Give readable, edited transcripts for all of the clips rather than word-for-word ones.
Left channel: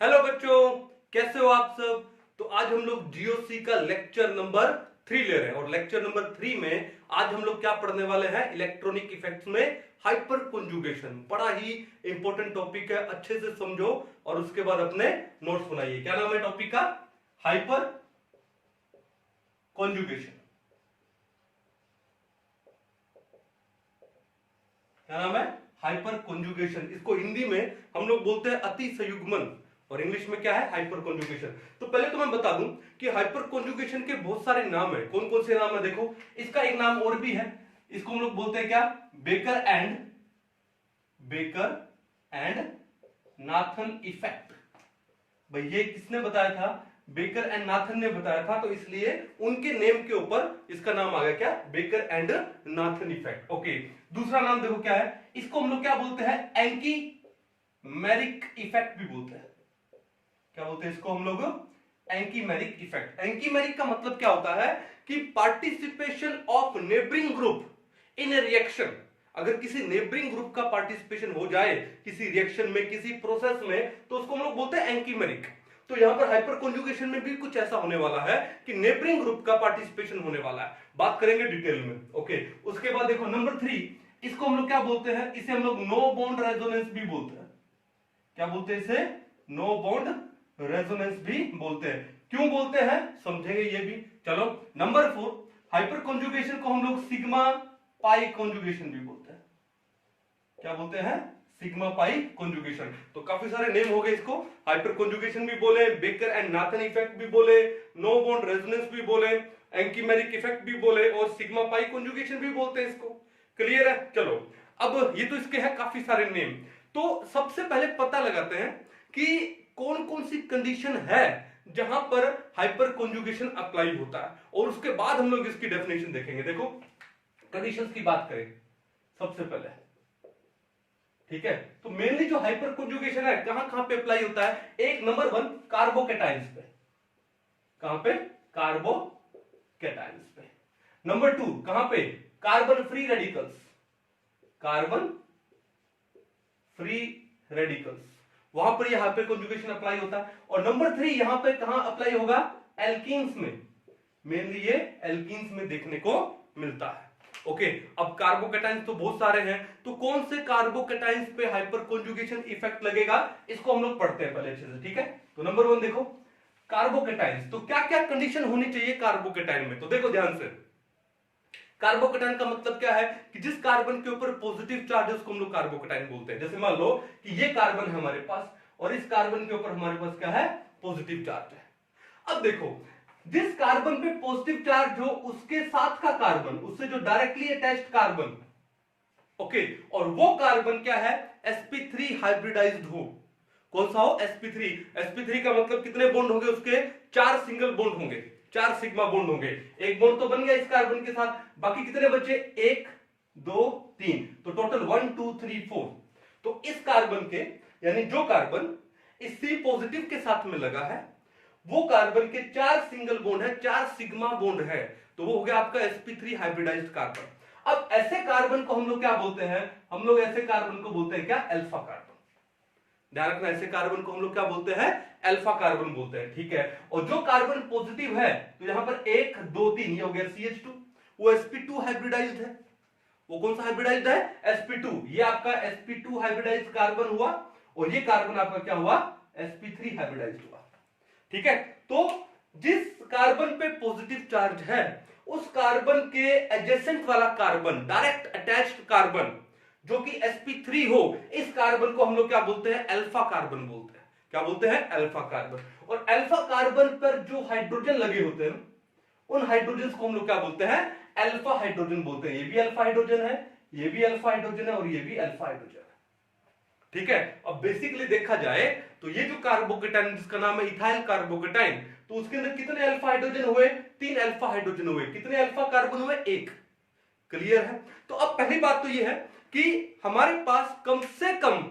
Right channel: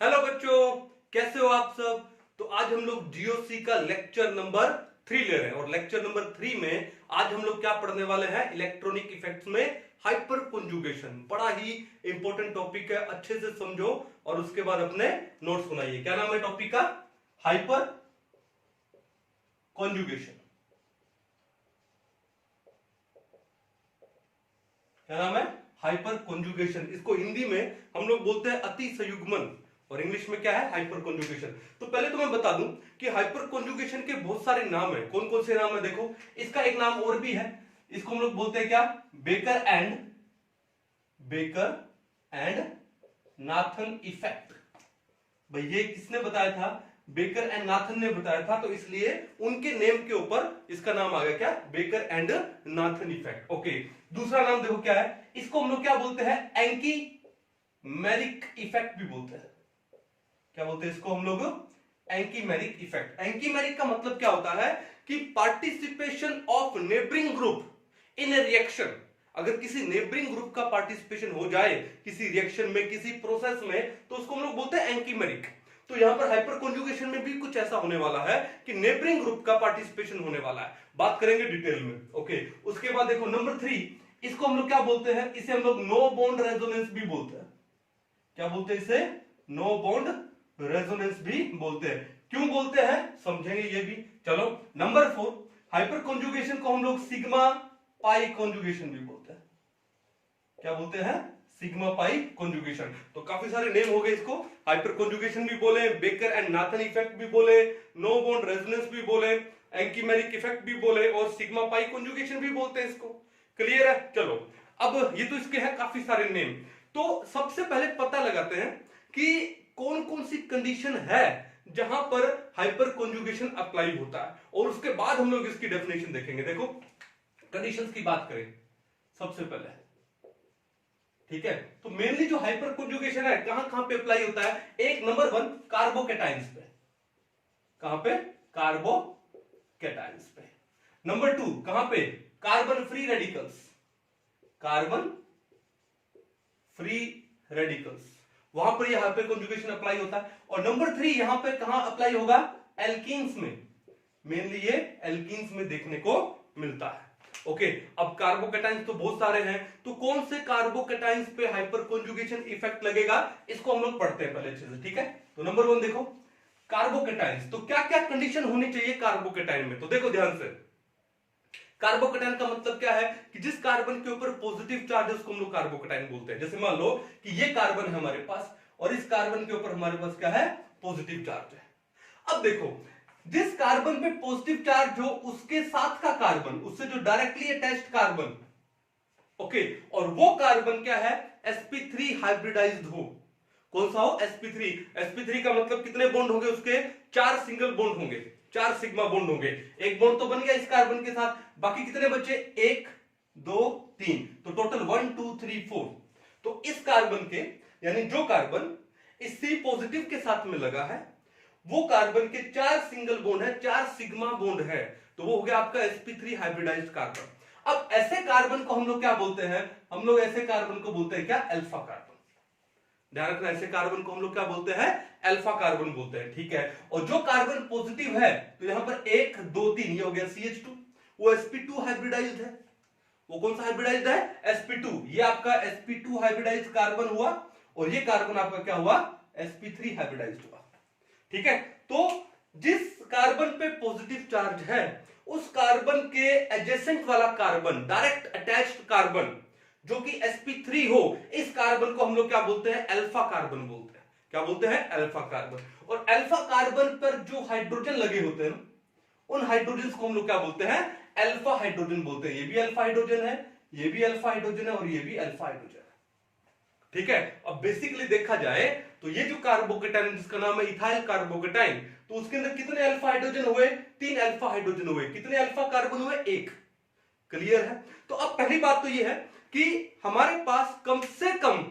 Hello बच्चों, कैसे हो आप सब। तो आज हम लोग जीओसी का लेक्चर नंबर 3 ले रहे हैं और लेक्चर नंबर 3 में आज हम लोग क्या पढ़ने वाले हैं, इलेक्ट्रॉनिक इफेक्ट्स में हाइपर कॉन्जुगेशन। बड़ा ही इंपॉर्टेंट टॉपिक है, अच्छे से समझो और उसके बाद अपने नोट्स बनाइए। क्या नाम है टॉपिक का? Hyper conjugation. क्या नाम है? Hyper conjugation. इसको हिंदी में हम लोग बोलते हैं अति संयुग्मन और इंग्लिश में क्या है? Hyper conjugation. तो पहले तो मैं बता दूं कि हाइपर कॉन्जुगेशन के बहुत सारे नाम है। कौन कौन से नाम है देखो। इसका एक नाम और भी है, इसको हम लोग बोलते हैं क्या? Baker and Nathan effect. भाई ये किसने बताया था? बेकर एंड नाथन ने बताया था, तो इसलिए उनके नेम के ऊपर इसका नाम आ गया क्या? Baker and Nathan effect. Okay, दूसरा नाम देखो क्या है, इसको हम लोग क्या बोलते हैं? एंकी मैरिक इफेक्ट भी बोलते हैं। क्या बोलते हैं इसको हम लोग? एंकीमेरिक इफेक्ट। एंकीमेरिक का मतलब क्या होता है कि participation of neighbouring group in A reaction. अगर किसी नेबरिंग ग्रुप का पार्टिसिपेशन हो जाए किसी रिएक्शन में, किसी प्रोसेस में, तो उसको हम लोग बोलते हैं एंकीमेरिक। तो यहां पर हाइपर कॉन्जुगेशन में भी कुछ ऐसा होने वाला है कि नेबरिंग ग्रुप का पार्टिसिपेशन होने वाला है। बात करेंगे डिटेल में। ओके, उसके बाद देखो नंबर 3, इसको हम लोग क्या बोलते हैं? इसे हम लोग नो बॉन्ड रेजोनेंस भी बोलते हैं। क्या बोलते हैं इसे? नो बॉन्ड रेजोनेंस भी बोलते हैं। क्यों बोलते हैं समझेंगे ये भी। चलो नंबर 4, हाइपर कॉन्जुगेशन को हम लोग सिग्मा पाई कॉन्जुगेशन भी बोलते हैं। क्या बोलते हैं? Sigma pi conjugation. तो काफी सारे नेम हो गए इसको। हाइपर कॉन्जुगेशन भी बोले, बेकर एंड नाथन इफेक्ट भी बोले, नो बॉन्ड रेजोनेंस भी बोले, एंकीमेरिक इफेक्ट भी बोले और सिग्मा पाई कॉन्जुगेशन भी बोलते हैं इसको। क्लियर है? चलो अब ये तो इसके हैं काफी सारे नेम। तो सबसे पहले पता लगाते हैं कि कौन कौन सी कंडीशन है जहां पर हाइपर कॉन्जुगेशन अप्लाई होता है, और उसके बाद हम लोग इसकी डेफिनेशन देखेंगे। देखो कंडीशंस की बात करें सबसे पहले, ठीक है। तो मेनली जो हाइपर कॉन्जुगेशन है कहां कहां पे अप्लाई होता है? एक नंबर 1 कार्बोकैटायंस पे। कहां पे? कार्बोकैटायंस पे। नंबर 2 कहां पे? Carbon free radicals. Carbon free radicals, वहां पर यह हाइपर कॉन्जुगेशन अप्लाई होता है। और नंबर 3 यहां पे कहां अप्लाई होगा? एल्कीन्स में। मेनली ये एल्कीन्स में देखने को मिलता है। ओके, अब कार्बोकैटायंस तो बहुत सारे हैं, तो कौन से कार्बोकैटायंस पे हाइपर कॉन्जुगेशन इफेक्ट लगेगा इसको हम लोग पढ़ते हैं पहले अच्छे से, ठीक है। तो नंबर 1 देखो कार्बोकैटायंस। तो क्या क्या कंडीशन होनी चाहिए कार्बोकैटायन में? तो देखो ध्यान से, कार्बोकैटायन का मतलब क्या है कि जिस कार्बन के ऊपर पॉजिटिव चार्ज है उसको हम लोग कार्बोकैटायन बोलते हैं। जैसे मान लो कि ये कार्बन है हमारे पास और इस कार्बन के ऊपर हमारे पास क्या है? पॉजिटिव चार्ज है। अब देखो जिस कार्बन पे पॉजिटिव चार्ज हो उसके साथ का कार्बन, उससे जो डायरेक्टली अटैच्ड कार्बन, ओके, और वो कार्बन क्या है? sp3 हाइब्रिडाइज्ड हो। कौन सा हो? sp3। sp3 का मतलब कितने बॉन्ड होंगे उसके? 4 सिंगल बॉन्ड होंगे, 4 सिग्मा बॉन्ड होंगे। एक बॉन्ड तो बन गया इस कार्बन के साथ, बाकी कितने बचे? 1 2 3, तो टोटल 1 2 3 4। तो इस कार्बन के, यानी जो कार्बन इस C पॉजिटिव के साथ में लगा है वो कार्बन के 4 सिंगल बॉन्ड है, 4 सिग्मा बॉन्ड है, तो वो हो गया आपका sp3 हाइब्रिडाइज्ड कार्बन। अब ऐसे कार्बन को हम लोग क्या बोलते हैं? हम लोग ऐसे कार्बन को बोलते हैं क्या? Alpha carbon. ध्यान रखना, ऐसे कार्बन को हम लोग क्या बोलते हैं? अल्फा कार्बन बोलते हैं, ठीक है। और जो कार्बन पॉजिटिव है, तो यहां पर 1 2 3 ये हो गया CH2, वो sp2 हाइब्रिडाइज्ड है। वो कौन सा हाइब्रिडाइज्ड है? sp2। ये आपका sp2 हाइब्रिडाइज्ड कार्बन हुआ और ये कार्बन आपका क्या हुआ? sp3 हाइब्रिडाइज्ड हुआ, ठीक है। तो जिस कार्बन पे पॉजिटिव चार्ज है उस कार्बन के एडजेसेंट वाला कार्बन, डायरेक्ट अटैच्ड कार्बन जो कि sp3 हो, इस कार्बन को हम लोग क्या बोलते हैं? अल्फा कार्बन बोलते हैं। क्या बोलते हैं? Alpha carbon. और अल्फा कार्बन पर जो हाइड्रोजन लगे होते हैं उन हाइड्रोजन को हम लोग क्या बोलते हैं? अल्फा हाइड्रोजन बोलते हैं। ये भी अल्फा हाइड्रोजन है, ये भी अल्फा हाइड्रोजन है और ये भी अल्फा हाइड्रोजन है, ठीक है। अब बेसिकली देखा जाए तो ये जो कार्बोकैटायन जिसका नाम है इथाइल कार्बोकैटायन, तो उसके अंदर कितने अल्फा हाइड्रोजन हुए? 3 अल्फा हाइड्रोजन हुए। कितने अल्फा कार्बन हुए? 1। क्लियर है? तो अब पहली बात तो ये है कि हमारे पास कम से कम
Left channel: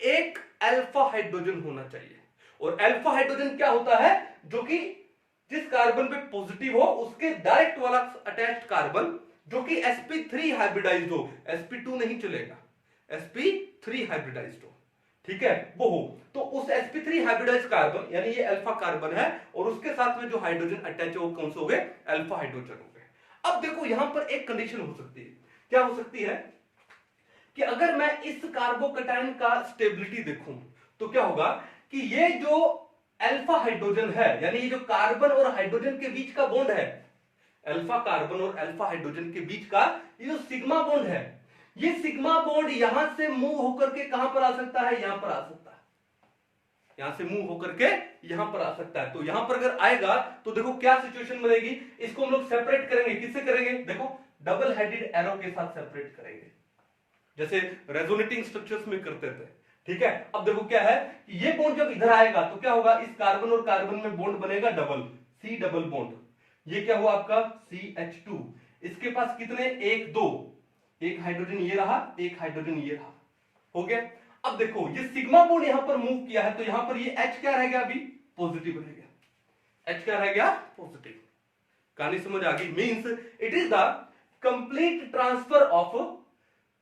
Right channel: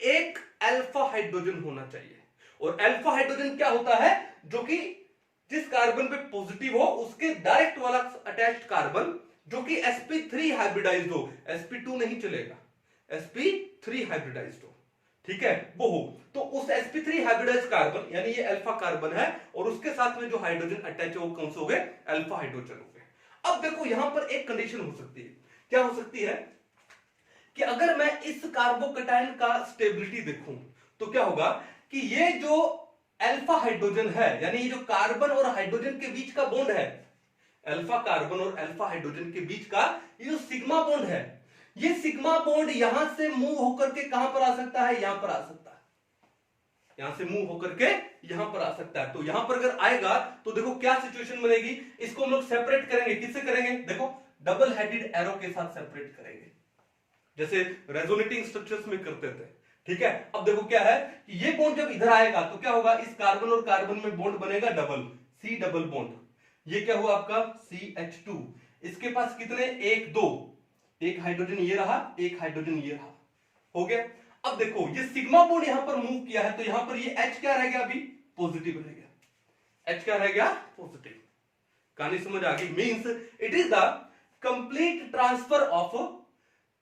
1 अल्फा हाइड्रोजन होना चाहिए। और अल्फा हाइड्रोजन क्या होता है? जो कि जिस कार्बन पे पॉजिटिव हो उसके डायरेक्ट वाला अटैच्ड कार्बन जो कि sp3 हाइब्रिडाइज्ड हो, sp2 नहीं चलेगा, sp3 हाइब्रिडाइज्ड हो, ठीक है, वो हो तो उस sp3 हाइब्रिडाइज कार्बन यानी ये अल्फा कार्बन है और उसके साथ में जो हाइड्रोजन अटैच है वो कौन से हो गए, अल्फा हाइड्रोजन हो गए। अब देखो यहां पर एक कंडीशन हो सकती है, क्या हो सकती है कि अगर मैं इस कार्बोकैटायन का स्टेबिलिटी देखूं तो क्या होगा कि ये जो अल्फा हाइड्रोजन है यानी ये जो कार्बन और हाइड्रोजन के बीच का बॉन्ड है, अल्फा कार्बन और अल्फा हाइड्रोजन के बीच का ये जो सिग्मा बॉन्ड है, ये सिग्मा बॉन्ड यहां से मूव होकर के कहां पर आ सकता है, यहां पर आ सकता है, यहां से मूव होकर के यहां पर आ सकता है। तो यहां पर अगर आएगा तो देखो क्या सिचुएशन बनेगी, इसको हम लोग सेपरेट करेंगे, किससे करेंगे, देखो डबल हेडेड एरो के साथ सेपरेट करेंगे जैसे रेजोनेटिंग स्ट्रक्चर्स में करते थे। ठीक है, अब देखो क्या है कि ये बॉन्ड जब इधर आएगा तो क्या होगा, इस कार्बन और कार्बन में बॉन्ड बनेगा डबल, सी डबल बॉन्ड, ये क्या हुआ आपका CH2, इसके पास कितने, एक दो, एक हाइड्रोजन ये रहा, एक हाइड्रोजन ये रहा, हो गया। अब देखो ये सिग्मा बॉन्ड यहां पर मूव किया है तो यहां पर ये H क्या रह गया, अभी पॉजिटिव रह गया, H क्या रह गया, पॉजिटिव। कहानी समझ आ गई, means it is the complete transfer of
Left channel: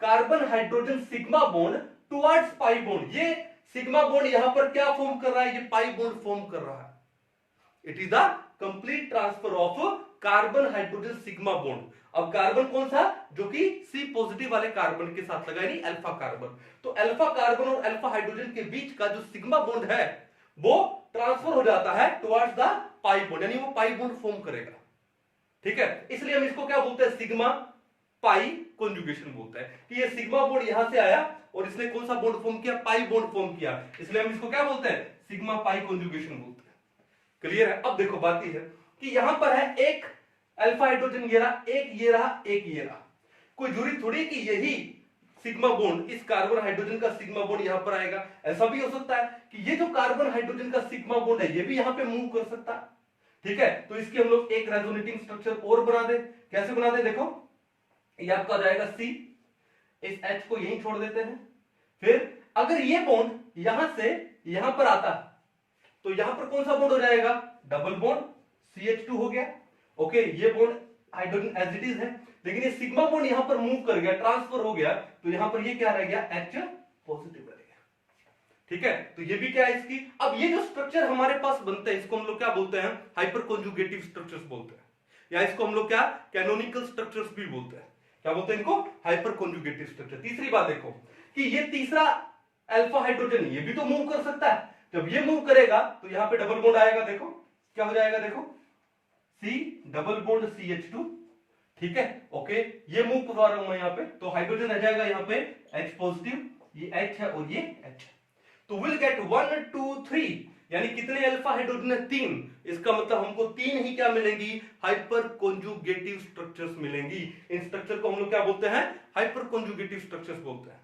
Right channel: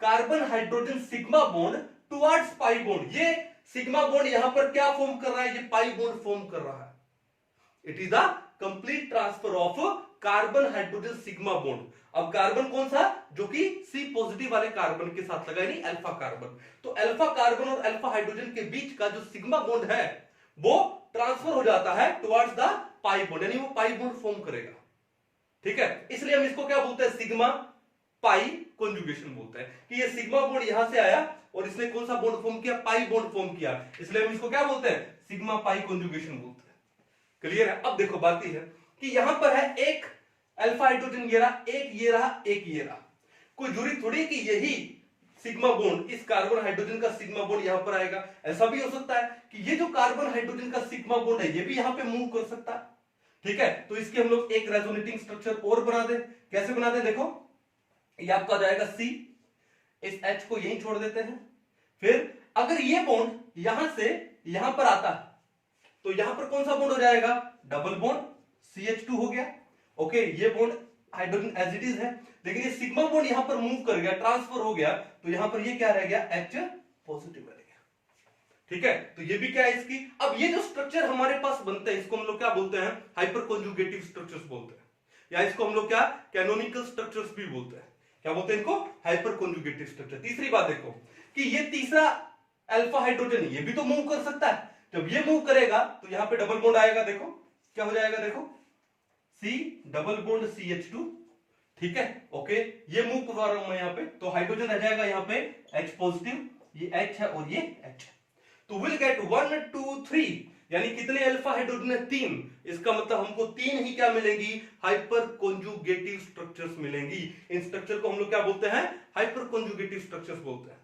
carbon hydrogen sigma bond towards pi bond. ये सिग्मा बॉन्ड यहां पर क्या फॉर्म कर रहा है, ये पाई बॉन्ड फॉर्म कर रहा है। It is the complete transfer of carbon hydrogen sigma bond. अब कार्बन कौन सा, जो कि C पॉजिटिव वाले कार्बन के साथ लगा यानी अल्फा कार्बन, तो अल्फा कार्बन और अल्फा हाइड्रोजन के बीच का जो सिग्मा बॉन्ड है वो ट्रांसफर हो जाता है टुवर्ड्स द पाई बॉन्ड, यानी वो पाई बॉन्ड फॉर्म करेगा। ठीक है, इसलिए हम इसको क्या बोलते हैं, सिग्मा पाई कॉन्जुगेशन बोलते हैं कि ये सिग्मा बॉन्ड यहां से आया और इसने कौन सा बॉन्ड फॉर्म किया, पाई बॉन्ड फॉर्म किया, इसलिए हम इसको क्या बोलते हैं, सिग्मा पाई कॉन्जुगेशन बोलते हैं। क्लियर है। अब देखो बात यह है कि यहां पर है एक अल्फा हाइड्रोजन ये रहा, एक ये रहा, एक ये रहा, कोई जरूरी थोड़ी कि यही सिग्मा बॉन्ड इस कार्बन हाइड्रोजन का सिग्मा बॉन्ड यहां पर आएगा, ऐसा भी हो सकता है कि ये जो कार्बन हाइड्रोजन का सिग्मा बॉन्ड है ये भी यहां पे मूव कर सकता है। ठीक है, तो इसकी हम लोग एक रेजोनेटिंग स्ट्रक्चर और बना दे, कैसे बना दे, देखो ये आपका हो जाएगा C, इस H को यहीं छोड़ देते हैं, फिर अगर ये बॉन्ड यहां से यहां पर आता तो यहां पर कौन सा बॉन्ड हो जाएगा, डबल बॉन्ड CH2 हो गया। ओके, ये bond hydrogen as it is है, लेकिन ये सिग्मा बॉन्ड यहां पर मूव कर गया, ट्रांसफर हो गया, तो यहां पर ये क्या रह गया, H पॉजिटिव रह गया। ठीक है, तो ये भी क्या है इसकी। अब ये जो स्ट्रक्चर हमारे पास बनते हैं इसको हम लोग क्या बोलते हैं, हाइपर कॉन्जुगेटिव स्ट्रक्चर्स बोलते हैं, या इसको हम लोग क्या कैनोनिकल स्ट्रक्चर्स भी बोलते हैं। क्या बोलते हैं इनको, हाइपर कॉन्जुगेटिव स्ट्रक्चर। तीसरी बात देखो कि ये तीसरा अल्फा हाइड्रोजन ये भी तो मूव कर सकता है, जब ये मूव करेगा तो यहां पे डबल बॉन्ड आएगा, देखो क्या हो जाएगा, देखो C डबल बॉन्ड CH2। ठीक है, ओके, ये मूव करवा रहा हूं मैं यहां पे, तो हाइड्रोजन रह जाएगा यहां पे H पॉजिटिव, ये H है और ये H है, तो विल गेट 1 2 3, यानी कितने अल्फा हाइड्रोजन है, 3। इसका मतलब हमको 3 ही क्या मिलेंगी, हाइपर कॉन्जुगेटिव स्ट्रक्चर्स मिलेंगी। इन स्ट्रक्चर को हम लोग क्या बोलते हैं, हाइपर कॉन्जुगेटिव स्ट्रक्चर्स बोलते हैं।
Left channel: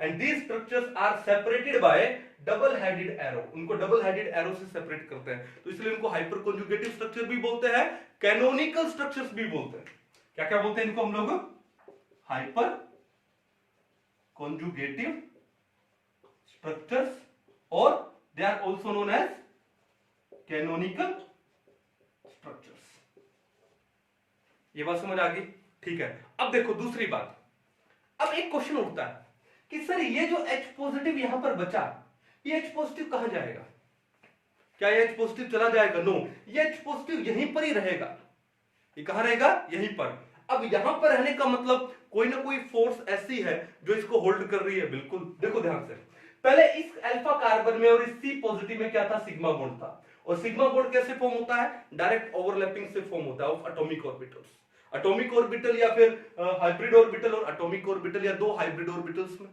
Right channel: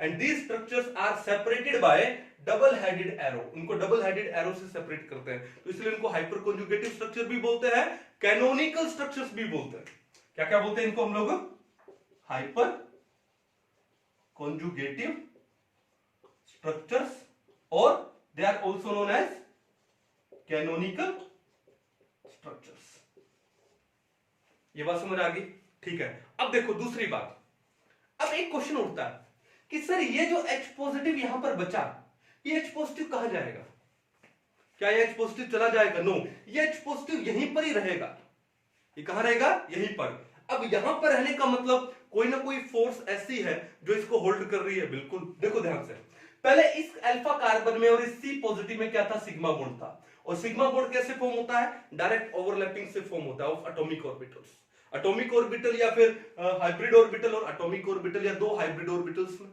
And these structures are separated by double headed arrow, उनको डबल हेडेड एरो से सेपरेट करते हैं, तो इसलिए उनको हाइपर कॉन्जुगेटिव स्ट्रक्चर भी बोलते हैं, कैनोनिकल स्ट्रक्चर्स भी बोलते हैं। क्या क्या बोलते हैं इनको हम लोग, हाइपर कॉन्जुगेटिव स्ट्रक्चर्स, और they are also known as canonical structures. ये बात समझ आ गई। ठीक है, अब देखो दूसरी बात, अब एक क्वेश्चन उठता है कि सर ये जो H पॉजिटिव यहां पर बचा, ये H पॉजिटिव कहां जाएगा, क्या ये H पॉजिटिव चला जाएगा, नो, ये H पॉजिटिव यहीं पर ही रहेगा। ये कहां रहेगा, यहीं पर। अब यहां पर रहने का मतलब कोई ना कोई फोर्स ऐसी है जो इसको होल्ड कर रही है, बिल्कुल। देखो ध्यान से, पहले इस अल्फा कार्बन में और इस C पॉजिटिव में क्या था, सिग्मा बॉन्ड था, और सिग्मा बॉन्ड कैसे फॉर्म होता है, डायरेक्ट ओवरलैपिंग से फॉर्म होता है of atomic orbitals, atomic orbital या फिर हाइब्रिड ऑर्बिटल और एटॉमिक ऑर्बिटल, या दो हाइब्रिड ऑर्बिटल्स में।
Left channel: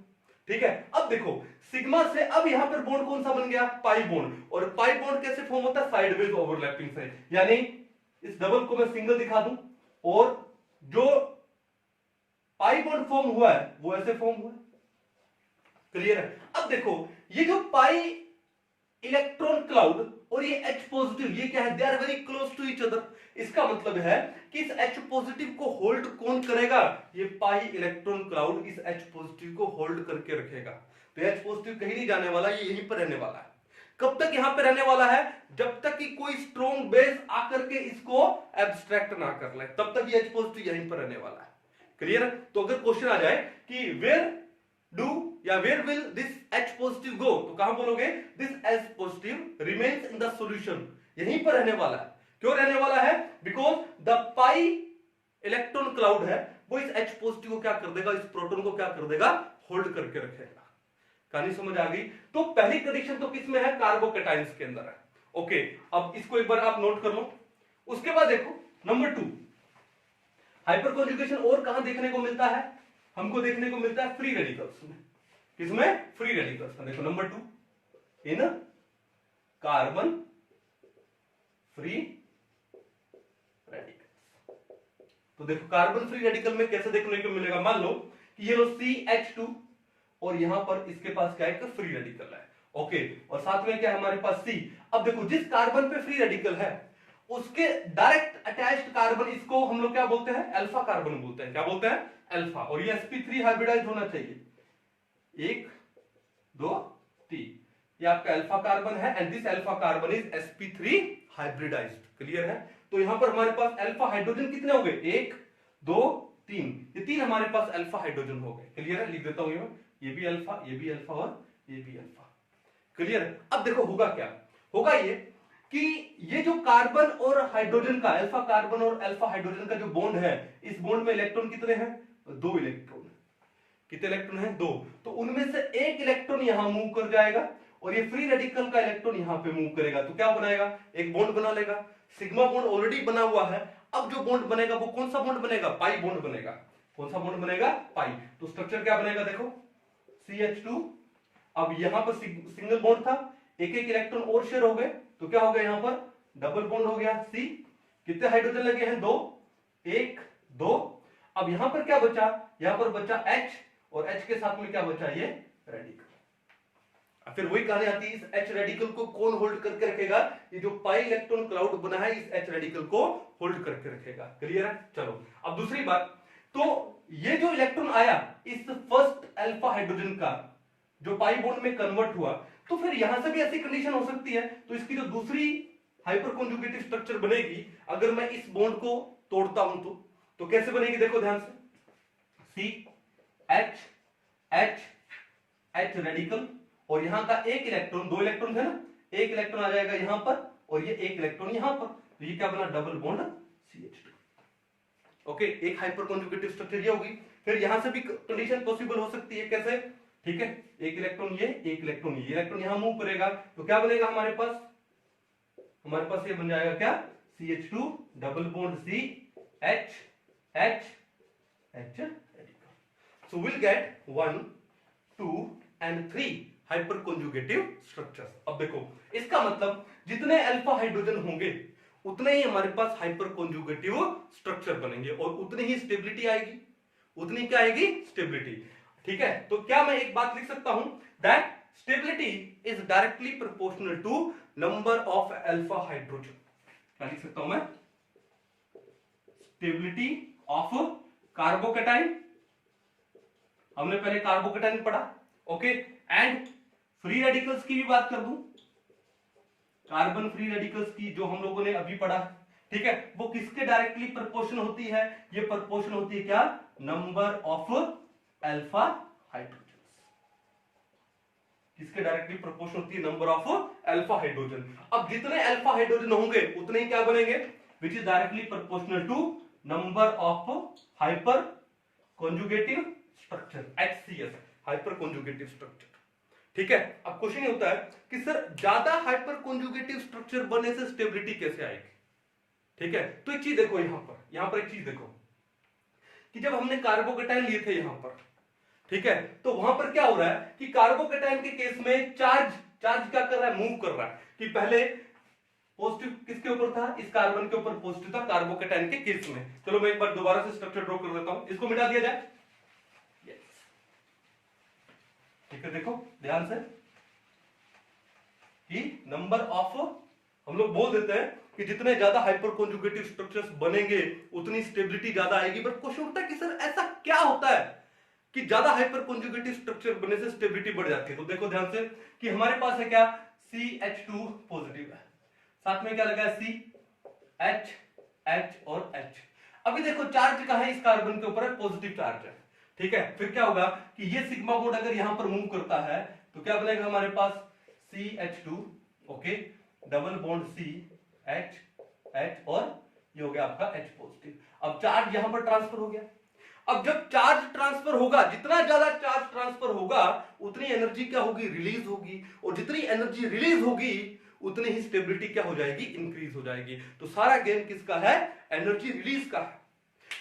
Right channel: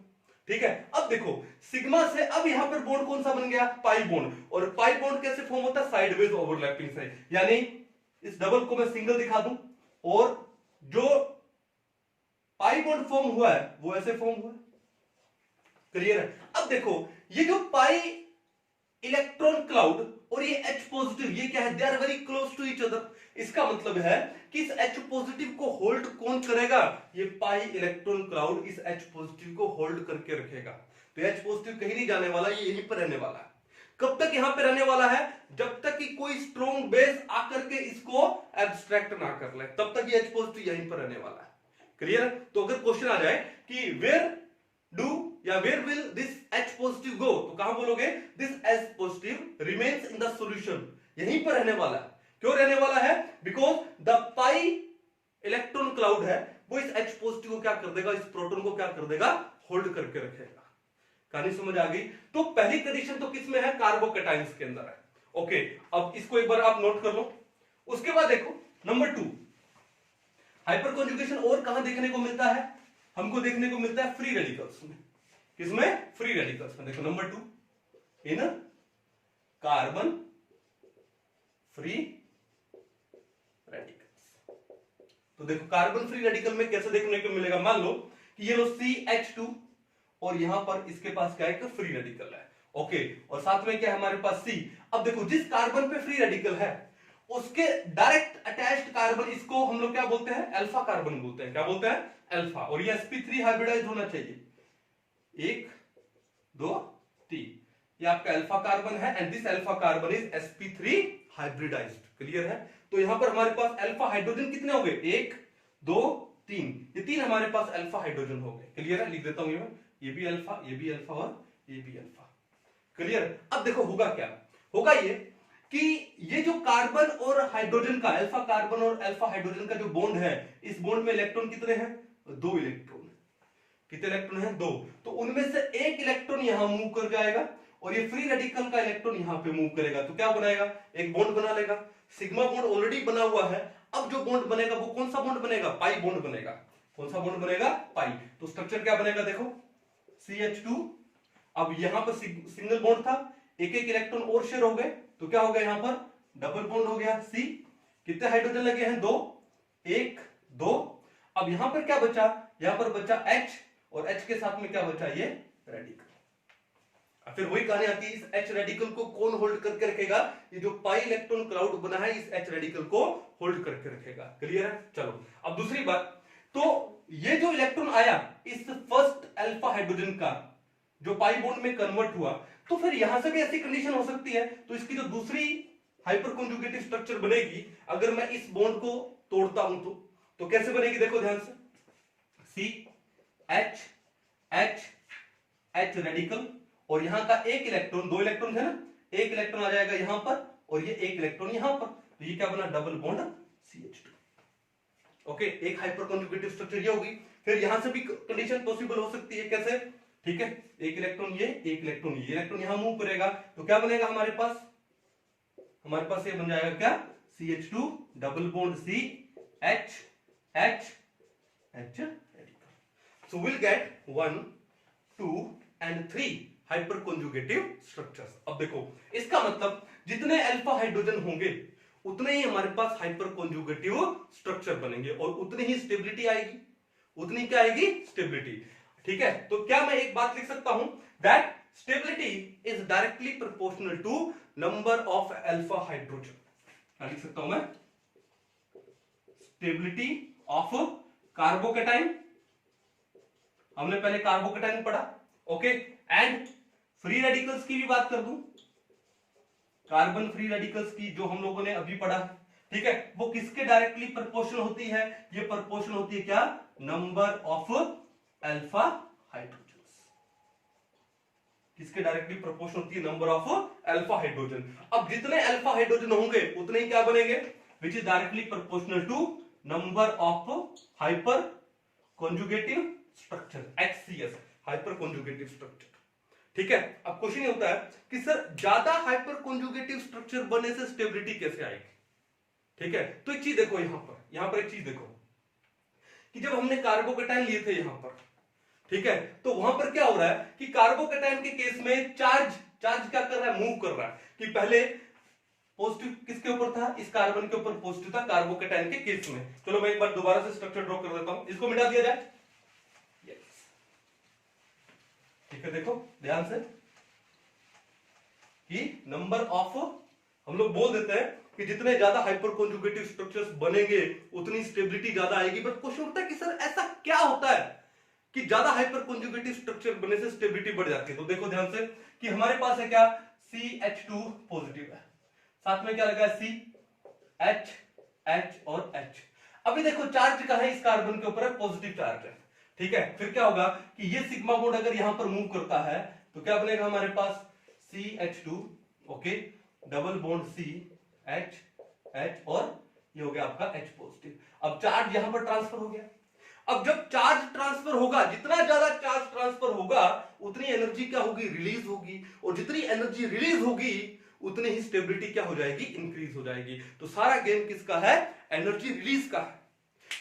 ठीक है, अब देखो सिग्मा से अब यहां पर बॉन्ड कौन सा बन गया, पाई बॉन्ड, और पाई बॉन्ड कैसे फॉर्म होता है, साइडवेज ओवरलैपिंग से, यानी इस डबल को मैं सिंगल दिखा दूं और जो पाई बॉन्ड फॉर्म हुआ है वो ऐसे फॉर्म हुआ है। क्लियर है। अब देखो ये जो पाई इलेक्ट्रॉन क्लाउड और ये H पॉजिटिव, ये क्या है, they are very close to each other. इसका मतलब है कि इस H पॉजिटिव को होल्ड कौन करेगा, ये पाई इलेक्ट्रॉन क्लाउड इस H पॉजिटिव को होल्ड करके रखेगा। तो H पॉजिटिव कहीं नहीं जाने वाला, ये यहीं पर रहने वाला है। कब तक यहां पर रहने वाला है, जब तक कि कोई स्ट्रॉन्ग बेस आकर के इसको एब्स्ट्रैक्ट ना कर ले, तब तक ये H पॉजिटिव यहीं पर रहने वाला है। क्लियर है। तो अगर क्वेश्चन आ जाए कि वेयर डू या where will this H positive go, तो कहां बोलोगे this H positive remains in the solution, यहीं पर रहने वाला है। क्यों रहने वाला है? Because the pi electron cloud है वो इस H पॉजिटिव को क्या कर देगा, इस प्रोटॉन को क्या कर देगा, होल्ड करके रखेगा। कहानी समझ आ गई? तो पहली कंडीशन तो किसमें है, कार्बोकैटायंस के अंदर है। ओके, अब इसको एक बार आप नोट कर लो। उसके बाद देखो नंबर 2, हाइपर कॉन्जुगेशन और कहां देखने को मिलता है, हमको देखने को मिलता है फ्री रेडिकल्स में। किसमें? फ्री रेडिकल्स में। देखो नंबर 2, इन कार्बन फ्री रेडिकल्स। तो देखो कार्बन फ्री रेडिकल में कैसे देखने को मिलेगा, मान लो कि ये लो CH2 और यहां पर इसके पास क्या है, फ्री रेडिकल है। ओके, और साथ में क्या है हमारे पास C। अब देखो जिस कार्बन पे फ्री रेडिकल है उसके डायरेक्ट अटैच्ड कार्बन, इसको हम लोग क्या बोलते हैं, अल्फा कार्बन बोलते हैं। क्या बोलते हैं? अल्फा। और ये sp3 हाइब्रिडाइज होना चाहिए, 1 2 3, ये आपका अल्फा कार्बन है and this alpha carbon is sp3 hybridized. Clear है? तो यहां पर हमारे पास अल्फा हाइड्रोजन कितने हो गए, 1 2 3, ये 3 हमारे पास अल्फा हाइड्रोजन हो गए। क्लियर है? लिख देता हूं ये भी अल्फा, ये भी अल्फा और ये भी अल्फा। क्लियर है? अब देखो होगा क्या, होगा ये कि ये जो कार्बन और हाइड्रोजन का, अल्फा कार्बन और अल्फा हाइड्रोजन का जो बॉन्ड है, इस बॉन्ड में इलेक्ट्रॉन कितने हैं, 2 इलेक्ट्रॉन। कितने इलेक्ट्रॉन हैं, 2। तो उनमें से एक इलेक्ट्रॉन यहां मूव कर जाएगा और ये फ्री रेडिकल का इलेक्ट्रॉन यहां पे मूव करेगा, तो क्या बनाएगा, एक बॉन्ड बना लेगा। सिग्मा बॉन्ड ऑलरेडी बना हुआ है, अब जो बॉन्ड बनेगा वो कौन सा बॉन्ड बनेगा, पाई बॉन्ड बनेगा। कौन सा बॉन्ड बनेगा, पाई। तो स्ट्रक्चर क्या बनेगा, देखो CH2, अब यहां पर सिंगल बॉन्ड था, एक एक इलेक्ट्रॉन और शेयर हो गए, तो क्या हो गया, यहां पर डबल बॉन्ड हो गया C। कितने हाइड्रोजन लगे हैं, 2, 1 2। अब यहां पर क्या बचा, यहां पर बचा H और H के साथ में क्या बचा, ये रेडिकल। अब फिर वही कहानी आती है, इस H रेडिकल को कौन होल्ड करके रखेगा, ये जो पाई इलेक्ट्रॉन क्लाउड बना है इस H रेडिकल को होल्ड करके रखेगा। क्लियर है? चलो अब दूसरी बात, तो ये जो इलेक्ट्रॉन आया इस फर्स्ट अल्फा हाइड्रोजन का जो पाई बॉन्ड में कन्वर्ट हुआ, तो फिर यहां से भी ऐसी कंडीशन हो सकती है, तो इसकी जो दूसरी हाइपर कॉन्जुगेटिव स्ट्रक्चर बनेगी, अगर मैं इस बॉन्ड को तोड़ता हूं तो कैसे बनेगी, देखो ध्यान से, C H H H radical और यहां का एक इलेक्ट्रॉन, 2 इलेक्ट्रॉन है ना, एक इलेक्ट्रॉन आ जाएगा यहां पर और ये एक इलेक्ट्रॉन यहां पर, तो ये क्या बना, डबल बॉन्ड CH2। ओके, एक हाइपर कॉन्जुगेटिव स्ट्रक्चर ये होगी। फिर यहां से भी कंडीशन पॉसिबल हो सकती है, कैसे, ठीक है, एक इलेक्ट्रॉन ये, एक इलेक्ट्रॉन ये, इलेक्ट्रॉन यहां मूव करेगा, तो क्या बनेगा हमारे पास, ये बन जाएगा क्या, CH2 double bond C H H H radical. So will get 1 2 and 3 hyper conjugative structures. अब देखो इसका मतलब जितने अल्फा हाइड्रोजन होंगे उतने ही हमारे पास हाइपर कॉन्जुगेटिव स्ट्रक्चर बनेंगे और उतनी ही स्टेबिलिटी आएगी, उतनी क्या आएगी, स्टेबिलिटी। ठीक है, तो क्या मैं एक बात लिख सकता हूं, that stability is directly proportional to number of alpha hydrogen. क्या लिख सकता हूं मैं, स्टेबिलिटी ऑफ कार्बोकैटायन, हमने पहले कार्बोकैटायन पढ़ा। ओके, एंड फ्री रेडिकल्स की भी बात कर दूं, कार्बन फ्री रेडिकल्स की जो हम लोगों ने अभी पढ़ा, ठीक है, वो किसके डायरेक्टली प्रोपोर्शनल होती है, ये प्रोपोर्शनल होती है क्या, नंबर ऑफ अल्फा हाइड्रोजन। किसके डायरेक्टली प्रोपोर्शनल होती है, नंबर ऑफ अल्फा हाइड्रोजन। अब जितने अल्फा हाइड्रोजन होंगे उतने ही क्या बनेंगे, which is directly proportional to number of hyperconjugative structure, HCS, hyperconjugative structure. ठीक है, अब क्वेश्चन ये होता है कि सर ज्यादा हाइपर कॉन्जुगेटिव स्ट्रक्चर बनने से स्टेबिलिटी कैसे आएगी। ठीक है, तो एक चीज देखो, यहां पर एक चीज देखो कि जब हमने कार्बोकैटायन लिए थे यहां पर, ठीक है, तो वहां पर क्या हो रहा है कि कार्बोकैटायन के केस में चार्ज क्या कर रहा है, मूव कर रहा है, कि पहले पॉजिटिव किसके ऊपर था, इस कार्बन के ऊपर पॉजिटिव था कार्बोकैटायन के केस में। चलो मैं एक बार दोबारा से स्ट्रक्चर ड्रॉ कर देता हूं, इसको मिटा दिया जाए। ठीक है, देखो ध्यान से कि नंबर ऑफ, हम लोग बोल देते हैं कि जितने ज्यादा हाइपर कॉन्जुगेटिव स्ट्रक्चर्स बनेंगे उतनी स्टेबिलिटी ज्यादा आएगी। बट क्वेश्चन उठता है कि सर ऐसा क्या होता है कि ज्यादा हाइपर कॉन्जुगेटिव स्ट्रक्चर बनने से स्टेबिलिटी बढ़ जाती है। तो देखो ध्यान से कि हमारे पास है क्या, CH2 पॉजिटिव है, साथ में क्या लगा है, C H H और H। अभी देखो चार्ज का है, इस कार्बन के ऊपर पॉजिटिव चार्ज है, ठीक है, फिर क्या होगा कि ये सिग्मा बॉन्ड अगर यहां पर मूव करता है तो क्या बनेगा हमारे पास CH2, okay, double bond CH और ये हो गया आपका H पॉजिटिव। अब चार्ज यहां पर ट्रांसफर हो गया। अब जब चार्ज ट्रांसफर होगा, जितना ज्यादा चार्ज ट्रांसफर होगा उतनी एनर्जी क्या होगी, रिलीज होगी, और जितनी एनर्जी रिलीज होगी उतनी ही स्टेबिलिटी क्या हो जाएगी, इंक्रीज हो जाएगी। तो सारा गेम किसका है, एनर्जी रिलीज का है,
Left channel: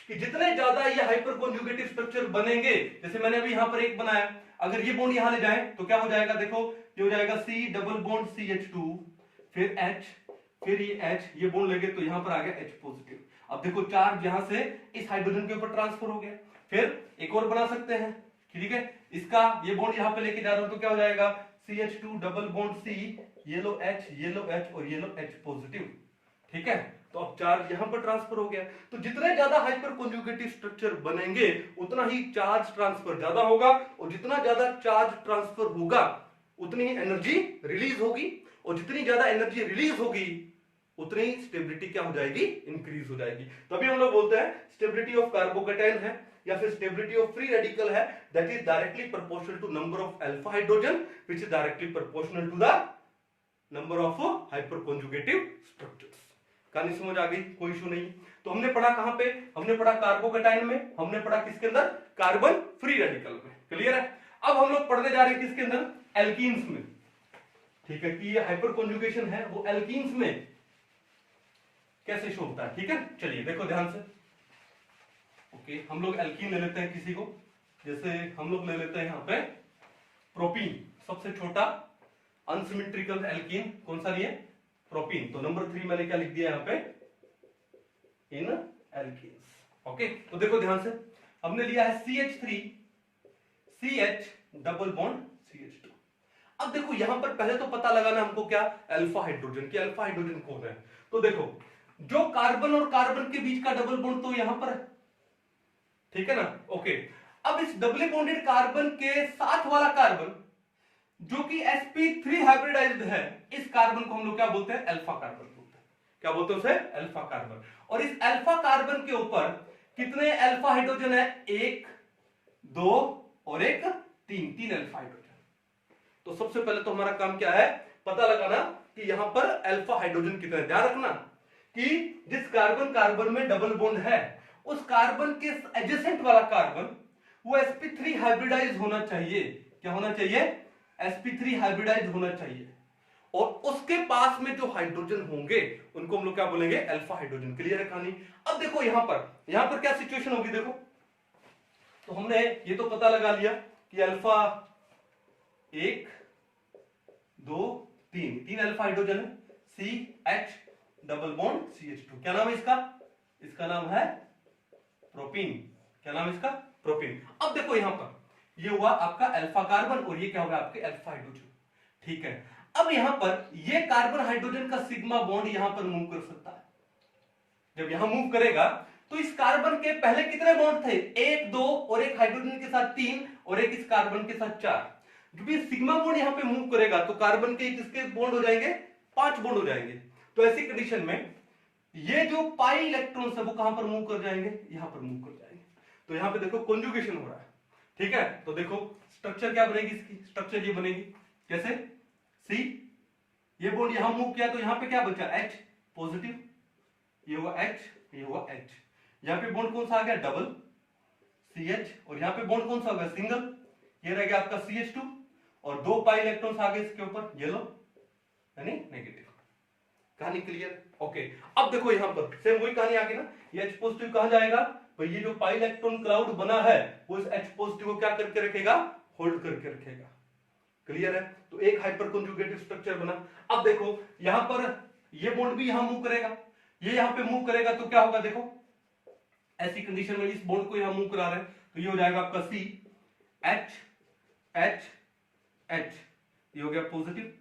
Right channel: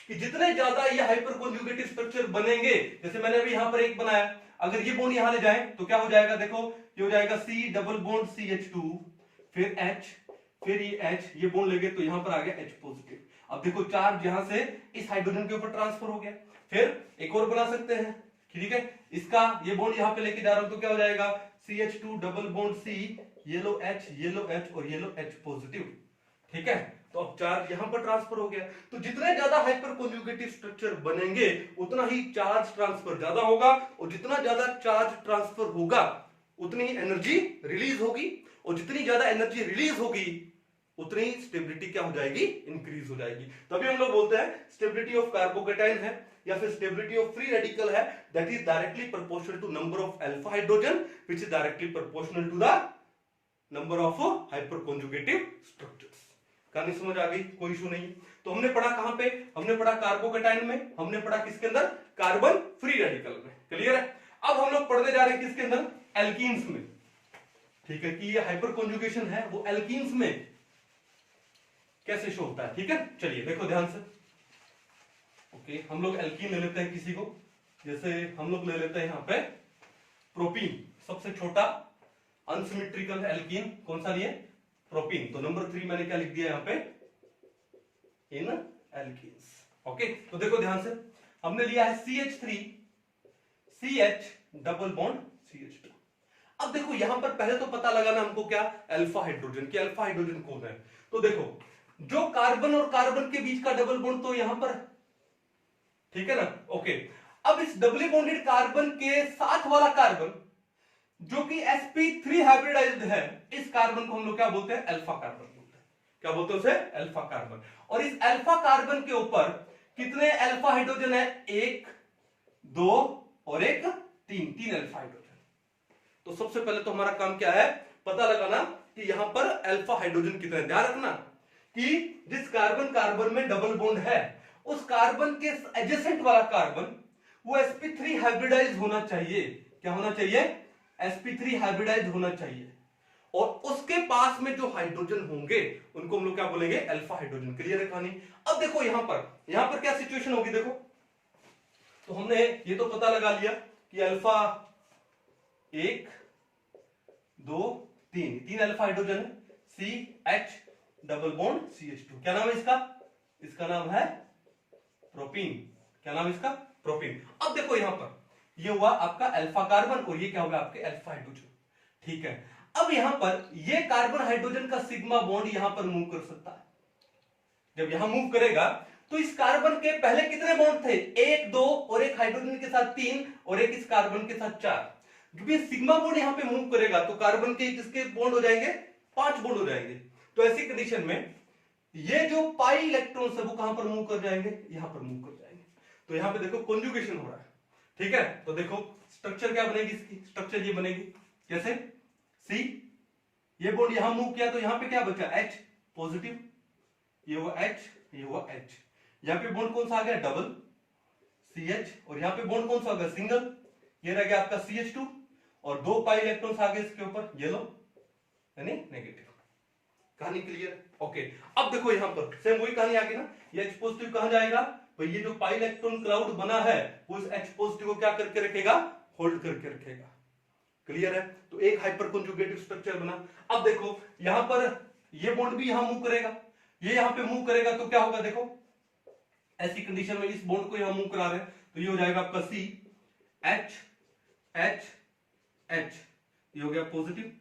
कि जितने ज्यादा ये हाइपर कॉन्जुगेटिव स्ट्रक्चर बनेंगे, जैसे मैंने अभी यहां पर एक बनाया, अगर ये बॉन्ड यहां ले जाए तो क्या हो जाएगा, देखो ये हो जाएगा C डबल बॉन्ड CH2 फिर H फिर ये H, ये बॉन्ड लगे तो यहां पर आ गया H पॉजिटिव। अब देखो चार्ज यहां से इस हाइड्रोजन के ऊपर ट्रांसफर हो गया। फिर एक और बना सकते हैं, ठीक है, इसका ये बॉन्ड यहां पे लेके जा रहा हूं तो क्या हो जाएगा CH2 double bond C yellow H और येलो H पॉजिटिव, ठीक है। तो अब चार्ज यहां पर ट्रांसफर हो गया। तो जितने ज्यादा हाइपर कॉन्जुगेटिव स्ट्रक्चर बनेंगे उतना ही चार्ज ट्रांसफर ज्यादा होगा, और जितना ज्यादा चार्ज ट्रांसफर होगा उतनी ही एनर्जी रिलीज होगी, और जितनी ज्यादा एनर्जी रिलीज होगी उतनी ही स्टेबिलिटी क्या हो जाएगी, इंक्रीज हो जाएगी। तभी हम लोग बोलते हैं स्टेबिलिटी ऑफ कार्बोकेटाइन है या फिर स्टेबिलिटी ऑफ फ्री रेडिकल है, that is directly proportional to number of alpha hydrogen which is directly proportional to the number of hyperconjugative structures. कहानी समझ आ गई, कोई इशू नहीं। तो हमने पढ़ा कहां पे, हमने पढ़ा कार्बोकेटाइन में, हमने पढ़ा किसके अंदर, कार्बन फ्री रेडिकल में, क्लियर है। अब हम लोग पढ़ने जा रहे हैं किसके अंदर, एल्कीन्स में, ठीक है, कि ये हाइपर कॉन्जुगेशन है वो एल्कीन्स में कैसे शो होता है, ठीक है। चलिए देखो ध्यान से, ओके, हम लोग एल्कीन ले लेते हैं किसी को, जैसे हम लोग ले लेते हैं यहां पे प्रोपीन, सबसे छोटा अनसिमेट्रिकल एल्कीन कौन सा लिए, प्रोपीन। तो नंबर 3 मैंने क्या लिख दिया यहां पे, इन एल्कीन्स, ओके। तो देखो ध्यान से, हमने लिया है CH3 CH double bond CH2। अब देखो यहां पर पहले तो पता लगाना हमको क्या, अल्फा हाइड्रोजन, कि अल्फा हाइड्रोजन कौन है। तो देखो जो कार्बन और कार्बन के बीच का डबल बॉन्ड तो यहां पर, ठीक है ना, ओके। अब इस डबल बॉन्डेड कार्बन के साथ वाला कार्बन जो कि sp3 हाइब्रिडाइज्ड है, इस कार्बन को हम लोग क्या बोलते हैं, अल्फा कार्बन बोलते हैं। क्या बोलते हैं उसे, अल्फा कार्बन। और इस अल्फा कार्बन के ऊपर कितने अल्फा हाइड्रोजन है, 1 2 और 1 3 अल्फा हाइड्रोजन। तो सबसे पहले तो हमारा काम क्या है, पता लगाना कि यहां पर अल्फा हाइड्रोजन कितने। ध्यान रखना कि जिस कार्बन कार्बन में डबल बॉन्ड है उस कार्बन के एडजेसेंट वाला कार्बन वो sp3 हाइब्रिडाइज होना चाहिए। क्या होना चाहिए, sp3 हाइब्रिडाइज होना चाहिए, और उसके पास में जो हाइड्रोजन होंगे उनको हम लोग क्या बोलेंगे, अल्फा हाइड्रोजन। क्लियर है कहानी। अब देखो यहां पर क्या सिचुएशन होगी, देखो तो हमने ये तो पता लगा लिया कि अल्फा 1 2 3 अल्फा हाइड्रोजन है, CH डबल बॉन्ड CH2। क्या नाम है इसका, इसका नाम है प्रोपीन। क्या नाम है इसका, प्रोपीन। अब देखो यहां पर ये हुआ आपका अल्फा कार्बन और ये क्या होगा आपके अल्फा हाइड्रोजन, ठीक है। अब यहां पर ये कार्बन हाइड्रोजन का सिग्मा बॉन्ड यहां पर मूव कर सकता है। जब यहां मूव करेगा तो इस कार्बन के पहले कितने बॉन्ड थे, 1 2 और एक हाइड्रोजन के साथ 3 और एक इस कार्बन के साथ 4। जब ये सिग्मा बॉन्ड यहां पे मूव करेगा तो कार्बन के किसके बॉन्ड हो जाएंगे, 5 बॉन्ड हो जाएंगे। तो ऐसी कंडीशन में ये जो पाई इलेक्ट्रॉन्स है वो कहां पर मूव कर जाएंगे, यहां पर मूव कर जाएंगे। तो यहां पे देखो कॉन्जुगेशन हो रहा है, ठीक है। तो देखो स्ट्रक्चर क्या बनेगी, इसकी स्ट्रक्चर ये बनेगी कैसे, सी ये बॉन्ड यहां मूव किया तो यहां पे क्या बचा, H पॉजिटिव, ये हुआ H, ये हुआ H। यहां पे बॉन्ड कौन सा आ गया, डबल CH, और यहां पे बॉन्ड कौन सा होगा, सिंगल, ये रह गया आपका CH2, और 2 पाई इलेक्ट्रॉन्स आ गए इसके ऊपर, येलो यानी नेगेटिव। कहानी क्लियर, ओके। अब देखो यहां पर सेम वही कहानी आ गई ना, ये H पॉजिटिव कहां जाएगा भाई, ये जो पाई इलेक्ट्रॉन क्लाउड बना है वो इस H पॉजिटिव को क्या करके रखेगा, होल्ड करके रखेगा। क्लियर है। तो एक हाइपर कॉन्जुगेटिव स्ट्रक्चर बना। अब देखो यहां पर ये बॉन्ड भी यहां मूव करेगा, ये यहां पे मूव करेगा तो क्या होगा, देखो ऐसी कंडीशन में इस बॉन्ड को यहां मूव करा रहे हैं तो ये हो जाएगा आपका C H H H, ये हो गया पॉजिटिव,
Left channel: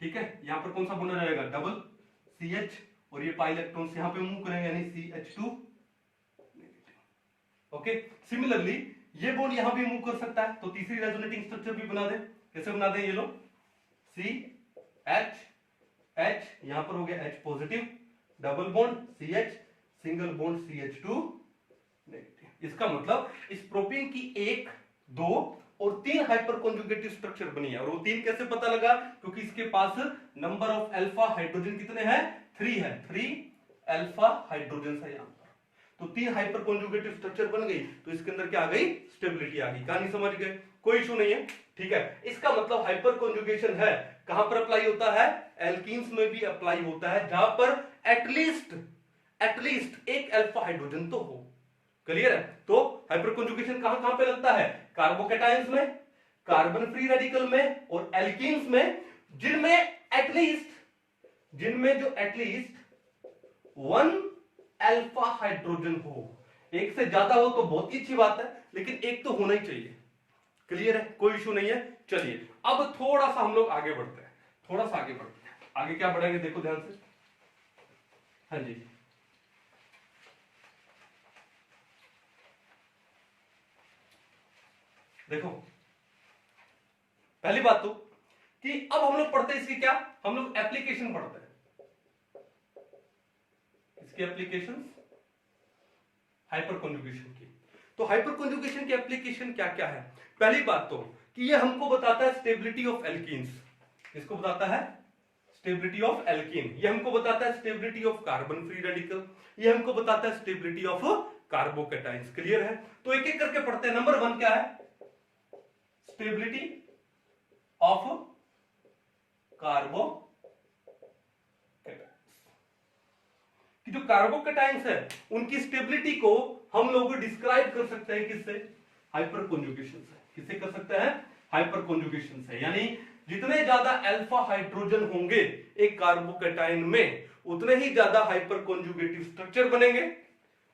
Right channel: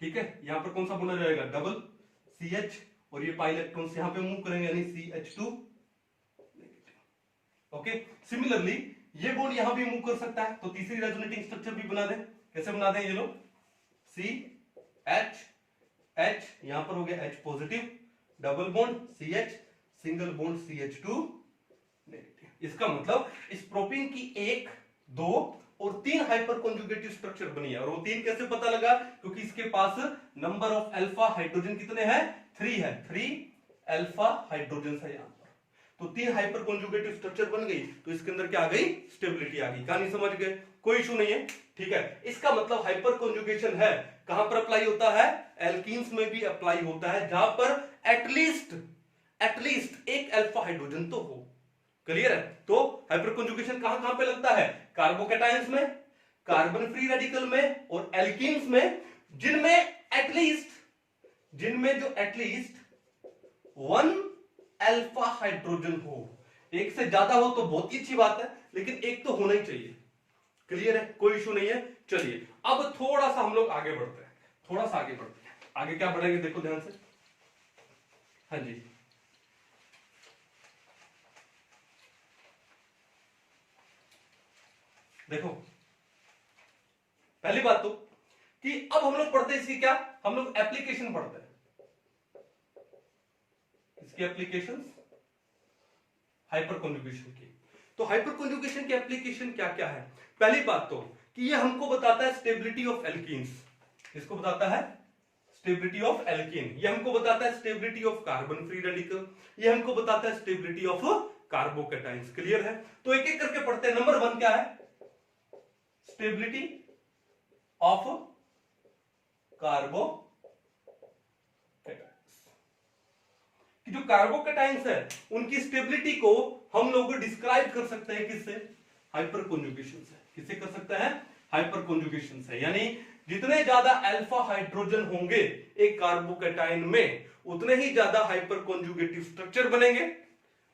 ठीक है। यहां पर कौन सा बॉन्ड रहेगा, डबल CH, और ये पाई इलेक्ट्रॉन्स यहां पे मूव करेंगे यानी CH2, ओके। सिमिलरली ये बॉन्ड यहां भी मूव कर सकता है, तो तीसरी रेजोनेटिंग स्ट्रक्चर भी बना दे। कैसे बना दे, ये लो C H H, यहां पर हो गया H positive, double bond CH, single bond CH2 negative. इसका मतलब इस प्रोपीन की 1, 2 और 3 हाइपर कॉन्जुगेटिव स्ट्रक्चर बनी है। और वो 3 कैसे पता लगा? क्योंकि इसके पास नंबर ऑफ अल्फा हाइड्रोजन कितने हैं? 3 है। 3 अल्फा हाइड्रोजन है यहां पर। तो 3 हाइपर कॉन्जुगेटिव स्ट्रक्चर बन गई, तो इसके अंदर क्या आ गई? स्टेबिलिटी आ गई। कहानी समझ गए? कोई इशू नहीं है, ठीक है। इसका मतलब हाइपर कॉन्जुगेशन है, कहां पर अप्लाई होता है? एल्कीन्स में भी अप्लाई होता है, जहां पर एटलीस्ट एक अल्फा हाइड्रोजन तो हो। क्लियर है? तो हाइपर कॉन्जुगेशन कहां कहां पे लगता है? कार्बोकैटायंस में, कार्बन फ्री रेडिकल में और एल्कीन्स में, जिनमें जो एटलीस्ट 1 अल्फा हाइड्रोजन हो। एक से ज्यादा हो तो बहुत ही अच्छी बात है, लेकिन एक तो होना ही चाहिए। क्लियर है? कोई इशू नहीं है। चलिए अब थोड़ा सा हम लोग आगे बढ़ते हैं, आगे क्या बढ़ेंगे देखो ध्यान से। हाँ जी, देखो पहली बात तो कि अब हम लोग पढ़ते हैं इसकी क्या, हम लोग एप्लीकेशन पढ़ते हैं, इसकी एप्लीकेशन हाइपर कॉन्जुगेशन की। तो हाइपर कॉन्जुगेशन की एप्लीकेशन क्या क्या है? पहली बात तो कि ये हमको बताता है स्टेबिलिटी ऑफ एल्कीन्स। इसको बताता है स्टेबिलिटी ऑफ एल्कीन। ये हमको बताता है stability of carbon free radical. ये हमको बताता है स्टेबिलिटी ऑफ कार्बोकैटायंस। क्लियर है? तो एक एक करके पढ़ते हैं। नंबर 1 क्या है? Stability of carbocations. कि जो कार्बोकैटायंस है उनकी स्टेबिलिटी को हम लोग डिस्क्राइब कर सकते हैं किससे? हाइपर कॉन्जुगेशन से। किससे कर सकते हैं? हाइपर कॉन्जुगेशन से। यानी जितने ज्यादा अल्फा हाइड्रोजन होंगे एक कार्बोकैटायन में, उतने ही ज्यादा हाइपर कॉन्जुगेटिव स्ट्रक्चर बनेंगे,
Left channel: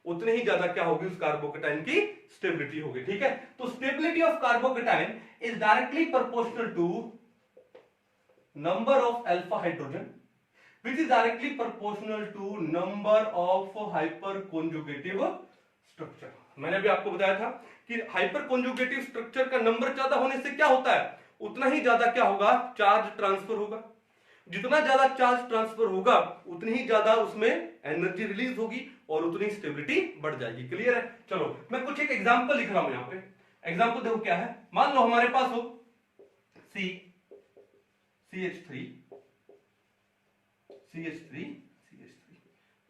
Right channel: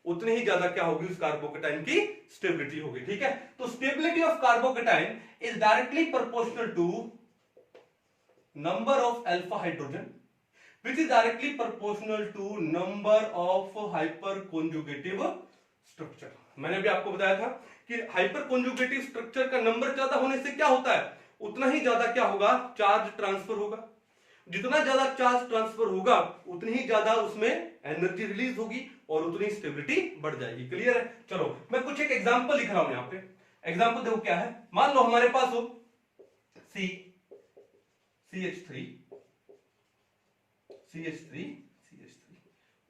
उतने ही ज्यादा क्या होगी? उस कार्बोकैटायन की स्टेबिलिटी होगी। ठीक है? तो stability of carbocation is directly proportional to number of alpha hydrogen which is directly proportional to number of hyper conjugative structure। मैंने भी आपको बताया था कि हाइपर कॉन्जुगेटिव स्ट्रक्चर का नंबर ज्यादा होने से क्या होता है? उतना ही ज्यादा क्या होगा? चार्ज ट्रांसफर होगा। जितना ज्यादा चार्ज ट्रांसफर होगा उतनी ही ज्यादा उसमें एनर्जी रिलीज होगी और उतनी स्टेबिलिटी बढ़ जाएगी। क्लियर है? चलो मैं कुछ एक एग्जांपल लिख रहा हूं यहां पे। एग्जांपल देखो क्या है। मान लो हमारे पास हो CH3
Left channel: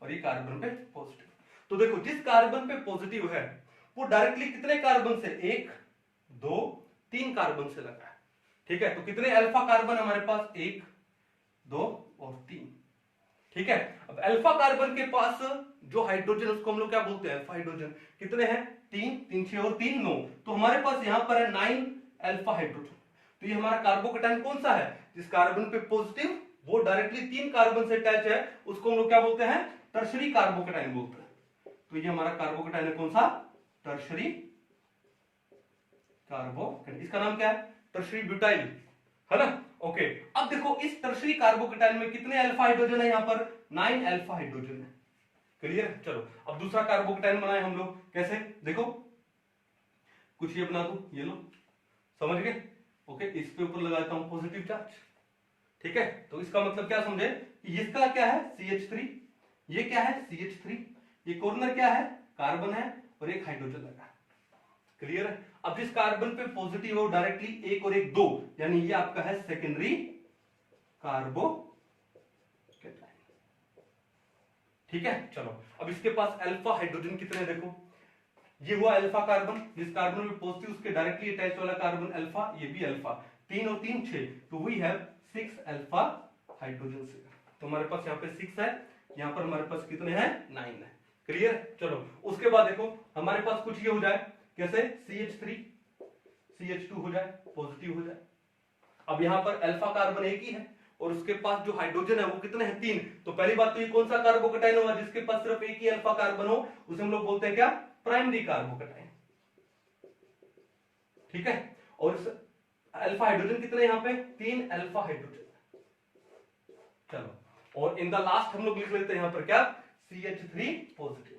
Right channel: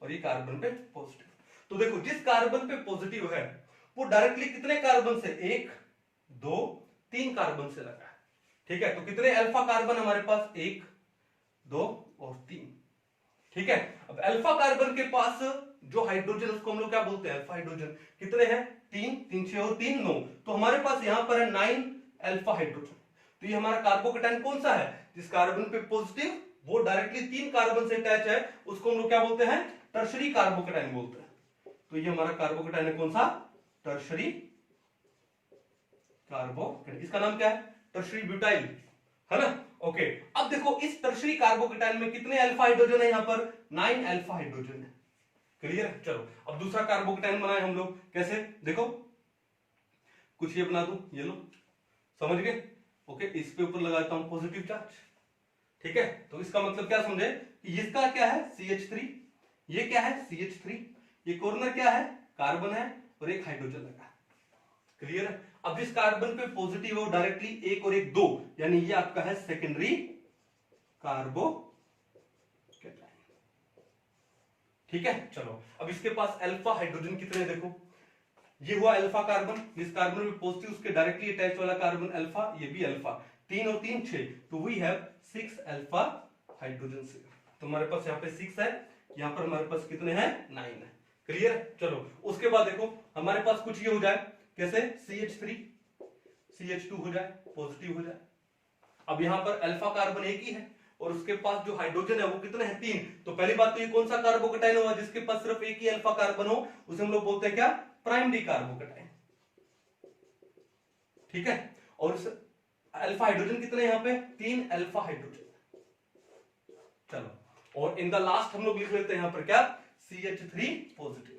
और ये कार्बन पे पॉजिटिव। तो देखो जिस कार्बन पे पॉजिटिव है वो डायरेक्टली कितने कार्बन से? 1, 2, 3 कार्बन से लगा है। ठीक है? तो कितने अल्फा कार्बन हमारे पास? 1, 2 और 3। ठीक है? अब अल्फा कार्बन के पास जो हाइड्रोजन, उसको हम लोग क्या बोलते हैं? Alpha hydrogen. कितने हैं? 3, 3 6 और 3 9। तो हमारे पास यहां पर है 9 अल्फा हाइड्रोजन। तो ये हमारा कार्बोकैटायन कौन सा है? जिस कार्बन पे पॉजिटिव वो डायरेक्टली 3 कार्बन से अटैच है, उसको हम लोग क्या बोलते हैं? टर्शरी कार्बोकैटायन बोलते हैं। तो ये हमारा कार्बोकैटायन है कौन सा? Tertiary carbocation. इसका नाम क्या है? टर्शरी ब्यूटाइल, है ना? ओके। अब देखो इस टर्शरी कार्बोकैटायन में कितने अल्फा हाइड्रोजन है? यहां पर 9 अल्फा हाइड्रोजन है। क्लियर है? चलो अब दूसरा कार्बोकैटायन बनाए हम लोग। कैसे? देखो कुछ ये बना दूं, ये लो, समझ गए? ओके, इस पे ऊपर लगाता हूं पॉजिटिव चार्ज। ठीक है? तो इसका मतलब क्या समझे कि इसका क्या है? CH3, ये क्या है? CH3, ये कॉर्नर क्या है? कार्बन है और एक हाइड्रोजन लगा है। क्लियर है? अब जिस कार्बन पे पॉजिटिव हो डायरेक्टली 1 और 1 2, यानी ये आपका है सेकेंडरी कार्बोकैटायन। ठीक है? चलो अब इसके पास अल्फा हाइड्रोजन कितने? देखो ये हुआ अल्फा कार्बन, जिस कार्बन में पॉजिटिव उसके डायरेक्टली अटैच वाला कार्बन अल्फा, ये भी अल्फा। 3 और 3 6, तो वी हैव 6 अल्फा हाइड्रोजन। तो हमारे पास यहाँ पे 6 है, यहाँ पर हमारे पास कितने हैं? 9 है। क्लियर है? चलो उसके बाद देखो हमारे पास कुछ ये हो जाए, कैसे? CH3 CH2 हो जाए, पॉजिटिव हो जाए। अब यहाँ पर अल्फा कार्बन एक ही है और उसके पास जो हाइड्रोजन है वो कितने हैं? 3। तो पहली बात तो ये कौन सा कार्बोकैटायन हुआ? जिसके पास सिर्फ एक ही अल्फा कार्बन हो, उसे हम लोग बोलते हैं क्या? Primary carbocation. ठीक है? और अल्फा हाइड्रोजन कितने यहाँ पे? 3 अल्फा हाइड्रोजन। चलो और इन द लास्ट हम लोग लिख लेते हैं यहाँ पर क्या? CH3 positive.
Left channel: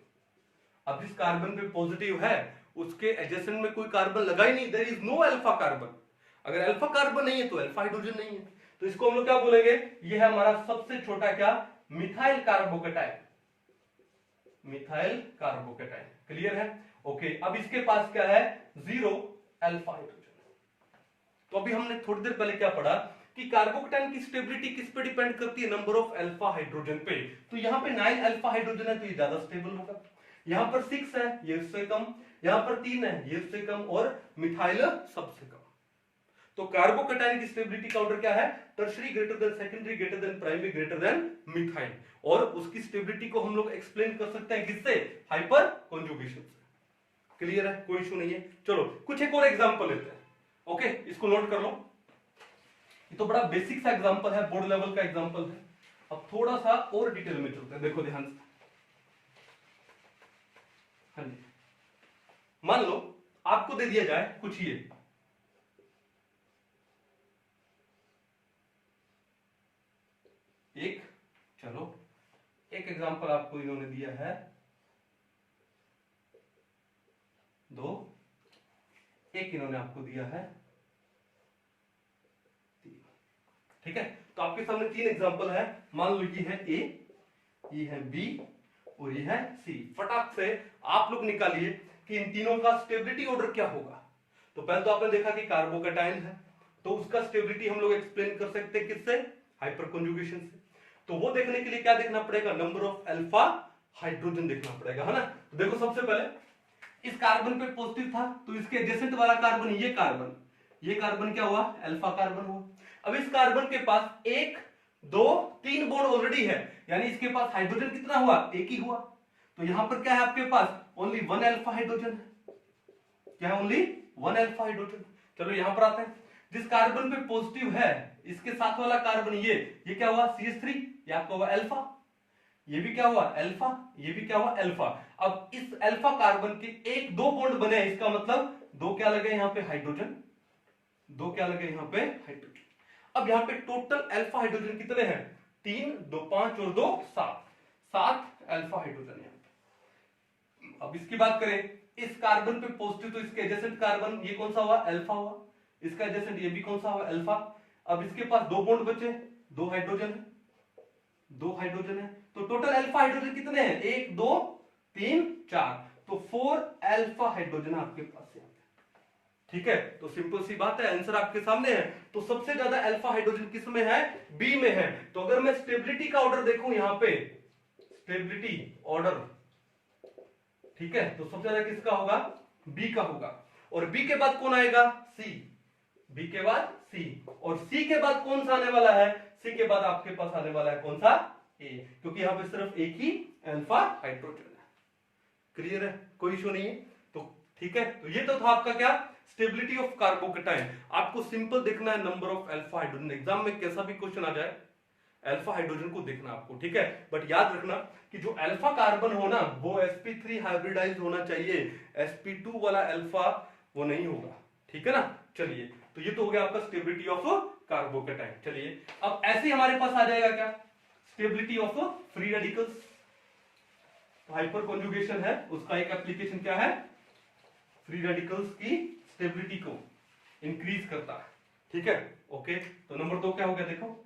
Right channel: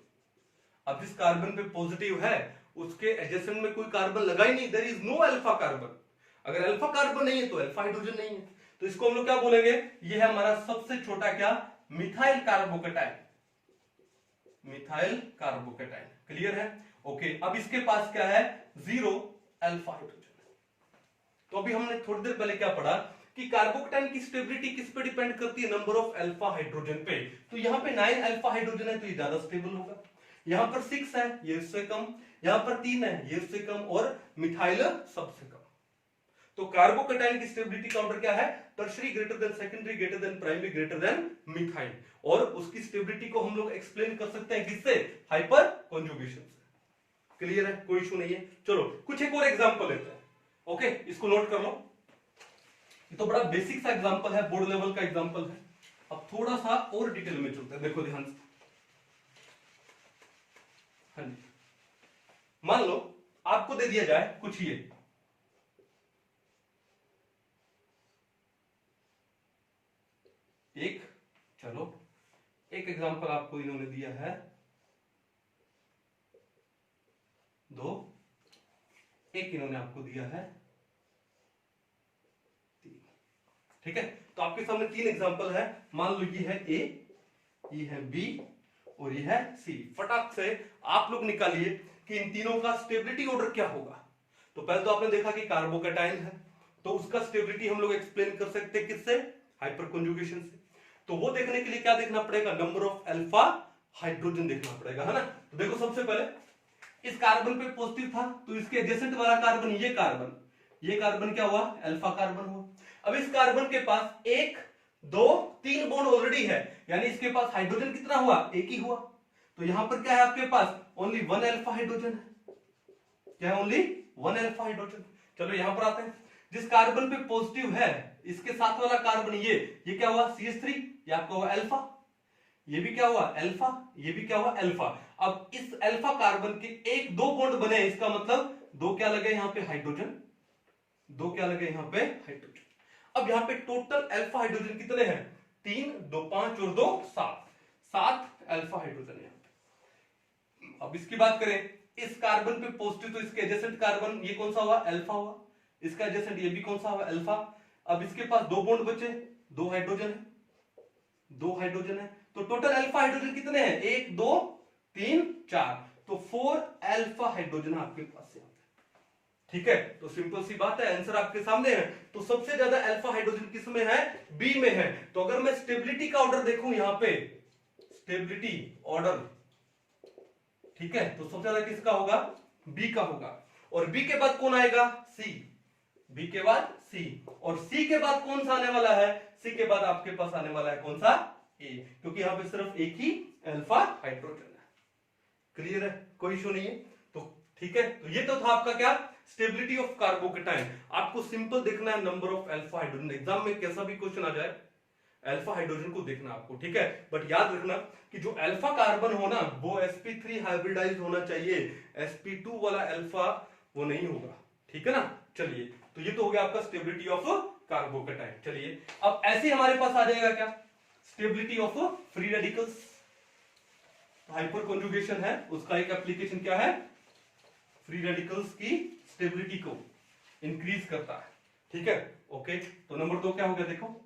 अब जिस कार्बन पे पॉजिटिव है उसके एडजेसेंट में कोई कार्बन लगा ही नहीं, there is no alpha carbon. अगर अल्फा कार्बन नहीं है तो अल्फा हाइड्रोजन नहीं है, तो इसको हम लोग क्या बोलेंगे? ये है हमारा सबसे छोटा क्या? Methyl carbocation. Methyl carbocation. Clear है? ओके, अब इसके पास क्या है, 0 अल्फा हाइड्रोजन। तो अभी हमने थोड़ी देर पहले क्या पढ़ा कि कार्बोकेटाइन की स्टेबिलिटी किस पे डिपेंड करती है, नंबर ऑफ अल्फा हाइड्रोजन पे। तो यहाँ पे 9 अल्फा हाइड्रोजन है तो ये ज्यादा स्टेबल होगा, यहाँ पर 6 है ये इससे कम, यहाँ पर 3 है ये इससे कम, और मिथाइल सबसे कम। तो कार्बोकेटाइन की स्टेबिलिटी काउंटर क्या है, tertiary greater than secondary greater than primary greater than methyl. और उसकी स्टेबिलिटी को हम लोग एक्सप्लेन कर सकते हैं किससे, हाइपर कॉन्जुगेशन से। क्लियर है, कोई इशू नहीं है। चलो कुछ एक और एग्जांपल लेते हैं। ओके, इसको नोट कर लो, ये तो बड़ा बेसिक सा एग्जांपल है, बोर्ड लेवल का एग्जांपल है। अब थोड़ा सा और डिटेल में चलते हैं, देखो ध्यान से। हाँ जी, मान लो आपको दे दिया जाए कुछ ये, एक, चलो एक एग्जांपल आपको इन्होंने दिया है, 2, एक इन्होंने आपको दिया है 3। ठीक है, तो आपके सामने 3 एग्जांपल है। मान लो ये है ए, ये है बी और ये है सी। फटाक से आप लोग निकालिए कि इन तीनों का स्टेबिलिटी ऑर्डर क्या होगा। तो पहले तो आपने देखा कि कार्बोकेटाइन है, तो उसका स्टेबिलिटी हम लोग एक्सप्लेन कर सकते हैं किससे, हाइपर कॉन्जुगेशन से। तो वो देखने के लिए क्या देखना पड़ेगा, नंबर ऑफ अल्फा हाइड्रोजन देखना पड़ेगा, है ना। तो देखो सबसे पहले इस कार्बन पे पॉजिटिव था, तो इसके एडजेसेंट वाला कार्बन, ये कार्बन क्या हुआ, अल्फा कार्बन हुआ। अब इस कार्बन के पास 1 2 3 बॉन्ड ऑलरेडी है, यानी इसके पास हाइड्रोजन कितना हुआ, एक ही हुआ। तो यहां पर क्या है आपके पास, ओनली 1 अल्फा हाइड्रोजन है। क्या है, ओनली 1 अल्फा हाइड्रोजन। चलो यहां पर आते हैं, जिस कार्बन पे पॉजिटिव है इसके साथ वाला कार्बन ये क्या हुआ, CH3, ये आपका हुआ अल्फा, ये भी क्या हुआ अल्फा, ये भी क्या हुआ अल्फा। अब इस अल्फा कार्बन के 1 2 बॉन्ड बने, इसका मतलब 2 क्या लगे यहाँ पे हाइड्रोजन, 2 क्या लगे यहाँ पे हाइड्रोजन। अब यहाँ पे टोटल अल्फा हाइड्रोजन कितने हैं, 3 2 5 और 2 7 अल्फा हाइड्रोजन यहाँ पे। अब इसकी बात करें, इस कार्बन पे पॉजिटिव, तो इसके एडजेसेंट कार्बन ये कौन सा हुआ, अल्फा हुआ। इसका एडजेसेंट ये भी कौन सा हुआ, अल्फा। अब इसके पास 2 बॉन्ड बचे, 2 हाइड्रोजन है, 2 हाइड्रोजन है। तो टोटल अल्फा हाइड्रोजन कितने हैं, 1 2 3 4, तो 4 अल्फा हाइड्रोजन आपके पास यहाँ पे। ठीक है, तो सिंपल सी बात है, आंसर आपके सामने है। तो सबसे ज्यादा अल्फा हाइड्रोजन किस में है, बी में है। तो अगर मैं स्टेबिलिटी का ऑर्डर देखूं यहाँ पे, स्टेबिलिटी ऑर्डर, ठीक है, तो सबसे ज्यादा किसका होगा, बी का होगा। और बी के बाद कौन आएगा, सी, बी के बाद सी, और सी के बाद कौन सा आने वाला है, सी के बाद आपके पास आने वाला है कौन सा, ए, क्योंकि यहां पे सिर्फ एक ही अल्फा हाइड्रोजन है। क्लियर है, कोई इशू नहीं है। तो ठीक है, तो ये तो था आपका क्या, स्टेबिलिटी ऑफ कार्बोकेटाइन। आपको सिंपल देखना है number of alpha hydrogen, exam में कैसा भी क्वेश्चन आ जाए अल्फा हाइड्रोजन को देखना आपको, ठीक है। बट याद रखना कि जो अल्फा कार्बन हो ना वो sp3 हाइब्रिडाइज होना चाहिए, sp2 वाला अल्फा वो नहीं होगा, ठीक है ना। चलिए, तो ये तो हो गया आपका स्टेबिलिटी ऑफ कार्बोकेटाइन। चलिए, अब ऐसे हमारे पास आ जाएगा क्या, stability of free radicals. Hyper conjugation है, उसका एक एप्लीकेशन क्या है, फ्री रेडिकल्स की स्टेबिलिटी को इंक्रीज करता है, ठीक है। ओके, तो नंबर 2 क्या हो गया, देखो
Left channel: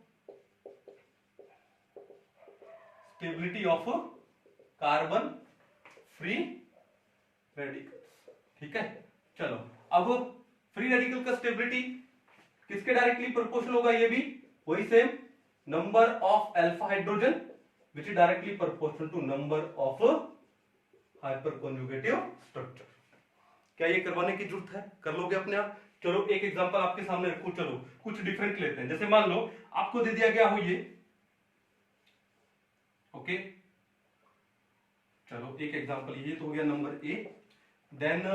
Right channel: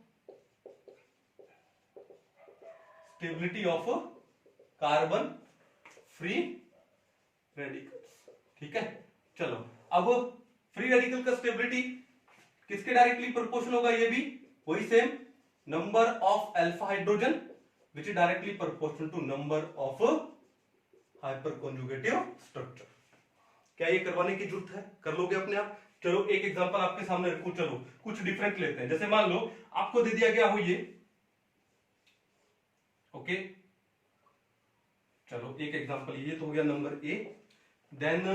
stability of carbon free radicals, ठीक है। चलो, अब फ्री रेडिकल का स्टेबिलिटी किसके डायरेक्टली प्रोपोर्शनल होगा, ये भी वही same, number of alpha hydrogen which is directly proportional to number of hyperconjugative structure. क्या ये करवाने की जरूरत है, कर लोगे अपने आप। चलो एक एग्जांपल आपके सामने रखो, चलो कुछ डिफरेंट लेते हैं। जैसे मान लो आपको दे दिया गया हो ये, ओके, चलो एक एग्जांपल, ये तो हो गया नंबर ए, देन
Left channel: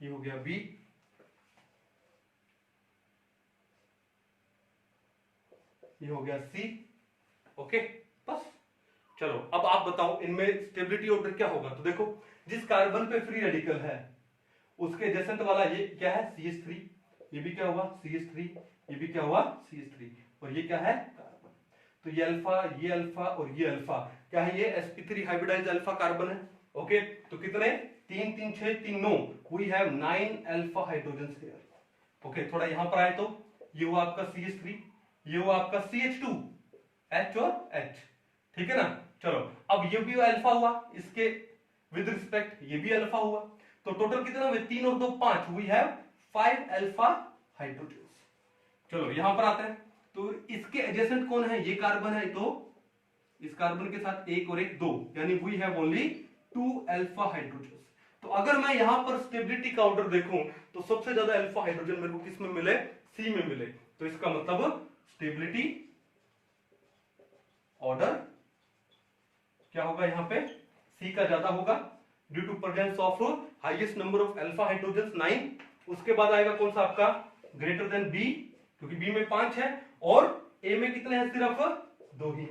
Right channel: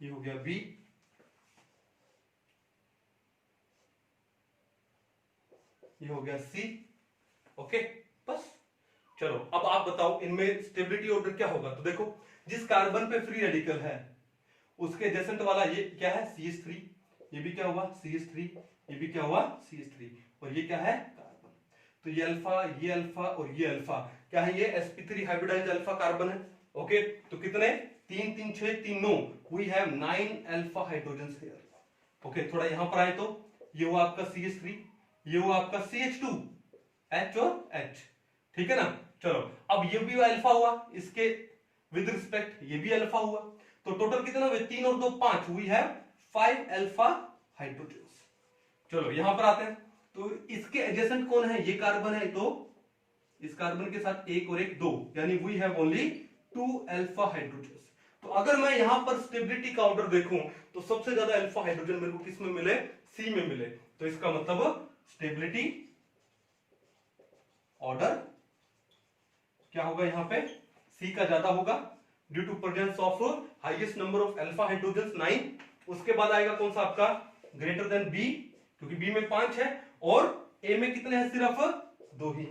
ये हो गया बी, ये हो गया सी, ओके, बस। चलो अब आप बताओ इनमें स्टेबिलिटी ऑर्डर क्या होगा। तो देखो, जिस कार्बन पे फ्री रेडिकल है उसके एडजेसेंट वाला ये क्या है, CH3, ये भी क्या हुआ CH3, ये भी क्या हुआ CH3, और ये क्या है कार्बन। तो ये अल्फा और ये अल्फा क्या है, ये sp3 हाइब्रिडाइज्ड अल्फा कार्बन है, ओके। तो कितने, 3 3 6 3 9, we have 9 alpha hydrogen here, okay. थोड़ा यहां पर आए तो ये हुआ आपका CH3, ये हुआ आपका CH2, H और H, ठीक है ना। चलो अब ये भी अल्फा हुआ, इसके विद रिस्पेक्ट ये भी अल्फा हुआ, तो टोटल कितना हुए 3 और 2 5, वी हैव 5 अल्फा हाइड्रोजन। चलो यहां पर आते हैं, तो इसके एडजेसेंट कौन है, ये कार्बन है, तो इस कार्बन के साथ एक और एक 2, यानी we have only 2 alpha hydrogen. तो अगर मैं यहां पर स्टेबिलिटी का ऑर्डर देखूं तो सबसे ज्यादा अल्फा हाइड्रोजन मेरे को किस में मिले, सी में मिले, तो इसका मतलब स्टेबिलिटी ऑर्डर क्या होगा, यहां पे सी का ज्यादा होगा due to presence of highest number of alpha hydrogen 9। उसके बाद आएगा कौन सा आपका, ग्रेटर देन बी, क्योंकि बी में 5 है और ए में कितने हैं, सिर्फ 2 ही।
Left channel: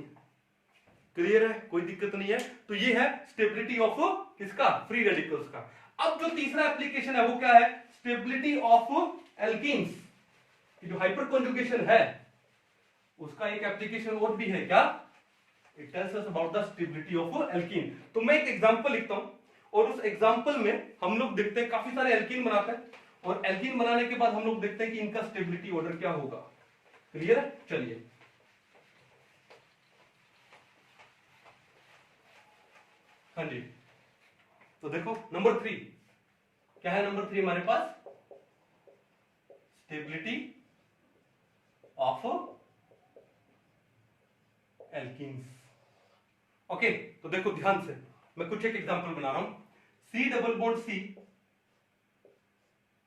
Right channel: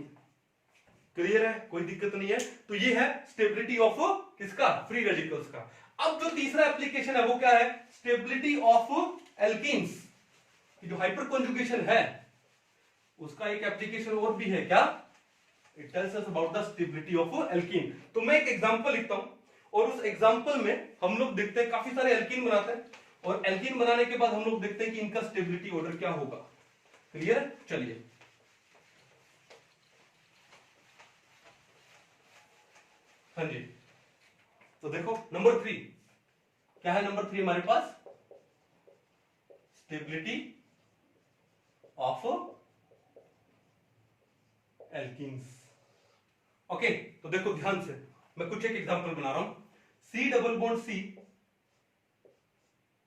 क्लियर है, कोई दिक्कत नहीं है। तो ये है स्टेबिलिटी ऑफ किसका, फ्री रेडिकल्स का। अब जो तीसरा एप्लीकेशन है वो क्या है, स्टेबिलिटी ऑफ एल्कीन्स की जो हाइपर कॉन्जुगेशन है उसका एक एप्लीकेशन और भी है, क्या, it tells us about the stability of alkene. तो मैं एक एग्जांपल लिखता हूं और उस एग्जांपल में हम लोग देखते हैं काफी सारे एल्कीन बनाते हैं, और एल्कीन बनाने के बाद हम लोग देखते हैं कि इनका स्टेबिलिटी ऑर्डर क्या होगा। क्लियर है, चलिए हाँ जी। तो देखो नंबर 3 क्या है, नंबर 3 हमारे पास स्टेबिलिटी ऑफ एल्कीन्स। ओके, तो देखो ध्यान से, मैं कुछ एक एग्जांपल बना रहा हूं। सी डबल बॉन्ड सी,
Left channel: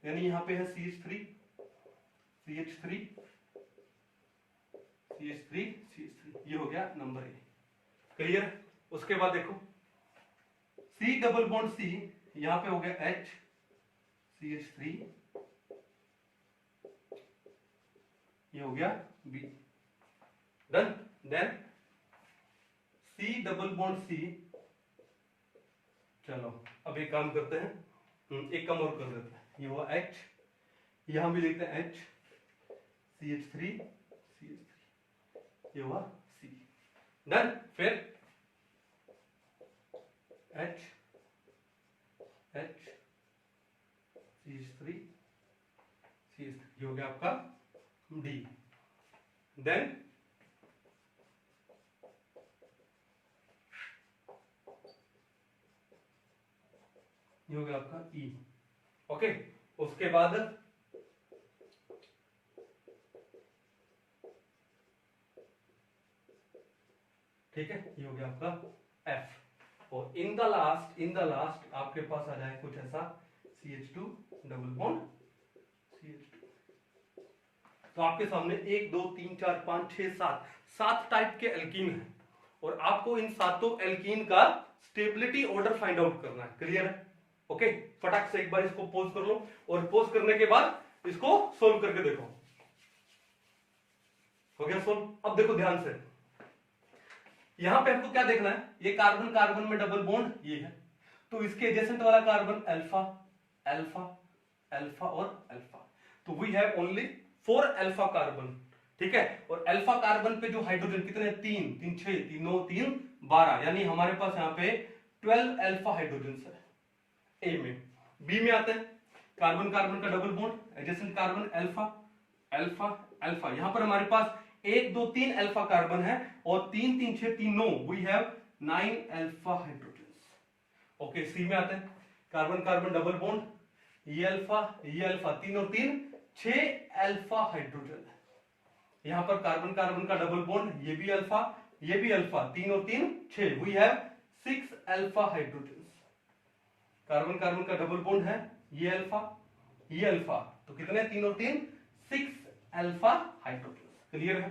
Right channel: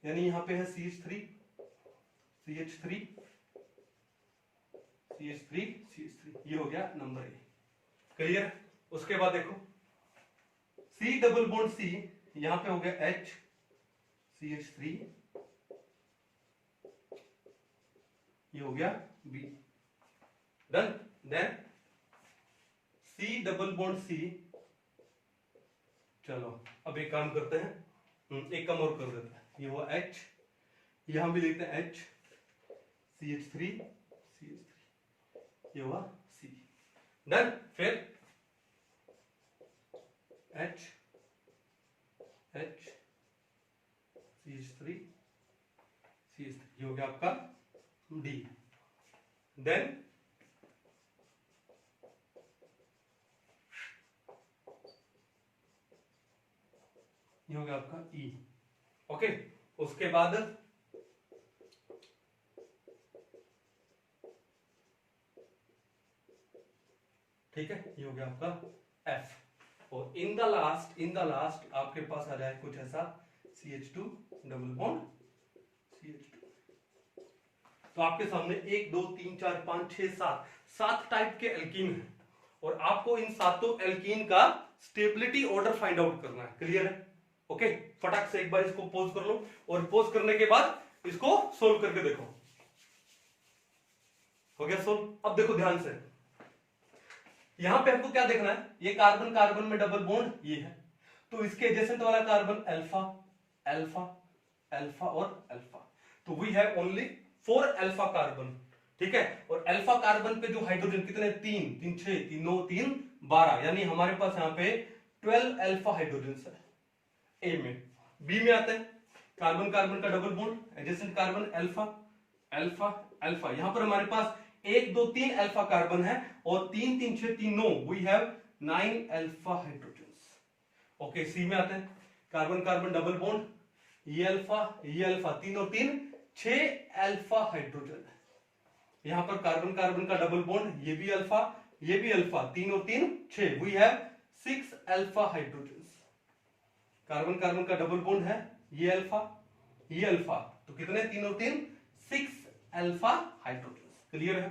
यानी यहां पे है CH3 CH3 CH3 CH3, ये हो गया नंबर ए। क्लियर, उसके बाद देखो सी डबल बॉन्ड सी, यहां पे हो गया H CH3, ये हो गया B, done. Then C double bond C, चलो अब एक काम करते हैं, एक कम और कर देते हैं, ये हुआ H, यहां भी लिखते हैं H CH3 CH3, ये हुआ C, डन। फिर H H CH3 CH3, ये हो गया आपका D। देन ये हो गया आपका E। ओके, उसके बाद ठीक है, ये हो गया आपका F, और इन द लास्ट आपके पास आ जाए कुछ ऐसा CH2 डबल बॉन्ड CH2। तो आपके सामने 1 2 3 4 5 6 7 टाइप के एल्कीन हैं, और आपको इन सातों एल्कीन का स्टेबिलिटी ऑर्डर फाइंड आउट करना है। क्लियर है, ओके। फटाक से एक बार इसको पॉज कर लो, और पॉज करने के बाद इसको सोल्व करके देखो। हो गया सोल्व। अब देखो ध्यान से, यहां पे आपको क्या देखना है, ये कार्बन कार्बन में डबल बॉन्ड ये है, तो इसके एडजेसेंट वाला कार्बन अल्फा अल्फा अल्फा और अल्फा, तो we have only 4 alpha carbon, ठीक है। और अल्फा कार्बन पे जो हाइड्रोजन कितने, 3 3 6 3 9 3 12, यानी हमारे पास यहां पे 12 अल्फा हाइड्रोजन है ए में। बी में आते हैं, कार्बन कार्बन का double bond, adjacent carbon alpha alpha alpha, यहां पर हमारे पास 1 2 3 अल्फा कार्बन है, और 3 3 6 3 9, we have 9 alpha hydrogen. Okay, C में आते हैं, कार्बन कार्बन डबल बॉन्ड, ये अल्फा 3 और 3 6 अल्फा हाइड्रोजन है। यहां पर कार्बन कार्बन का डबल बॉन्ड, ये भी अल्फा 3 और 3 6, we have 6 alpha hydrogen. Carbon carbon का डबल बॉन्ड है, ये अल्फा, तो कितने 3 और 3 6 अल्फा हाइड्रोजन। क्लियर है,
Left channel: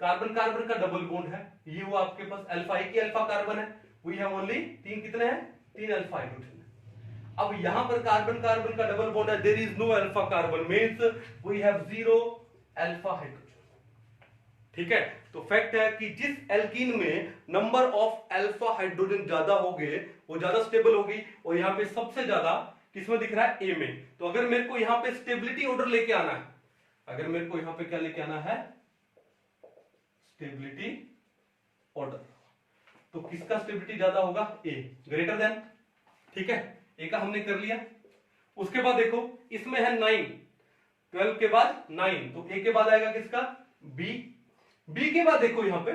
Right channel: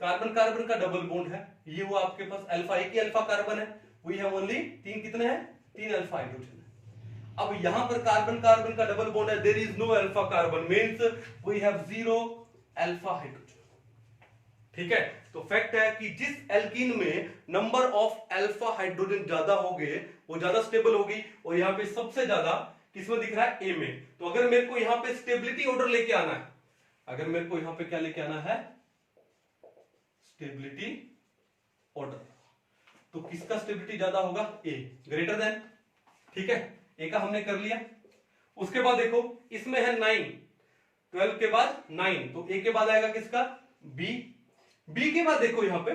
कार्बन कार्बन का डबल बॉन्ड है, ये हुआ आपके पास अल्फा, एक ही अल्फा कार्बन है, वी हैव ओनली 3 कितने हैं 3 अल्फा हाइड्रोजन है। अब यहां पर कार्बन कार्बन का डबल बॉन्ड है, there is no alpha carbon, means we have 0 alpha hydrogen. ठीक है, तो फैक्ट है कि जिस एल्कीन में नंबर ऑफ अल्फा हाइड्रोजन ज्यादा होंगे वो ज्यादा स्टेबल होगी, और यहां पे सबसे ज्यादा किसमें दिख रहा है, ए में। तो अगर मेरे को यहां पे स्टेबिलिटी ऑर्डर लेके आना है, अगर मेरे को यहां पे क्या लेके आना है, स्टेबिलिटी ऑर्डर, तो किसका स्टेबिलिटी ज्यादा होगा, ए, ग्रेटर देन। ठीक है, ए का हमने कर लिया। उसके बाद देखो इसमें है 9, 12 के बाद 9, तो ए के बाद आएगा किसका, बी। बी के बाद देखो यहां पे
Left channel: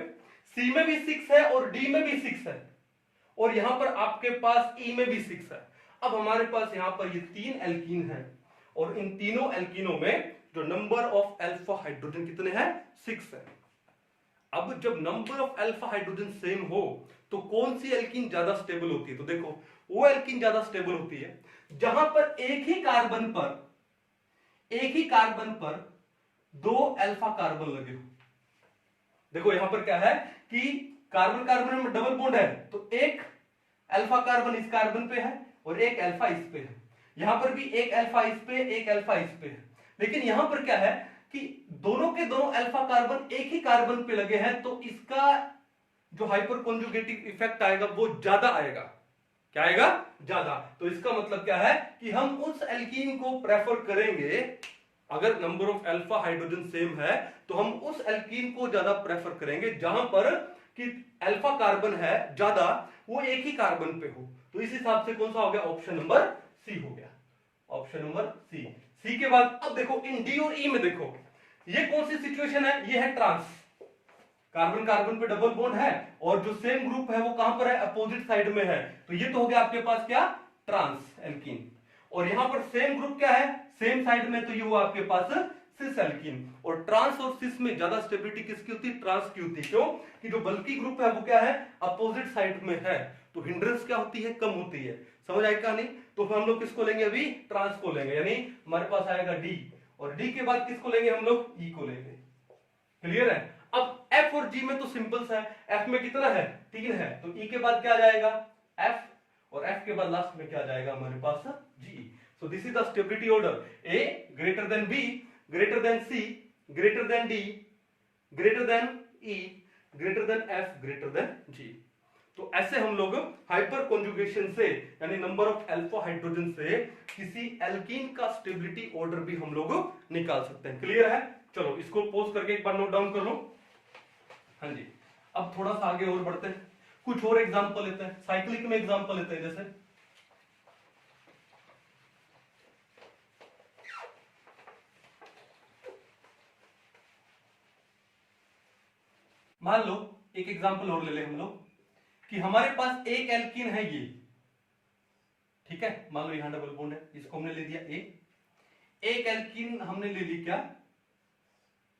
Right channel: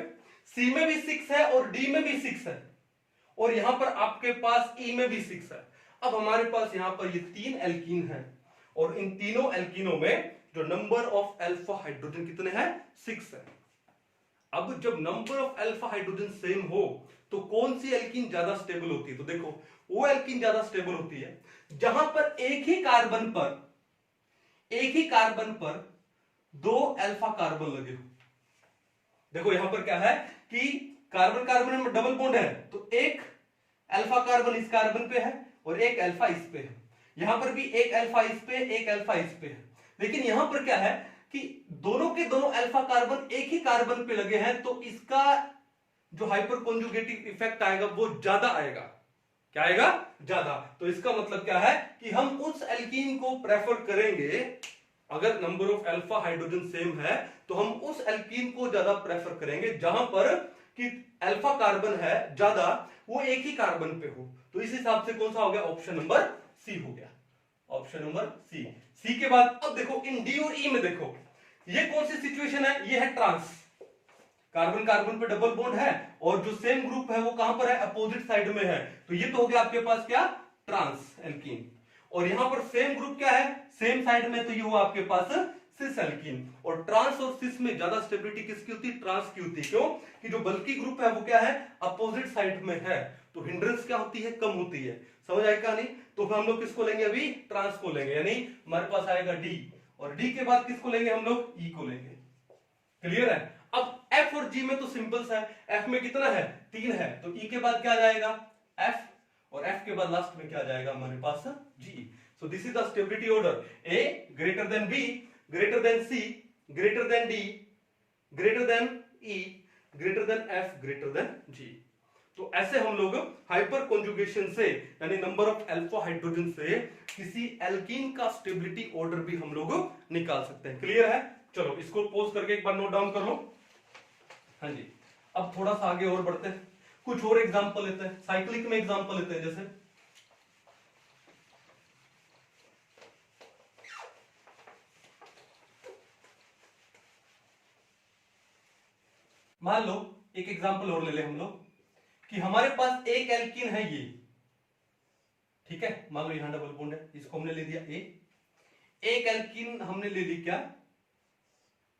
सी में भी 6 है और डी में भी 6 है, और यहां पर आपके पास ई में भी 6 है। अब हमारे पास यहां पर ये 3 एल्कीन है, और इन तीनों एल्कीनों में जो नंबर ऑफ अल्फा हाइड्रोजन कितने हैं? 6 है। अब जब number of alpha hydrogen same हो तो कौन सी एल्कीन ज्यादा स्टेबल होती है? तो देखो, वो एल्कीन ज्यादा स्टेबल होती है जहां पर एक ही कार्बन पर 2 अल्फा कार्बन लगे हो। देखो यहां पर क्या है कि कार्बन कार्बन में डबल बॉन्ड है, तो एक अल्फा कार्बन इस कार्बन पे है और एक अल्फा इस पे है। यहां पर भी एक अल्फा इस पे, एक अल्फा इस पे है। लेकिन यहां पर क्या है कि दोनों के दोनों अल्फा कार्बन एक ही कार्बन पे लगे हैं, तो इसका जो हाइपर कॉन्जुगेटिव इफेक्ट आएगा वो ज्यादा आएगा। क्या आएगा? ज्यादा। तो इसका मतलब क्या है कि हम उस एल्कीन को प्रेफर करेंगे, अगर number of alpha hydrogen same है तो हम उस एल्कीन को ज्यादा प्रेफर करेंगे जहां पर कि अल्फा कार्बन है ज्यादा, वो एक ही कार्बन पे हो। तो इस हिसाब से कौन सा हो गया? ऑप्शन नंबर सी हो गया। Option number C. सी के बाद अब देखो इन डी और ई में देखो, ये कौन सी सिचुएशन है? ये है ट्रांस। कार्बन कार्बन पे डबल बॉन्ड है और जो सेम ग्रुप है वो कहां पर है? अपोजिट साइड में है। तो ये तो हो गया आपके पास क्या? Trans alkene. और यहां पर सेम ग्रुप क्या है? सेम साइड में, तो ये हुआ आपके पास सिस एल्कीन। और ट्रांस और सिस में ज्यादा स्टेबिलिटी किसकी होती है? ट्रांस की होती है। क्यों? कि जो बल्कि ग्रुप है वो क्या है? अपोजिट साइड में है, तो हिंड्रेंस क्या होती है? कम होती है। समझ आएगा नहीं? तो हम लोग किसको लेंगे? अभी ट्रांस को लेंगे, यानी हमारे पास आएगा डी, और डी के बाद किसको लेंगे हम लोग? ई को लेंगे। क्लियर है? अब एफ और जी में तो सिंपल सा है, एफ में कितना है? 3 है, तो ई के बाद क्या जाएगा? एफ, और एफ के बाद लास्ट में क्या जाएगा हमारे पास? जी। So this is the stability order, A greater than B, greater than C, greater than D, greater than E, greater than F, greater than G. तो ऐसे हम लोग हाइपर कॉन्जुगेशन से, यानी नंबर ऑफ अल्फा हाइड्रोजन से किसी alkene का stability order भी हम लोग निकाल सकते हैं। क्लियर है? चलो इसको पॉज करके एक बार नोट डाउन कर लो। हाँ जी, अब थोड़ा सा आगे और बढ़ते हैं, कुछ और एग्जांपल लेते हैं, साइक्लिक में एग्जांपल लेते हैं। जैसे मान लो एक एग्जांपल और ले ले हम लोग कि हमारे पास एक एल्कीन है ये, ठीक है, मान लो यहां डबल बॉन्ड है, इसको हमने ले दिया ए। एक एल्कीन हमने ले ली क्या?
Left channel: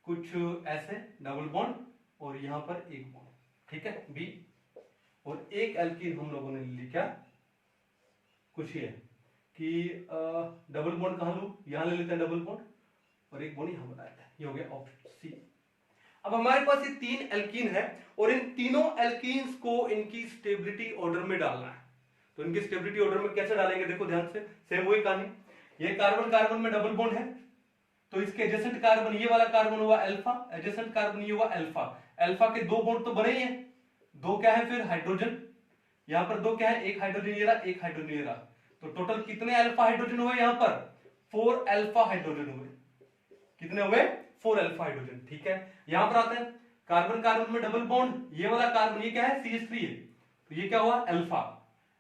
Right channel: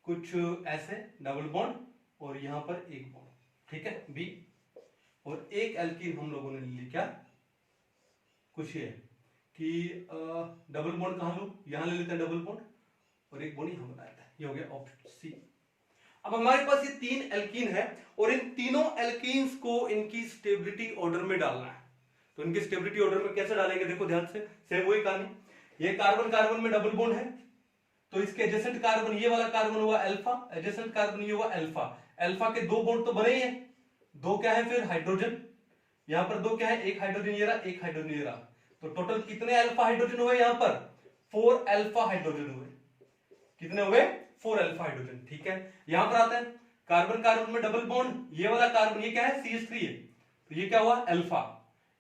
कुछ ऐसे डबल बॉन्ड और यहां पर एक बॉन्ड, ठीक है, बी। और एक एल्कीन हम लोगों ने ले ली क्या? कुछ ये कि डबल बॉन्ड कहां लो? यहां ले लेते हैं डबल बॉन्ड, और एक बॉन्ड यहां बनाया है। ये हो गया ऑप्शन सी। अब हमारे पास ये 3 एल्कीन है और इन तीनों एल्कीन्स को इनकी स्टेबिलिटी ऑर्डर में डालना है। तो इनकी स्टेबिलिटी ऑर्डर में कैसे डालेंगे? देखो ध्यान से, सेम वही कहानी। ये कार्बन कार्बन में डबल बॉन्ड है, तो इसके एडजेसेंट कार्बन, ये वाला कार्बन हुआ अल्फा, एडजेसेंट कार्बन ये हुआ अल्फा। अल्फा के 2 बॉन्ड तो बने ही है, 2 क्या है फिर? हाइड्रोजन। यहां पर 2 क्या है? एक हाइड्रोजन ये रहा, एक हाइड्रोजन ये रहा। तो टोटल कितने अल्फा हाइड्रोजन हुए यहां पर? 4 अल्फा हाइड्रोजन हुए। कितने हुए? 4 अल्फा हाइड्रोजन। ठीक है, यहां पर आते हैं, कार्बन कार्बन में डबल बॉन्ड, ये वाला कार्बन ये क्या है? CH3 है, तो ये क्या हुआ? अल्फा।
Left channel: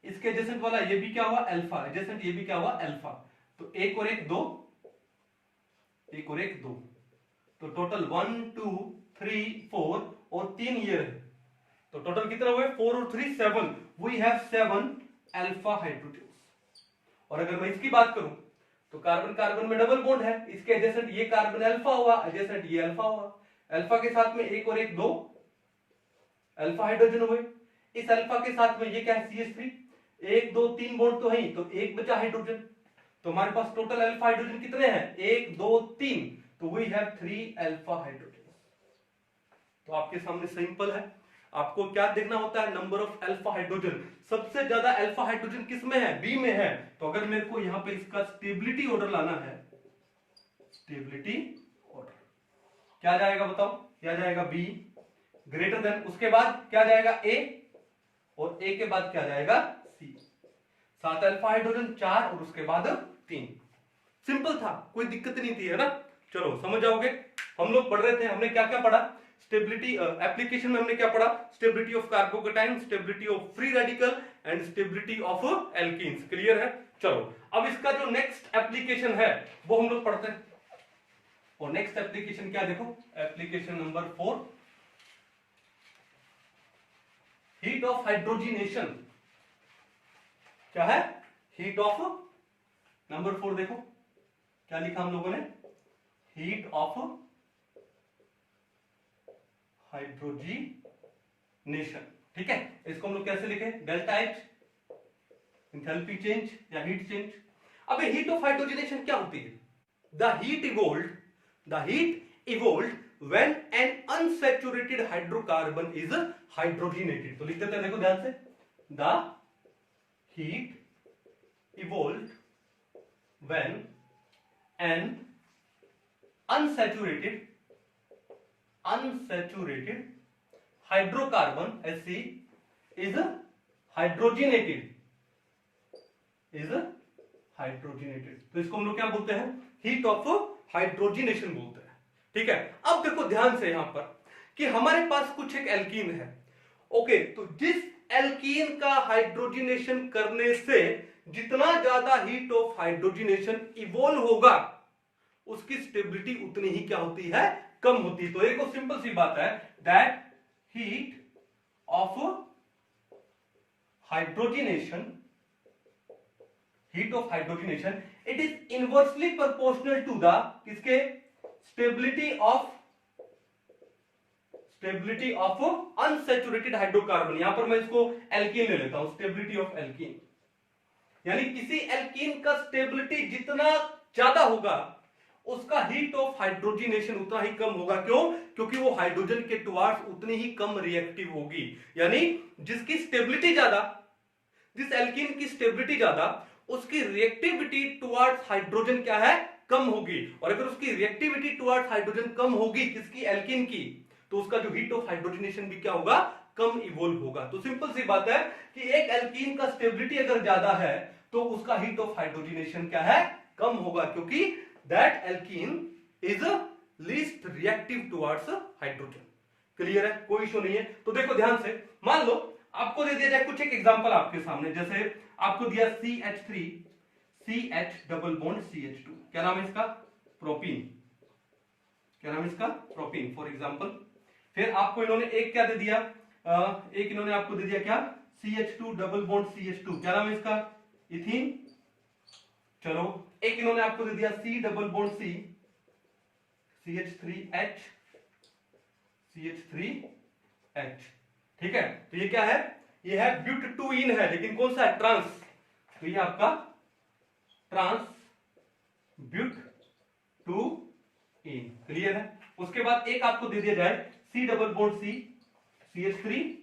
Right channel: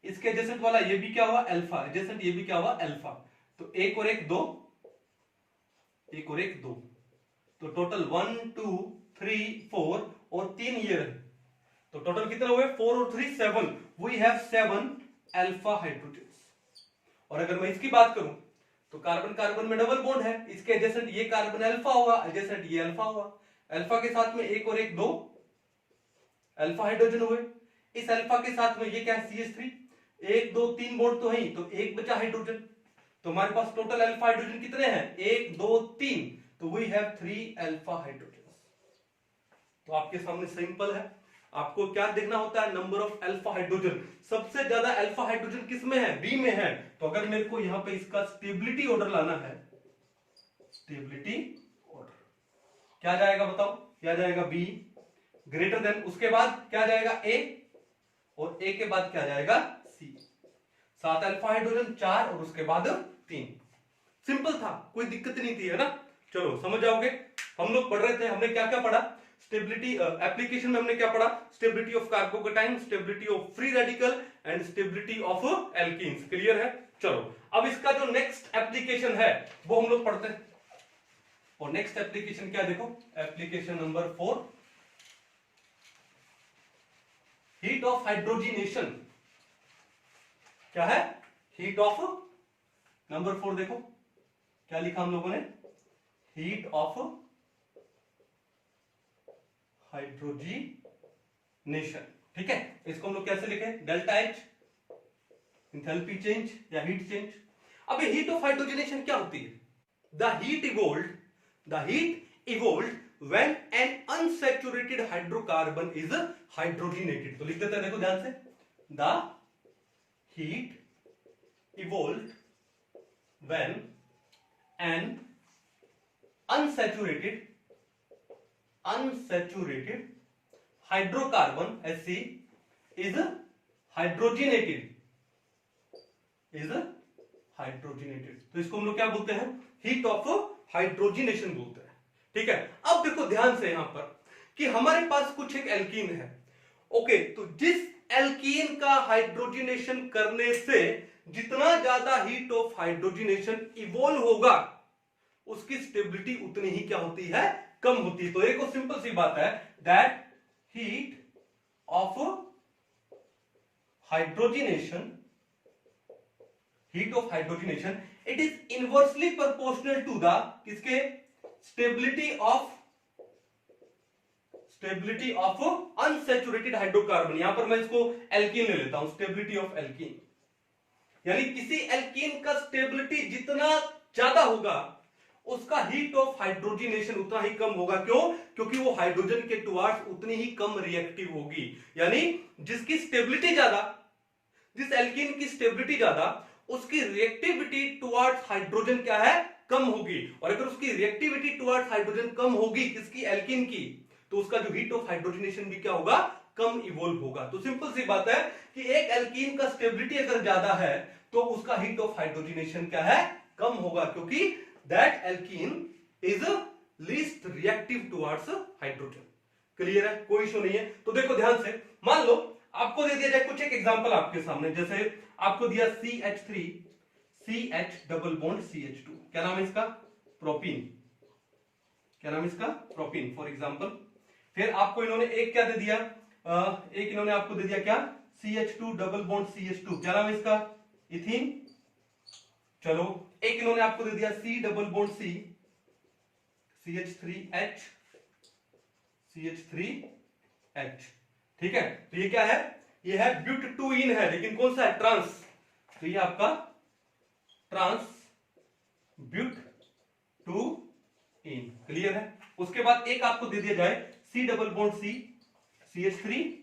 इसके एडजेसेंट वाला ये भी क्या हुआ? अल्फा। एडजेसेंट ये भी क्या हुआ? अल्फा। तो एक और एक 2, एक और एक 2, तो टोटल 1 2 3 4 और 3 ये रहे। तो टोटल कितने हुए? 4 और 3 7। We have 7 alpha hydrogen. और अगर मैं इसकी बात करूं तो कार्बन कार्बन में डबल बॉन्ड है, इसके एडजेसेंट ये कार्बन अल्फा हुआ, एडजेसेंट ये अल्फा हुआ। अल्फा के साथ में एक और एक 2 अल्फा हाइड्रोजन हुए। इस अल्फा के साथ में ये क्या है? CH3। 1 2 3 बॉन्ड तो है ही, तो एक बचा हाइड्रोजन। तो हमारे पास टोटल अल्फा हाइड्रोजन कितने हैं? 1 2 3, तो वी हैव 3 अल्फा हाइड्रोजन। तो आपके सामने सिंपल है, आपको क्या देखना होता है? Number of alpha hydrogen. सबसे ज्यादा अल्फा हाइड्रोजन किस में है? बी में है। तो अगर मेरे को यहां पे इसका स्टेबिलिटी ऑर्डर लाना है, स्टेबिलिटी ऑर्डर क्या जाएगा बताओ? क्या जाएगा? बी ग्रेटर देन, उसके बाद क्या जाएगा? ए, और ए के बाद क्या जाएगा? सी। 7 अल्फा हाइड्रोजन, 4 और उसके बाद 3। सिंपल था, कोई दिक्कत नहीं थी, है ना? चलो समझ जाओगे। हम लोग पढ़ रहे थे, हमने क्या क्या पढ़ा? स्टेबिलिटी एप्लीकेशन में हमने क्या पढ़ा? Stability of carbocation, stability of free radical and stability of alkenes. Clear है? चलो अब इसका जो नेक्स्ट एप्लीकेशन है वो हम लोग पढ़ते हैं। और नेक्स्ट एप्लीकेशन क्या? देखो application number 4, heat of hydrogenation क्या है? हीट ऑफ, नंबर 4 देखो क्या लिखा हम लोगों ने, हीट ऑफ हाइड्रोजिनेशन। ठीक है, इसको हम लोग कैसे लिखे? डेल्टा एच, एंथैल्पी चेंज या हीट चेंज। अब हीट ऑफ हाइड्रोजिनेशन क्या होती है? The heat evolved when an unsaturated hydrocarbon is hydrogenated. तो लिख देते हैं, देखो ध्यान से, the heat evolved when an unsaturated hydrocarbon Hc is hydrogenated तो इसको हम लोग क्या बोलते हैं? हीट ऑफ हाइड्रोजिनेशन बोलते हैं। ठीक है, अब देखो ध्यान से यहां पर कि हमारे पास कुछ एक एल्कीन है। ओके, तो जिस एल्कीन का हाइड्रोजिनेशन करने से जितना ज्यादा हीट ऑफ हाइड्रोजिनेशन इवॉल्व होगा उसकी स्टेबिलिटी उतनी ही क्या होती है? कम होती है। तो एक सिंपल सी बात है, that heat of hydrogenation it is inversely proportional to the किसके? Stability of unsaturated hydrocarbon. यहां पर मैं इसको एल्कीन ले लेता हूं, स्टेबिलिटी ऑफ एल्कीन, यानी किसी एल्कीन का स्टेबिलिटी जितना ज्यादा होगा उसका हीट ऑफ हाइड्रोजिनेशन उतना ही कम होगा। क्यों? क्योंकि वो हाइड्रोजन के टुवार्ड्स उतनी ही कम रिएक्टिव होगी। यानी जिसकी स्टेबिलिटी ज्यादा, जिस एल्कीन की स्टेबिलिटी ज्यादा, उसकी रिएक्टिविटी टुवार्ड्स हाइड्रोजन क्या है? कम होगी। और अगर उसकी रिएक्टिविटी टुवार्ड्स हाइड्रोजन कम होगी किसकी? एल्कीन की, तो उसका जो हीट ऑफ हाइड्रोजिनेशन भी क्या होगा? कम इवॉल्व होगा। तो सिंपल सी बात है कि एक एल्कीन का स्टेबिलिटी अगर ज्यादा है तो उसका हीट ऑफ हाइड्रोजिनेशन क्या है? कम होगा, क्योंकि that alkene is least reactive towards hydrogen। Clear है? कोई इशू नहीं है। तो देखो ध्यान से, मान लो आपको दे दिया जाए कुछ एक एग्जांपल आपके सामने, जैसे आपको दिया CH3 CH double bond CH2, क्या नाम है इसका? प्रोपीन। क्या नाम है इसका? Propene for example. फिर आपको इन्होंने एक क्या दे दिया? एक इन्होंने आपको दे दिया क्या? CH2 डबल बॉन्ड CH2, क्या नाम है इसका? इथीन। चलो, एक इन्होंने आपको दे दिया C double bond C CH3H CH3H। ठीक है, तो ये क्या है? ये है ब्यूटटूइन है, लेकिन कौन सा है? ट्रांस। तो ये आपका ट्रांस ब्यूटटूइन। क्लियर है? उसके बाद एक आपको दे दिया जाए C double bond C CH3,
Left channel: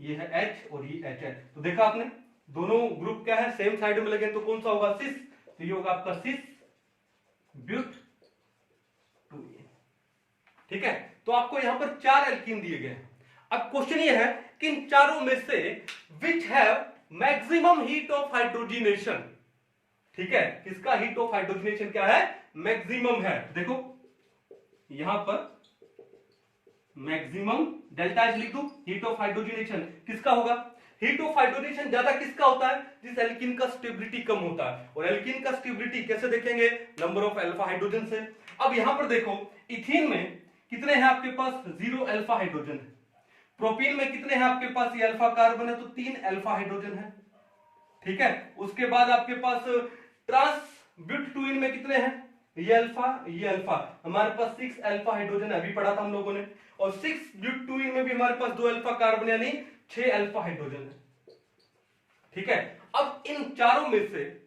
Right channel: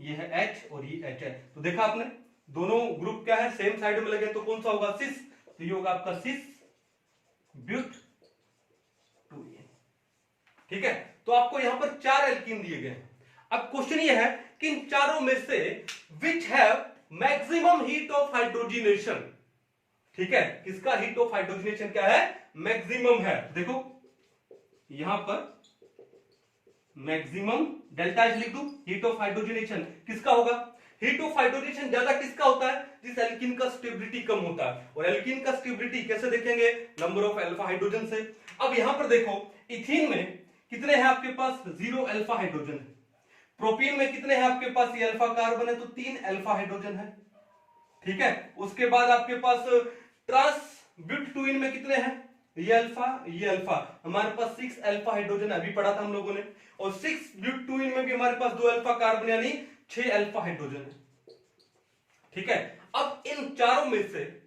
ये है H और ये H है। तो देखा आपने, दोनों ग्रुप क्या है? सेम साइड में लगे, तो कौन सा होगा? सिस। तो ये होगा आपका सिस ब्यूटटूइन। ठीक है, तो आपको यहां पर 4 एल्कीन दिए गए। अब क्वेश्चन ये है कि इन चारों में से which have maximum heat of hydrogenation. ठीक है, किसका हीट ऑफ हाइड्रोजिनेशन क्या है? मैक्सिमम है। देखो यहां पर मैक्सिमम डेल्टा एच लिख दूं, हीट ऑफ हाइड्रोजिनेशन किसका होगा? हीट ऑफ हाइड्रोजिनेशन ज्यादा किसका होता है? जिस एल्कीन का स्टेबिलिटी कम होता है। और एल्कीन का स्टेबिलिटी कैसे देखेंगे? नंबर ऑफ अल्फा हाइड्रोजन से। अब यहां पर देखो, इथीन में कितने हैं आपके पास? 0 अल्फा हाइड्रोजन है। प्रोपीन में कितने हैं आपके पास? ये अल्फा कार्बन है, तो 3 अल्फा हाइड्रोजन है। ठीक है, उसके बाद आपके पास ट्रांस ब्यूटटूइन में कितने हैं? ये अल्फा, ये अल्फा, हमारे पास 6 अल्फा हाइड्रोजन अभी पढ़ा था हम लोगों ने। और 6 ब्यूटटूइन में भी हमारे पास 2 अल्फा कार्बन, यानी 6 अल्फा हाइड्रोजन है। ठीक है, अब इन चारों में से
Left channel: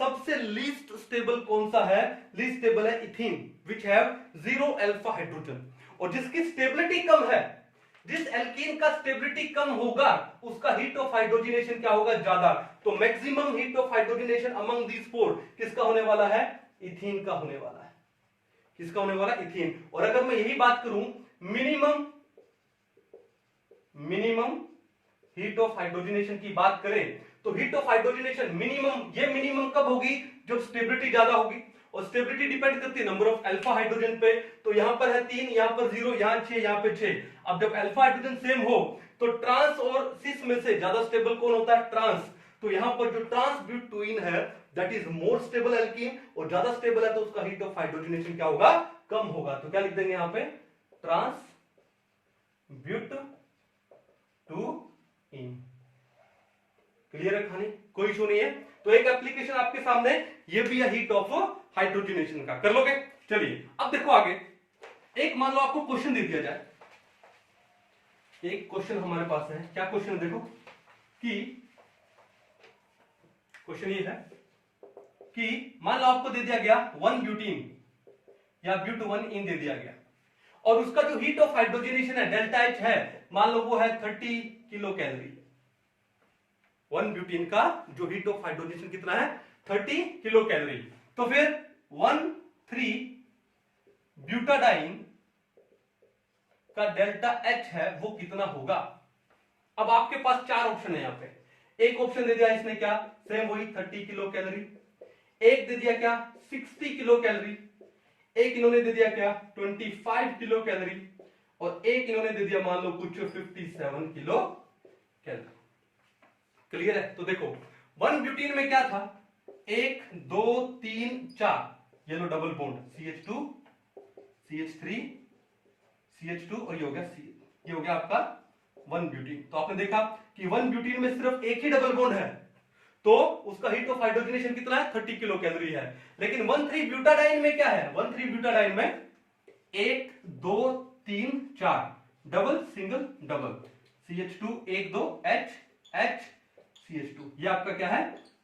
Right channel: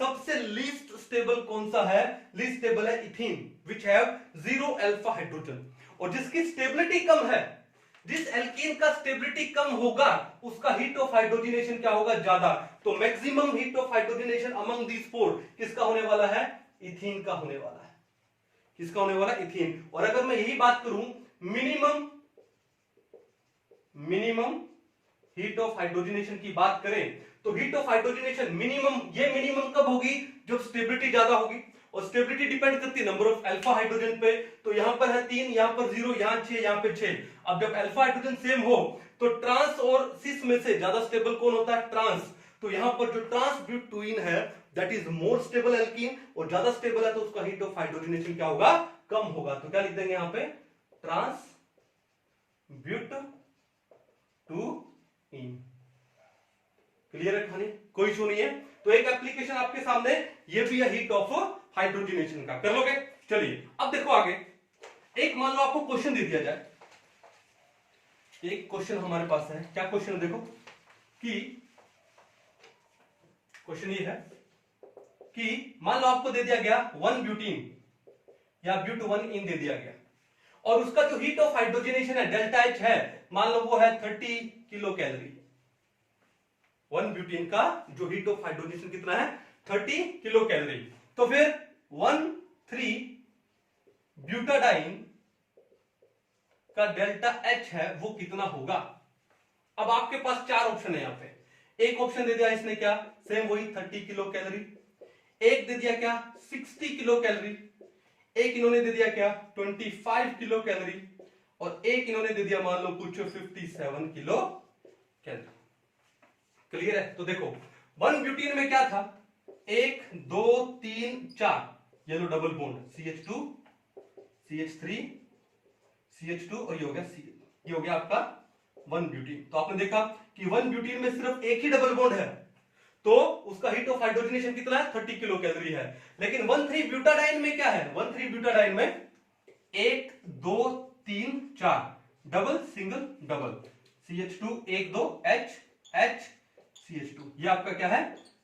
सबसे लीस्ट स्टेबल कौन सा है? लीस्ट स्टेबल है ethene, which have 0 alpha hydrogen. और जिसकी स्टेबिलिटी कम है, जिस एल्कीन का स्टेबिलिटी कम होगा उसका हीट ऑफ हाइड्रोजिनेशन क्या होगा? ज्यादा। तो maximum heat of hydrogenation among these 4 किसका होने वाला है? इथीन का होने वाला है। किसका होने वाला? इथीन। और अगर मैं यही बात करूं, मिनिमम हीट ऑफ हाइड्रोजिनेशन की बात करें, तो हीट ऑफ हाइड्रोजिनेशन मिनिमम, ये मिनिमम कब होगी? जब स्टेबिलिटी ज्यादा होगी। और स्टेबिलिटी डिपेंड करती है नंबर ऑफ अल्फा हाइड्रोजन पे। तो यहां पर है 3, यहां पर 0, यहां 6, यहां पे 6। अब जब अल्फा हाइड्रोजन सेम हो तो ट्रांस और सिस में से ज्यादा स्टेबल कौन होता है? ट्रांस। तो यहां पर जो ट्रांस ब्यूटटूइन है that is more stable alkene, और ज्यादा स्टेबल है तो उसका हीट ऑफ हाइड्रोजिनेशन क्या होगा? कम होगा। तो क्या लिख देंगे यहां पे? Trans butene two ene. Clear है खाने, कोई इशू नहीं है। तो एक एप्लीकेशन आपके सामने, ये भी है हीट ऑफ हाइड्रोजनेशन का, कर लोगे। चलिए अब देखो आगे, एक मान लो आपको क्वेश्चन दे दिया जाए, एक क्वेश्चन हमारे पास है, क्या क्वेश्चन देखो कि क्वेश्चन ये है कि मान लो आपको दे दिया गया 1 ब्यूटीन या ब्यूट 1 इन दे दिया गया, और उसका जो हीट ऑफ हाइड्रोजनेशन है डेल्टा एच है, मान लो वो है 30 किलो कैलोरी। 1 ब्यूटीन का जो हीट ऑफ हाइड्रोजनेशन कितना है, 30 किलो कैलोरी। तो फिर 1,3 ब्यूटाडाइन का डेल्टा एच है वो कितना होगा। अब आपके पास चार ऑप्शन है यहां पे। एक ऑप्शन दे दिया इसने क्या, सेम वही 30 किलो कैलोरी। एक दे दिया क्या 60 किलो कैलोरी। एक इन्होंने दे दिया क्या 25 किलो कैलोरी। और एक इन्होंने दे दिया मान लो कुछ 57 किलो कैलोरी। क्लियर है। तो देखो 1 ब्यूटीन में क्या था, 1 2 3 4, ये लो double bond CH2 CH3 CH2 और ये हो गया C, ये हो गया आपका 1 ब्यूटीन। तो आपने देखा कि 1 ब्यूटीन में सिर्फ एक ही डबल बॉन्ड है, तो उसका हीट ऑफ हाइड्रोजनेशन कितना है 30 किलो कैलोरी है। लेकिन 1,3 ब्यूटाडाइन में क्या है, 1,3 ब्यूटाडाइन में 1 2 3 4 double single double CH2 1 2 H H CH2, ये आपका क्या है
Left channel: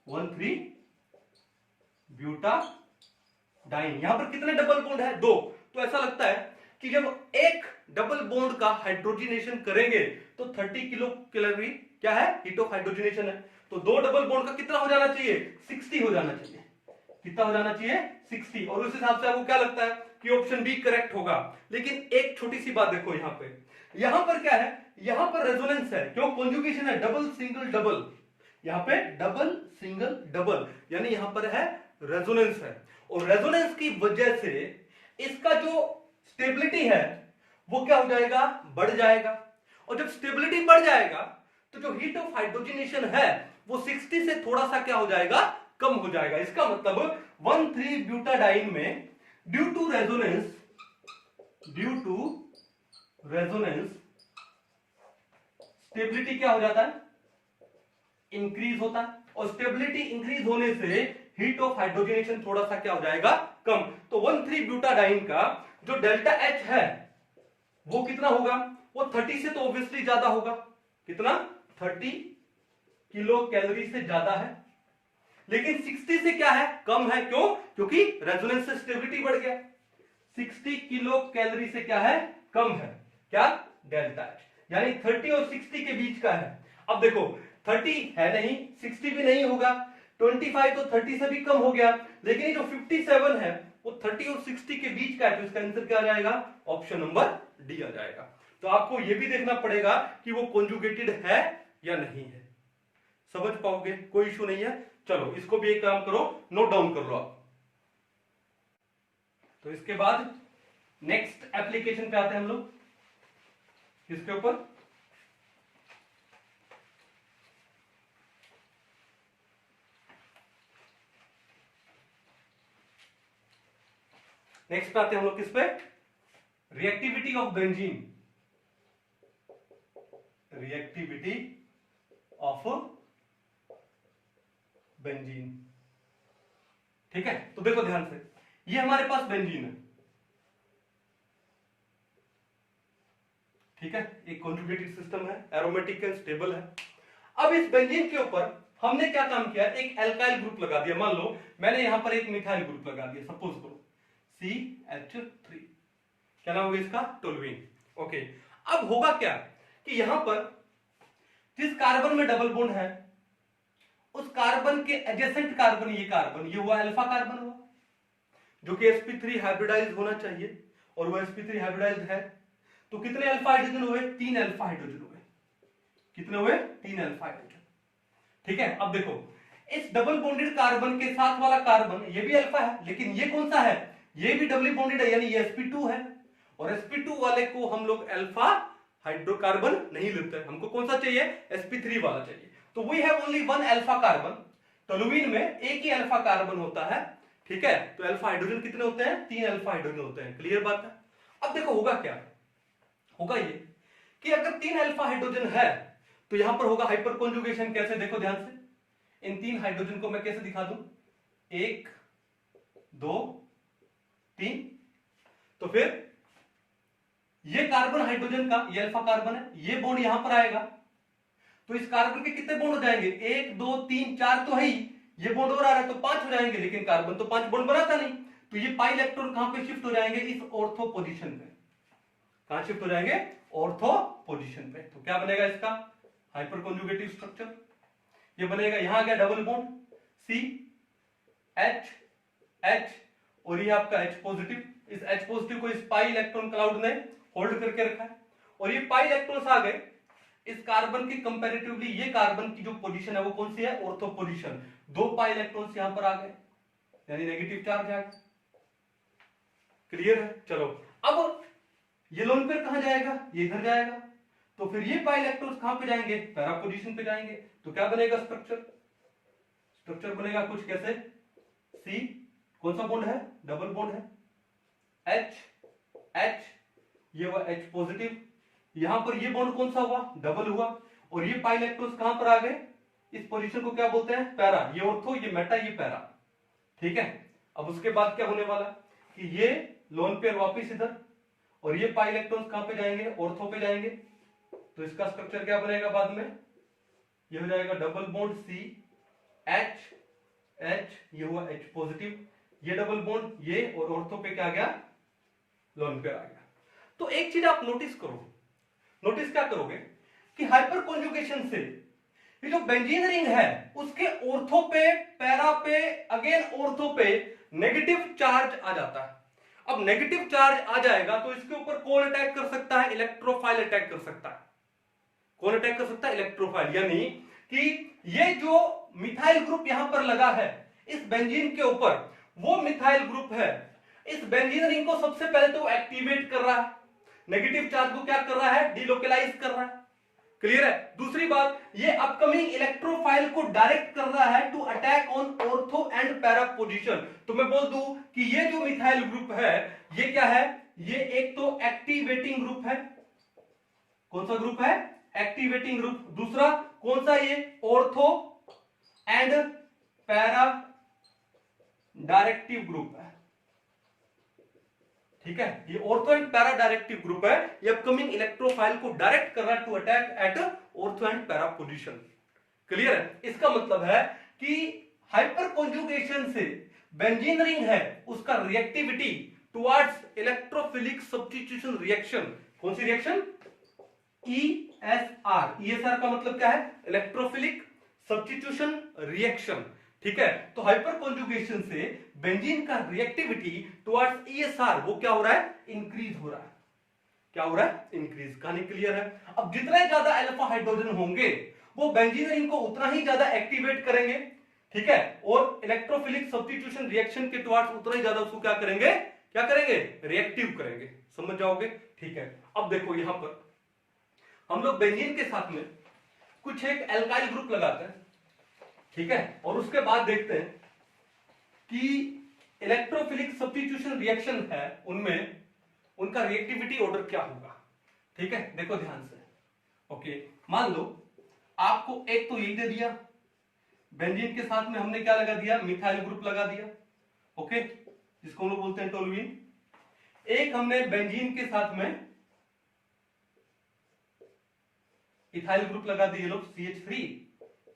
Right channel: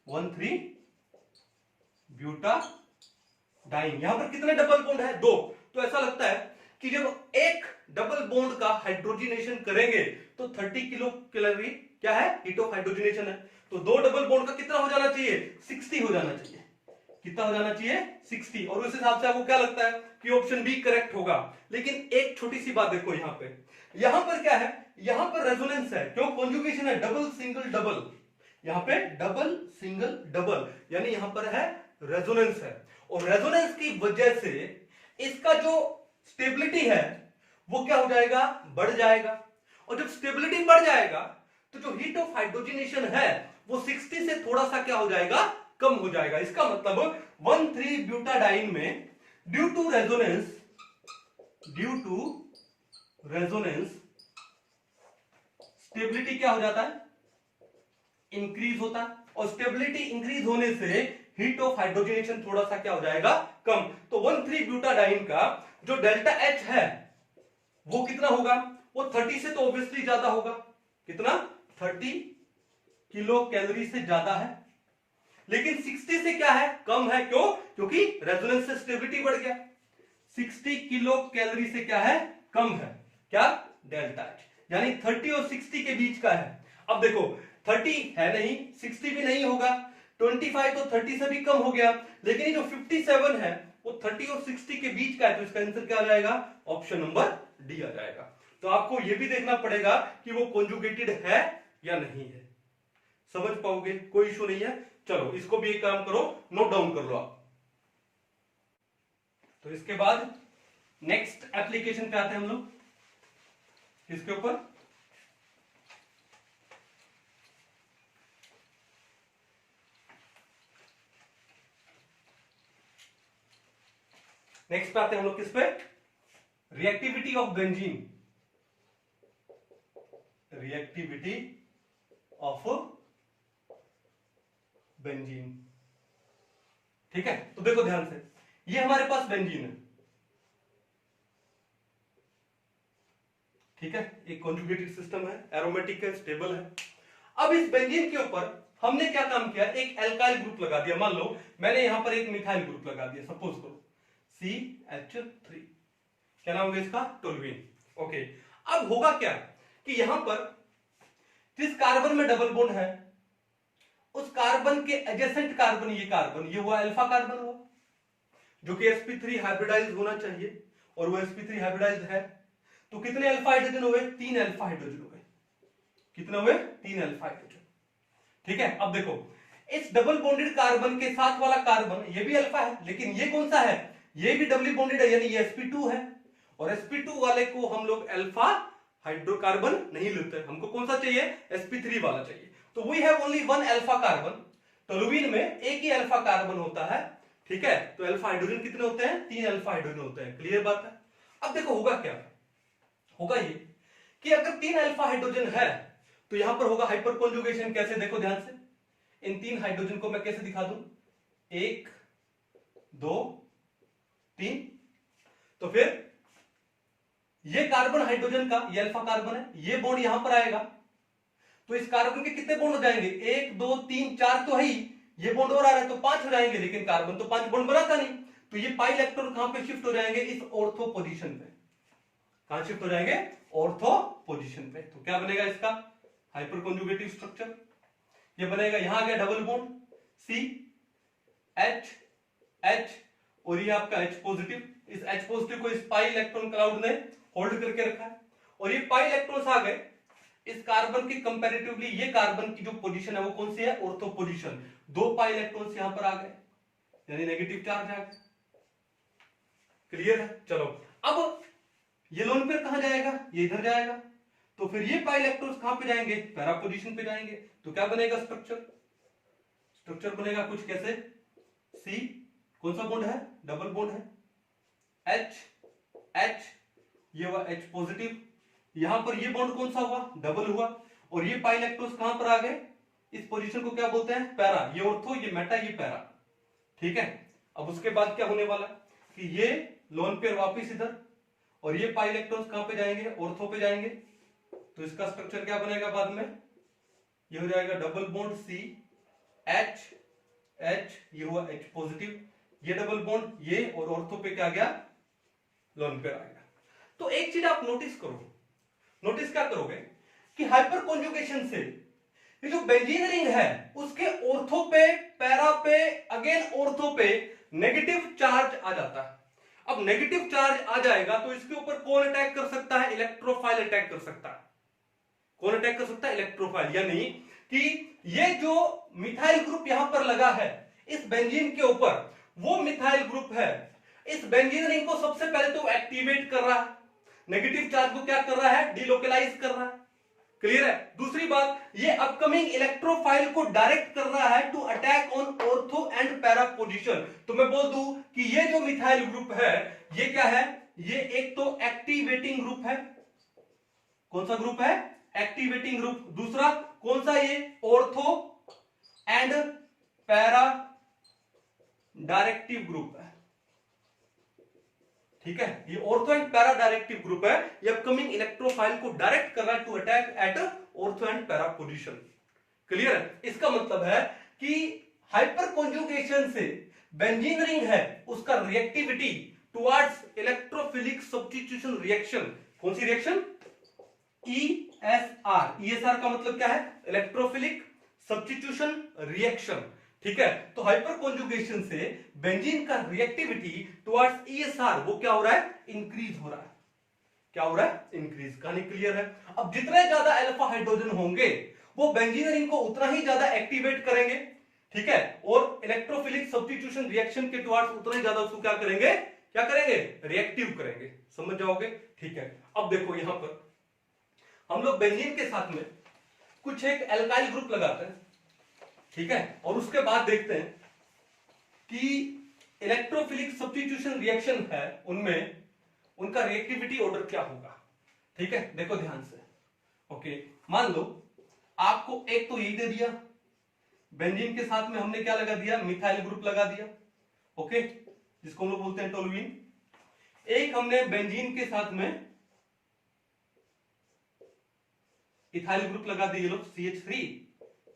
1,3 ब्यूटाडाइन। यहां पर कितने डबल बॉन्ड है, 2। तो ऐसा लगता है कि जब एक डबल बॉन्ड का हाइड्रोजनेशन करेंगे तो 30 किलो कैलोरी क्या है, हीट ऑफ हाइड्रोजनेशन है। तो 2 डबल बॉन्ड का कितना हो जाना चाहिए, 60 हो जाना चाहिए। कितना हो जाना चाहिए 60। और उस हिसाब से आपको क्या लगता है कि ऑप्शन बी करेक्ट होगा। लेकिन एक छोटी सी बात देखो यहां पर क्या है, यहां पर रेजोनेंस है, क्यों, कॉन्जुगेशन है डबल सिंगल डबल। यहां पे डबल सिंगल डबल यानी यहां पर है रेजोनेंस है, और रेजोनेंस की वजह से इसका जो स्टेबिलिटी है वो क्या हो जाएगा, बढ़ जाएगा। और जब स्टेबिलिटी बढ़ जाएगा तो जो हीट ऑफ हाइड्रोजनेशन है वो 60 से थोड़ा सा क्या हो जाएगा, कम हो जाएगा। इसका मतलब 1,3 ब्यूटाडाइन में ड्यू टू रेजोनेंस स्टेबिलिटी क्या हो जाता है, इंक्रीज होता है। और स्टेबिलिटी इंक्रीज होने से हीट ऑफ हाइड्रोजनेशन थोड़ा सा क्या हो जाएगा, कम। तो 1,3 ब्यूटाडाइन का जो डेल्टा एच है वो कितना होगा, वो 30 से तो ऑब्वियसली ज्यादा होगा। कितना, 30 किलो कैलोरी से ज्यादा है। लेकिन 60 से क्या है, कम है। क्यों, क्योंकि रेजोनेंस से स्टेबिलिटी बढ़ गया। 60 किलो कैलोरी से क्या है, कम है क्या, डेल्टा एच। यानी 30 और 60 के बीच का है। अब देखो 30 है नहीं, 60 भी नहीं होगा, 25 तो 30 से भी कम हो गया। लेकिन ये जो 57 है वो 30 और 60 के बीच का है, तो इसका आंसर क्या आ जाएगा, ऑप्शन नंबर डी आ जाएगा। तो आपको यह भी देखना पड़ेगा कि वो कॉन्जुगेटेड है या नहीं है। समझ पाओगे, कोई इशू नहीं है। चलो इसको भी एक काम करो, नोट डाउन कर लो आप। तो इसके बाद नेक्स्ट एप्लीकेशन पे आते हैं हम लोग, किसके ऊपर, नेक्स्ट आते हैं हम लोग किस पे, reactivity of benzene. Reactivity of benzene, ठीक है। तो देखो ध्यान से, ये हमारे पास बेंजीन है, ठीक है, एक कॉन्जुगेटेड सिस्टम है, एरोमेटिक है, स्टेबल है। अब इस बेंजीन के ऊपर हमने क्या काम किया, एक एल्काइल ग्रुप लगा दिया। मान लो मैंने यहां पर एक मिथाइल ग्रुप लगा दिया, सपोज करो CH3, क्या नाम होगा इसका, टोल्यूइन। ओके, अब होगा क्या कि यहां पर जिस कार्बन में डबल बॉन्ड है उस कार्बन के एडजेसेंट कार्बन, ये हुआ अल्फा कार्बन हुआ, जो कि sp3 हाइब्रिडाइज्ड होना चाहिए, और वो sp3 हाइब्रिडाइज्ड है। तो कितने अल्फा हाइड्रोजन हुए, 3 अल्फा हाइड्रोजन हुए। कितने हुए, 3 अल्फा हाइड्रोजन, ठीक है। अब देखो इस डबल बॉन्डेड कार्बन के साथ वाला कार्बन ये भी अल्फा है, लेकिन ये कौन सा है, ये भी डबल बॉन्डेड है, यानी ये sp2 है। और sp2 वाले को हम लोग अल्फा हाइड्रोकार्बन नहीं लेते, हमको कौन सा चाहिए, sp3 वाला चाहिए। तो we have only 1 alpha carbon, toluene में एक ही अल्फा कार्बन होता है, ठीक है। तो अल्फा हाइड्रोजन कितने होते हैं, 3 अल्फा हाइड्रोजन होते हैं। क्लियर बात है। अब देखो होगा क्या, होगा ये कि अगर 3 अल्फा हाइड्रोजन है तो यहां पर होगा हाइपर कॉन्जुगेशन। कैसे, देखो ध्यान से, इन 3 हाइड्रोजन को मैं कैसे दिखा दूं, 1 2 3। तो फिर ये कार्बन हाइड्रोजन का, ये अल्फा कार्बन है, ये बॉन्ड यहां पर आएगा, तो इस कार्बन के कितने बॉन्ड हो जाएंगे, 1 2 3 4 तो है ही, ये बॉन्ड और आ रहा है तो 5 हो जाएंगे, लेकिन कार्बन तो 5 बॉन्ड बनाता नहीं, तो ये पाई इलेक्ट्रॉन कहां पे शिफ्ट हो जाएंगे, इस ऑर्थो पोजीशन पे। कहां शिफ्ट हो जाएंगे, ऑर्थो पोजीशन पे। तो क्या बनेगा इसका हाइपर कॉन्जुगेटिव स्ट्रक्चर, ये बनेगा, यहां आ गया double bond C H H, और ये आपका H पॉजिटिव, इस H पॉजिटिव को इस पाई इलेक्ट्रॉन क्लाउड ने होल्ड करके रखा है, और ये पाई इलेक्ट्रॉन्स आ गए इस कार्बन के कंपैरेटिवली, ये कार्बन की जो पोजीशन है वो कौन सी है, ऑर्थो पोजीशन। 2 पाई इलेक्ट्रॉन्स यहां पर आ गए, यानी नेगेटिव चार्ज आ गया। क्लियर है, चलो अब ये लोन पेयर कहां जाएगा, ये इधर जाएगा, तो फिर ये पाई इलेक्ट्रॉन्स कहां पे जाएंगे, पैरा पोजीशन पे जाएंगे। तो क्या बनेगा स्ट्रक्चर, स्ट्रक्चर बनेगा कुछ कैसे, सी कौन सा बॉन्ड है, डबल बॉन्ड है, H H, ये हुआ H पॉजिटिव, यहां पर ये बॉन्ड कौन सा हुआ, डबल हुआ, और ये पाई इलेक्ट्रॉन्स कहां पर आ गए, इस पोजीशन को क्या बोलते हैं, पैरा, ये ऑर्थो, ये मेटा, ये पैरा। ठीक है, अब उसके बाद क्या होने वाला कि ये लोन पेयर वापस इधर, और ये पाई इलेक्ट्रॉन्स कहां पे जाएंगे, ऑर्थो पे जाएंगे, तो इसका स्ट्रक्चर क्या बनेगा बाद में, ये हो जाएगा double bond C H H, ये हुआ H पॉजिटिव, ये डबल बॉन्ड, ये और ऑर्थो पे क्या गया, लोन पेयर आ गया। तो एक चीज आप नोटिस करो, नोटिस क्या करोगे कि हाइपर कॉन्जुगेशन से ये जो बेंजीन रिंग है उसके ऑर्थो पे, पैरा पे, अगेन ऑर्थो पे नेगेटिव चार्ज आ जाता है। अब नेगेटिव चार्ज आ जाएगा तो इसके ऊपर कौन अटैक कर सकता है, इलेक्ट्रोफाइल अटैक कर सकता है। कौन अटैक कर सकता है, इलेक्ट्रोफाइल, यानी कि ये जो मिथाइल ग्रुप यहां पर लगा है इस बेंजीन के ऊपर, वो मिथाइल ग्रुप है, इस बेंजीन रिंग को सबसे पहले तो एक्टिवेट कर रहा है, नेगेटिव चार्ज को क्या कर रहा है, डिलोकलाइज कर रहा है। क्लियर है, दूसरी बात, ये अपकमिंग इलेक्ट्रोफाइल को डायरेक्ट कर रहा है to attack on ortho and para position. तो मैं बोल दूं कि ये जो मिथाइल ग्रुप है ये क्या है, ये एक तो एक्टिवेटिंग ग्रुप है, कौन सा ग्रुप है, एक्टिवेटिंग ग्रुप, दूसरा कौन सा, ये ortho and para directive group है। ठीक है, ये ortho and para directive group है, ये अपकमिंग इलेक्ट्रोफाइल को डायरेक्ट कर रहा है to attack at ortho and para position. Clear है, इसका मतलब है कि हाइपर कॉन्जुगेशन से बेंजीन रिंग है उसका reactivity towards electrophilic substitution reaction, कौन सी रिएक्शन, ESR। ESR का मतलब क्या है, इलेक्ट्रोफिलिक सब्स्टिट्यूशन रिएक्शन। ठीक है, तो हाइपर कॉन्जुगेशन से बेंजीन का रिएक्टिविटी टुवर्ड्स ESR वो क्या हो रहा है, इंक्रीज हो रहा है। क्या हो रहा है, इंक्रीज। कहानी क्लियर है। अब जितने ज्यादा अल्फा हाइड्रोजन होंगे वो बेंजीन रिंग को उतना ही ज्यादा एक्टिवेट करेंगे। ठीक है, और इलेक्ट्रोफिलिक सब्स्टिट्यूशन रिएक्शन के टुवर्ड्स उतना ही ज्यादा उसको क्या करेंगे, क्या करेंगे, रिएक्टिव करेंगे। समझ जाओगे। ठीक है, अब देखो यहां पर हम लोग बेंजीन के साथ में कुछ एक एल्काइल ग्रुप लगाते हैं। ठीक है, और उसके बाद देखते हैं कि इलेक्ट्रोफिलिक सब्स्टिट्यूशन रिएक्शन है उनमें उनका रिएक्टिविटी ऑर्डर क्या होगा। ठीक है, देखो ध्यान से। ओके, मान लो आपको एक तो यही दे दिया, बेंजीन के साथ में हमने क्या लगा दिया, मिथाइल ग्रुप लगा दिया। ओके, जिसको हम लोग बोलते हैं टोलुइन। एक हमने बेंजीन के साथ में इथाइल ग्रुप लगा दिए लोग, CH3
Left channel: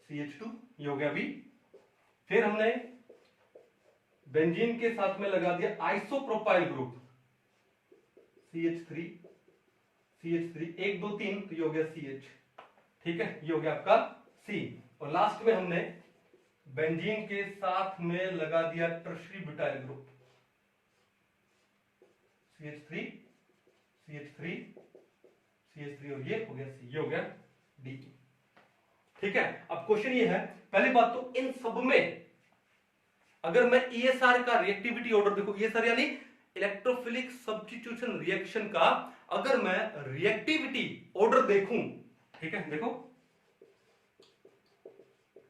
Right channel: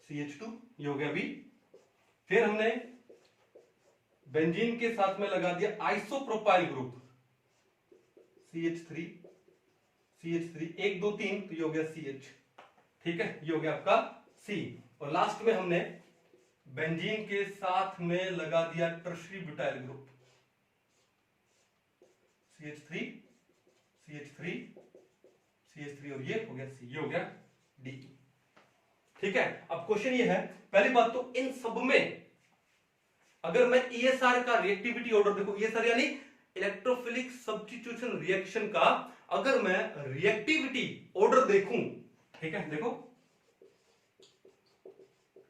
CH2, ये हो गया अभी। फिर हमने बेंजीन के साथ में लगा दिया आइसोप्रोपाइल ग्रुप, CH3 CH3, 1 2 3, तो ये हो गया CH। ठीक है, ये हो गया आपका C। और लास्ट में हमने बेंजीन के साथ में लगा दिया tertiary butyl group, CH3 CH3 CH3, और ये हो गया C, ये हो गया D। ठीक है, अब क्वेश्चन ये है, पहली बात तो इन सब में अगर मैं ESR का रिएक्टिविटी ऑर्डर देखो, ESR यानी इलेक्ट्रोफिलिक सब्स्टिट्यूशन रिएक्शन का अगर मैं रिएक्टिविटी ऑर्डर देखूं, ठीक है, देखो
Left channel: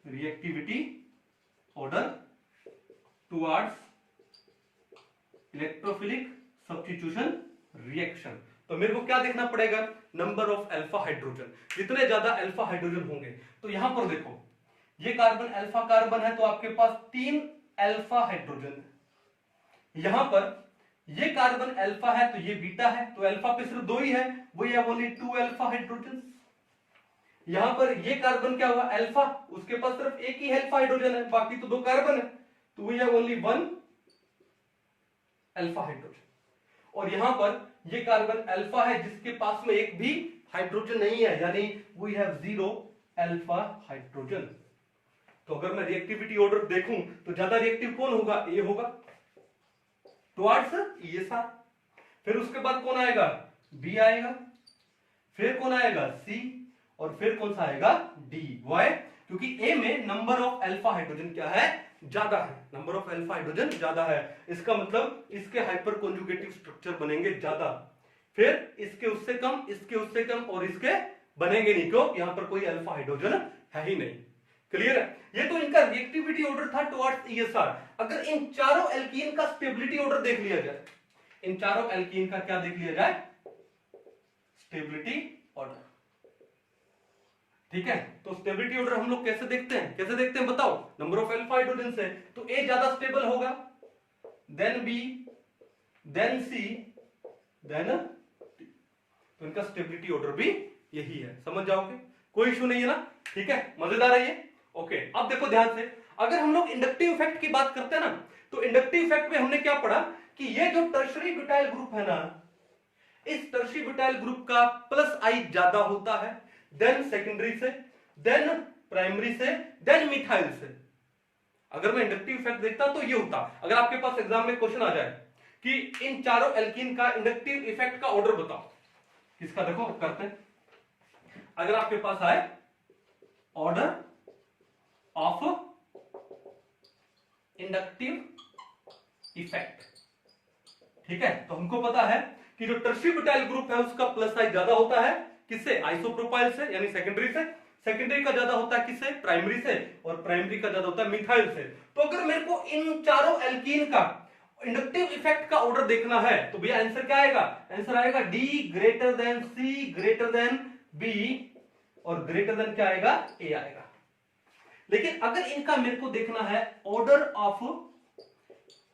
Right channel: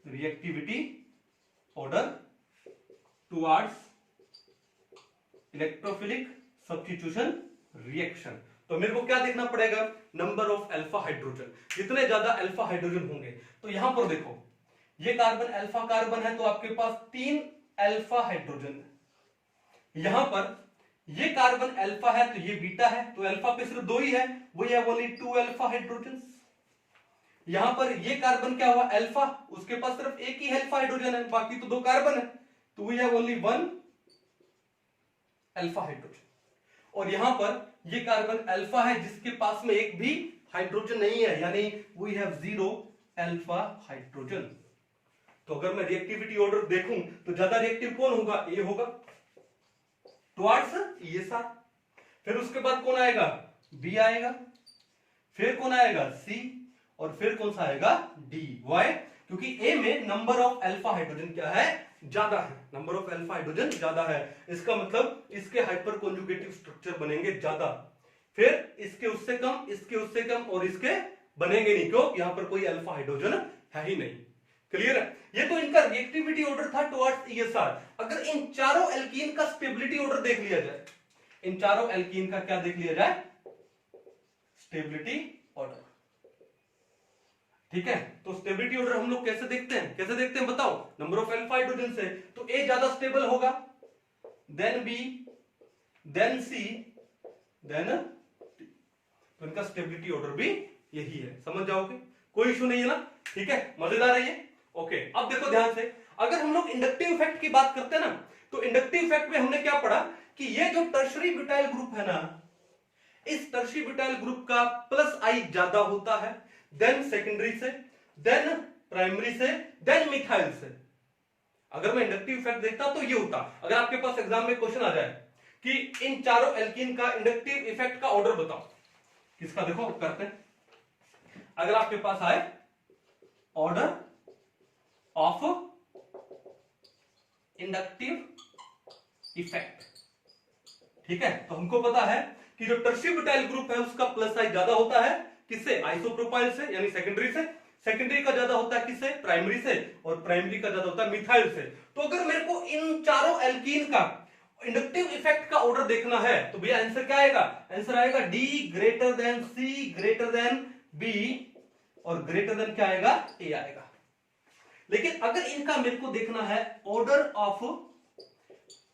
reactivity order towards electrophilic substitution reaction, तो मेरे को क्या देखना पड़ेगा, नंबर ऑफ अल्फा हाइड्रोजन, जितने ज्यादा अल्फा हाइड्रोजन होंगे। तो यहां पर देखो ये कार्बन अल्फा कार्बन है तो आपके पास 3 अल्फा हाइड्रोजन है। यहां पर ये कार्बन अल्फा है तो ये बीटा है, तो अल्फा पे सिर्फ 2 ही है, वही है ओनली 2 अल्फा हाइड्रोजन। यहां पर ये कार्बन क्या हुआ अल्फा, उसके पास सिर्फ एक ही अल्फा हाइड्रोजन है, बाकी तो 2 कार्बन है, तो वही है ओनली 1 अल्फा हाइड्रोजन। और यहां पर ये कार्बन अल्फा है जिसके पास में एक भी हाइड्रोजन नहीं है, यानी वी हैव 0 अल्फा हाइड्रोजन। तो अगर मैं रिएक्टिविटी ऑर्डर देखूं तो ज्यादा रिएक्टिव कौन होगा, ए होगा टुवर्ड्स ESR। फिर उसके बाद कौन आएगा, बी आएगा, फिर कौन आएगा, सी, और फिर कौन सा आएगा, डी। वाई, क्योंकि ए में नंबर ऑफ अल्फा हाइड्रोजन क्या है, ज्यादा है, नंबर ऑफ अल्फा हाइड्रोजन ज्यादा है, इसका मतलब इसके हाइपर कॉन्जुगेटिव स्ट्रक्चर बनेंगे ज्यादा, फिर इसके उससे कम, इसके उससे कम, और इसके बनेंगे नहीं, क्यों, यहां पर कोई अल्फा हाइड्रोजन है ही नहीं। क्लियर है, ये तो इनका रिएक्टिविटी ऑर्डर था टुवर्ड्स ESR। अगर इन चारों एल्कीन का स्टेबिलिटी ऑर्डर देख लिया जाए, इन चारों एल्कीन का क्या देख लिया जाए, स्टेबिलिटी ऑर्डर, ठीक है। तो स्टेबिलिटी ऑर्डर हम लोग कैसे देखते हैं, कैसे देखते हैं बताओ, नंबर ऑफ अल्फा हाइड्रोजन से, तो ए ज्यादा स्टेबल होगा, देन बी, देन सी, देन डी। तो इनका स्टेबिलिटी ऑर्डर भी यही है, समझ जाओगे, कोई इशू नहीं है ना, ठीक है, मजेदार है ये। ओके, अब देखो ध्यान से, अगर हम लोग इंडक्टिव इफेक्ट की बात करते हैं ना, तो इंडक्टिव इफेक्ट में हमने क्या पढ़ा कि ये जो टर्शरी ब्यूटाइल ग्रुप है ना, इस टर्शरी ब्यूटाइल ग्रुप का प्लस आई ज्यादा होता है देन सेकेंडरी से, देन प्राइमरी से, देन मिथाइल से। अगर मैं इंडक्टिव इफेक्ट देखता तो ये होता। अगर आपके पास एग्जाम में क्वेश्चन आ जाए कि इन चारों एल्कीन का इंडक्टिव इफेक्ट का ऑर्डर बताओ, किसका, देखो करते हैं, अगर आपके पास आए ऑर्डर ऑफ इंडक्टिव इफेक्ट, ठीक है, तो हमको पता है कि जो टर्शरी ब्यूटाइल ग्रुप है उसका प्लस साइज ज्यादा होता है किससे, आइसोप्रोपाइल से, यानी सेकेंडरी से, सेकेंडरी का ज्यादा होता है किससे, प्राइमरी से, और प्राइमरी का ज्यादा होता है मिथाइल से। तो अगर मेरे को इन चारों एल्कीन का इंडक्टिव इफेक्ट का ऑर्डर देखना है तो भैया आंसर क्या आएगा, आंसर आएगा D greater than C greater than B और ग्रेटर देन क्या आएगा, ए आएगा। लेकिन अगर इनका मेरे को देखना है order of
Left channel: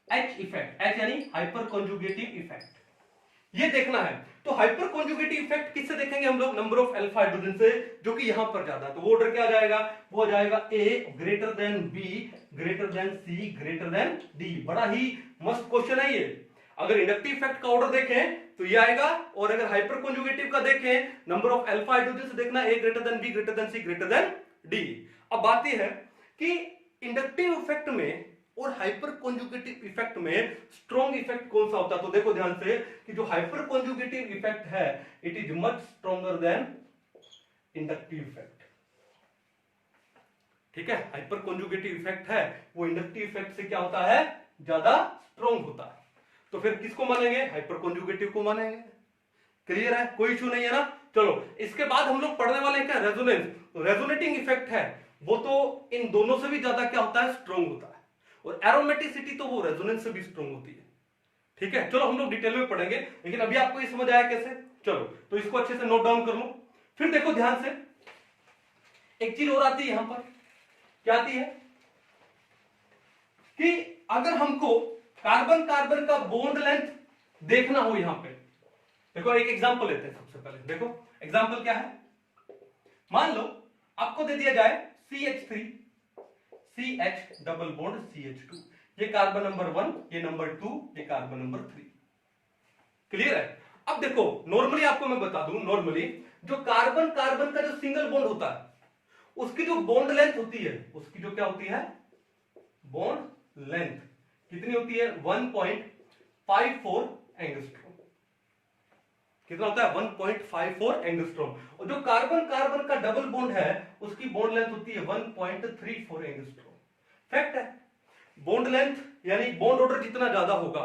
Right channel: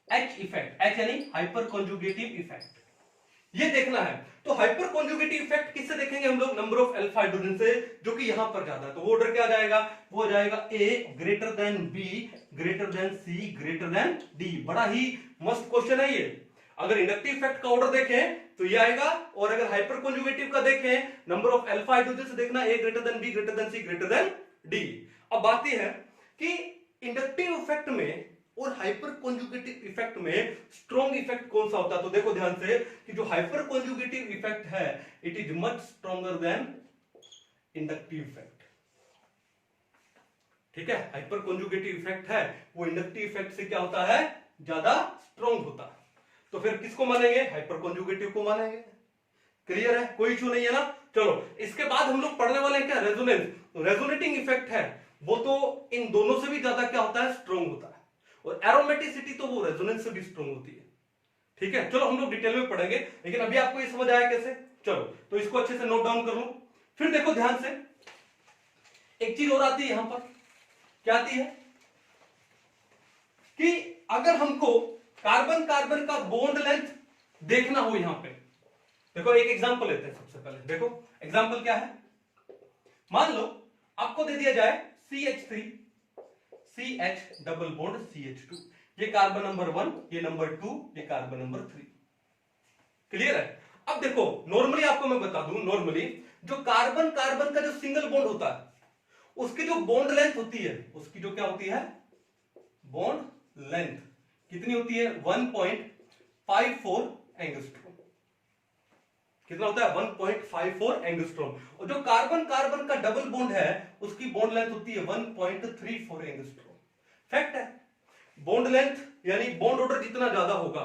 H effect, H यानी हाइपर कॉन्जुगेटिव इफेक्ट, ये देखना है, तो हाइपर कॉन्जुगेटिव इफेक्ट किससे देखेंगे हम लोग, नंबर ऑफ अल्फा हाइड्रोजन से, जो कि यहां पर ज्यादा, तो वो ऑर्डर क्या जाएगा, वो जाएगा A greater than B greater than C greater than D. बड़ा ही मस्त क्वेश्चन है ये। अगर इंडक्टिव इफेक्ट का ऑर्डर देखें तो ये आएगा, और अगर हाइपर कॉन्जुगेटिव का देखें, नंबर ऑफ अल्फा हाइड्रोजन से देखना A greater than B greater than C greater than D. अब बात यह है कि इंडक्टिव इफेक्ट में और हाइपर कॉन्जुगेटिव इफेक्ट में स्ट्रॉन्ग इफेक्ट कौन सा होता है, तो देखो ध्यान से कि जो हाइपर कॉन्जुगेटिव इफेक्ट है it is much stronger than inductive effect, ठीक है। हाइपर कॉन्जुगेटिव इफेक्ट है वो इंडक्टिव इफेक्ट से क्या होता है, ज्यादा स्ट्रॉन्ग होता है। तो फिर किसको मानेंगे, हाइपर कॉन्जुगेटिव को मानेंगे। क्लियर है, कोई इशू नहीं है ना। चलो इसके बाद हम लोग पढ़ने वाले हैं क्या, रेजोनेंस। रेजोनेटिंग इफेक्ट है वो तो इन दोनों से भी ज्यादा क्या होता है, स्ट्रॉन्ग होता है, और एरोमेटिसिटी तो वो रेजोनेंस से भी स्ट्रॉन्ग होती है, ठीक है। चलो हम लोग डिटेल में पढ़ेंगे, लेकिन अभी आपको ये समझ आया कैसे, चलो तो इसको अच्छे से नोट डाउन कर लो। फिर देखो ध्यान से, एक चीज और आती है यहां पर, क्या आती है कि अगर हमको कार्बन कार्बन का बॉन्ड लेंथ देखना हो, यहां पे देखो एक एग्जांपल लेते हैं। सबसे पहले देखो एग्जांपल क्या है, मान लो आपको दे दिया जाए CH3 CH double bond CH2, ये कार्बन नंबर 1, ये नंबर 2, ये कार्बन नंबर 3। क्लियर है। अब देखो नॉर्मली आपको मैं बता दूं, नॉर्मली जो कार्बन कार्बन का जो सिंगल बॉन्ड होता है उसकी जो बॉन्ड लेंथ होती है, उसकी जो क्या होती है, बॉन्ड लेंथ कितनी होती है, 1.54 एंगस्ट्रॉम। कितना होता है, 1.54 एंगस्ट्रॉम। और जो कार्बन कार्बन का डबल बॉन्ड है उसकी बॉन्ड लेंथ होती है 1.34 एंगस्ट्रॉम। फैक्ट है, बॉन्ड लेंथ यानी बॉन्ड ऑर्डर जितना ज्यादा होगा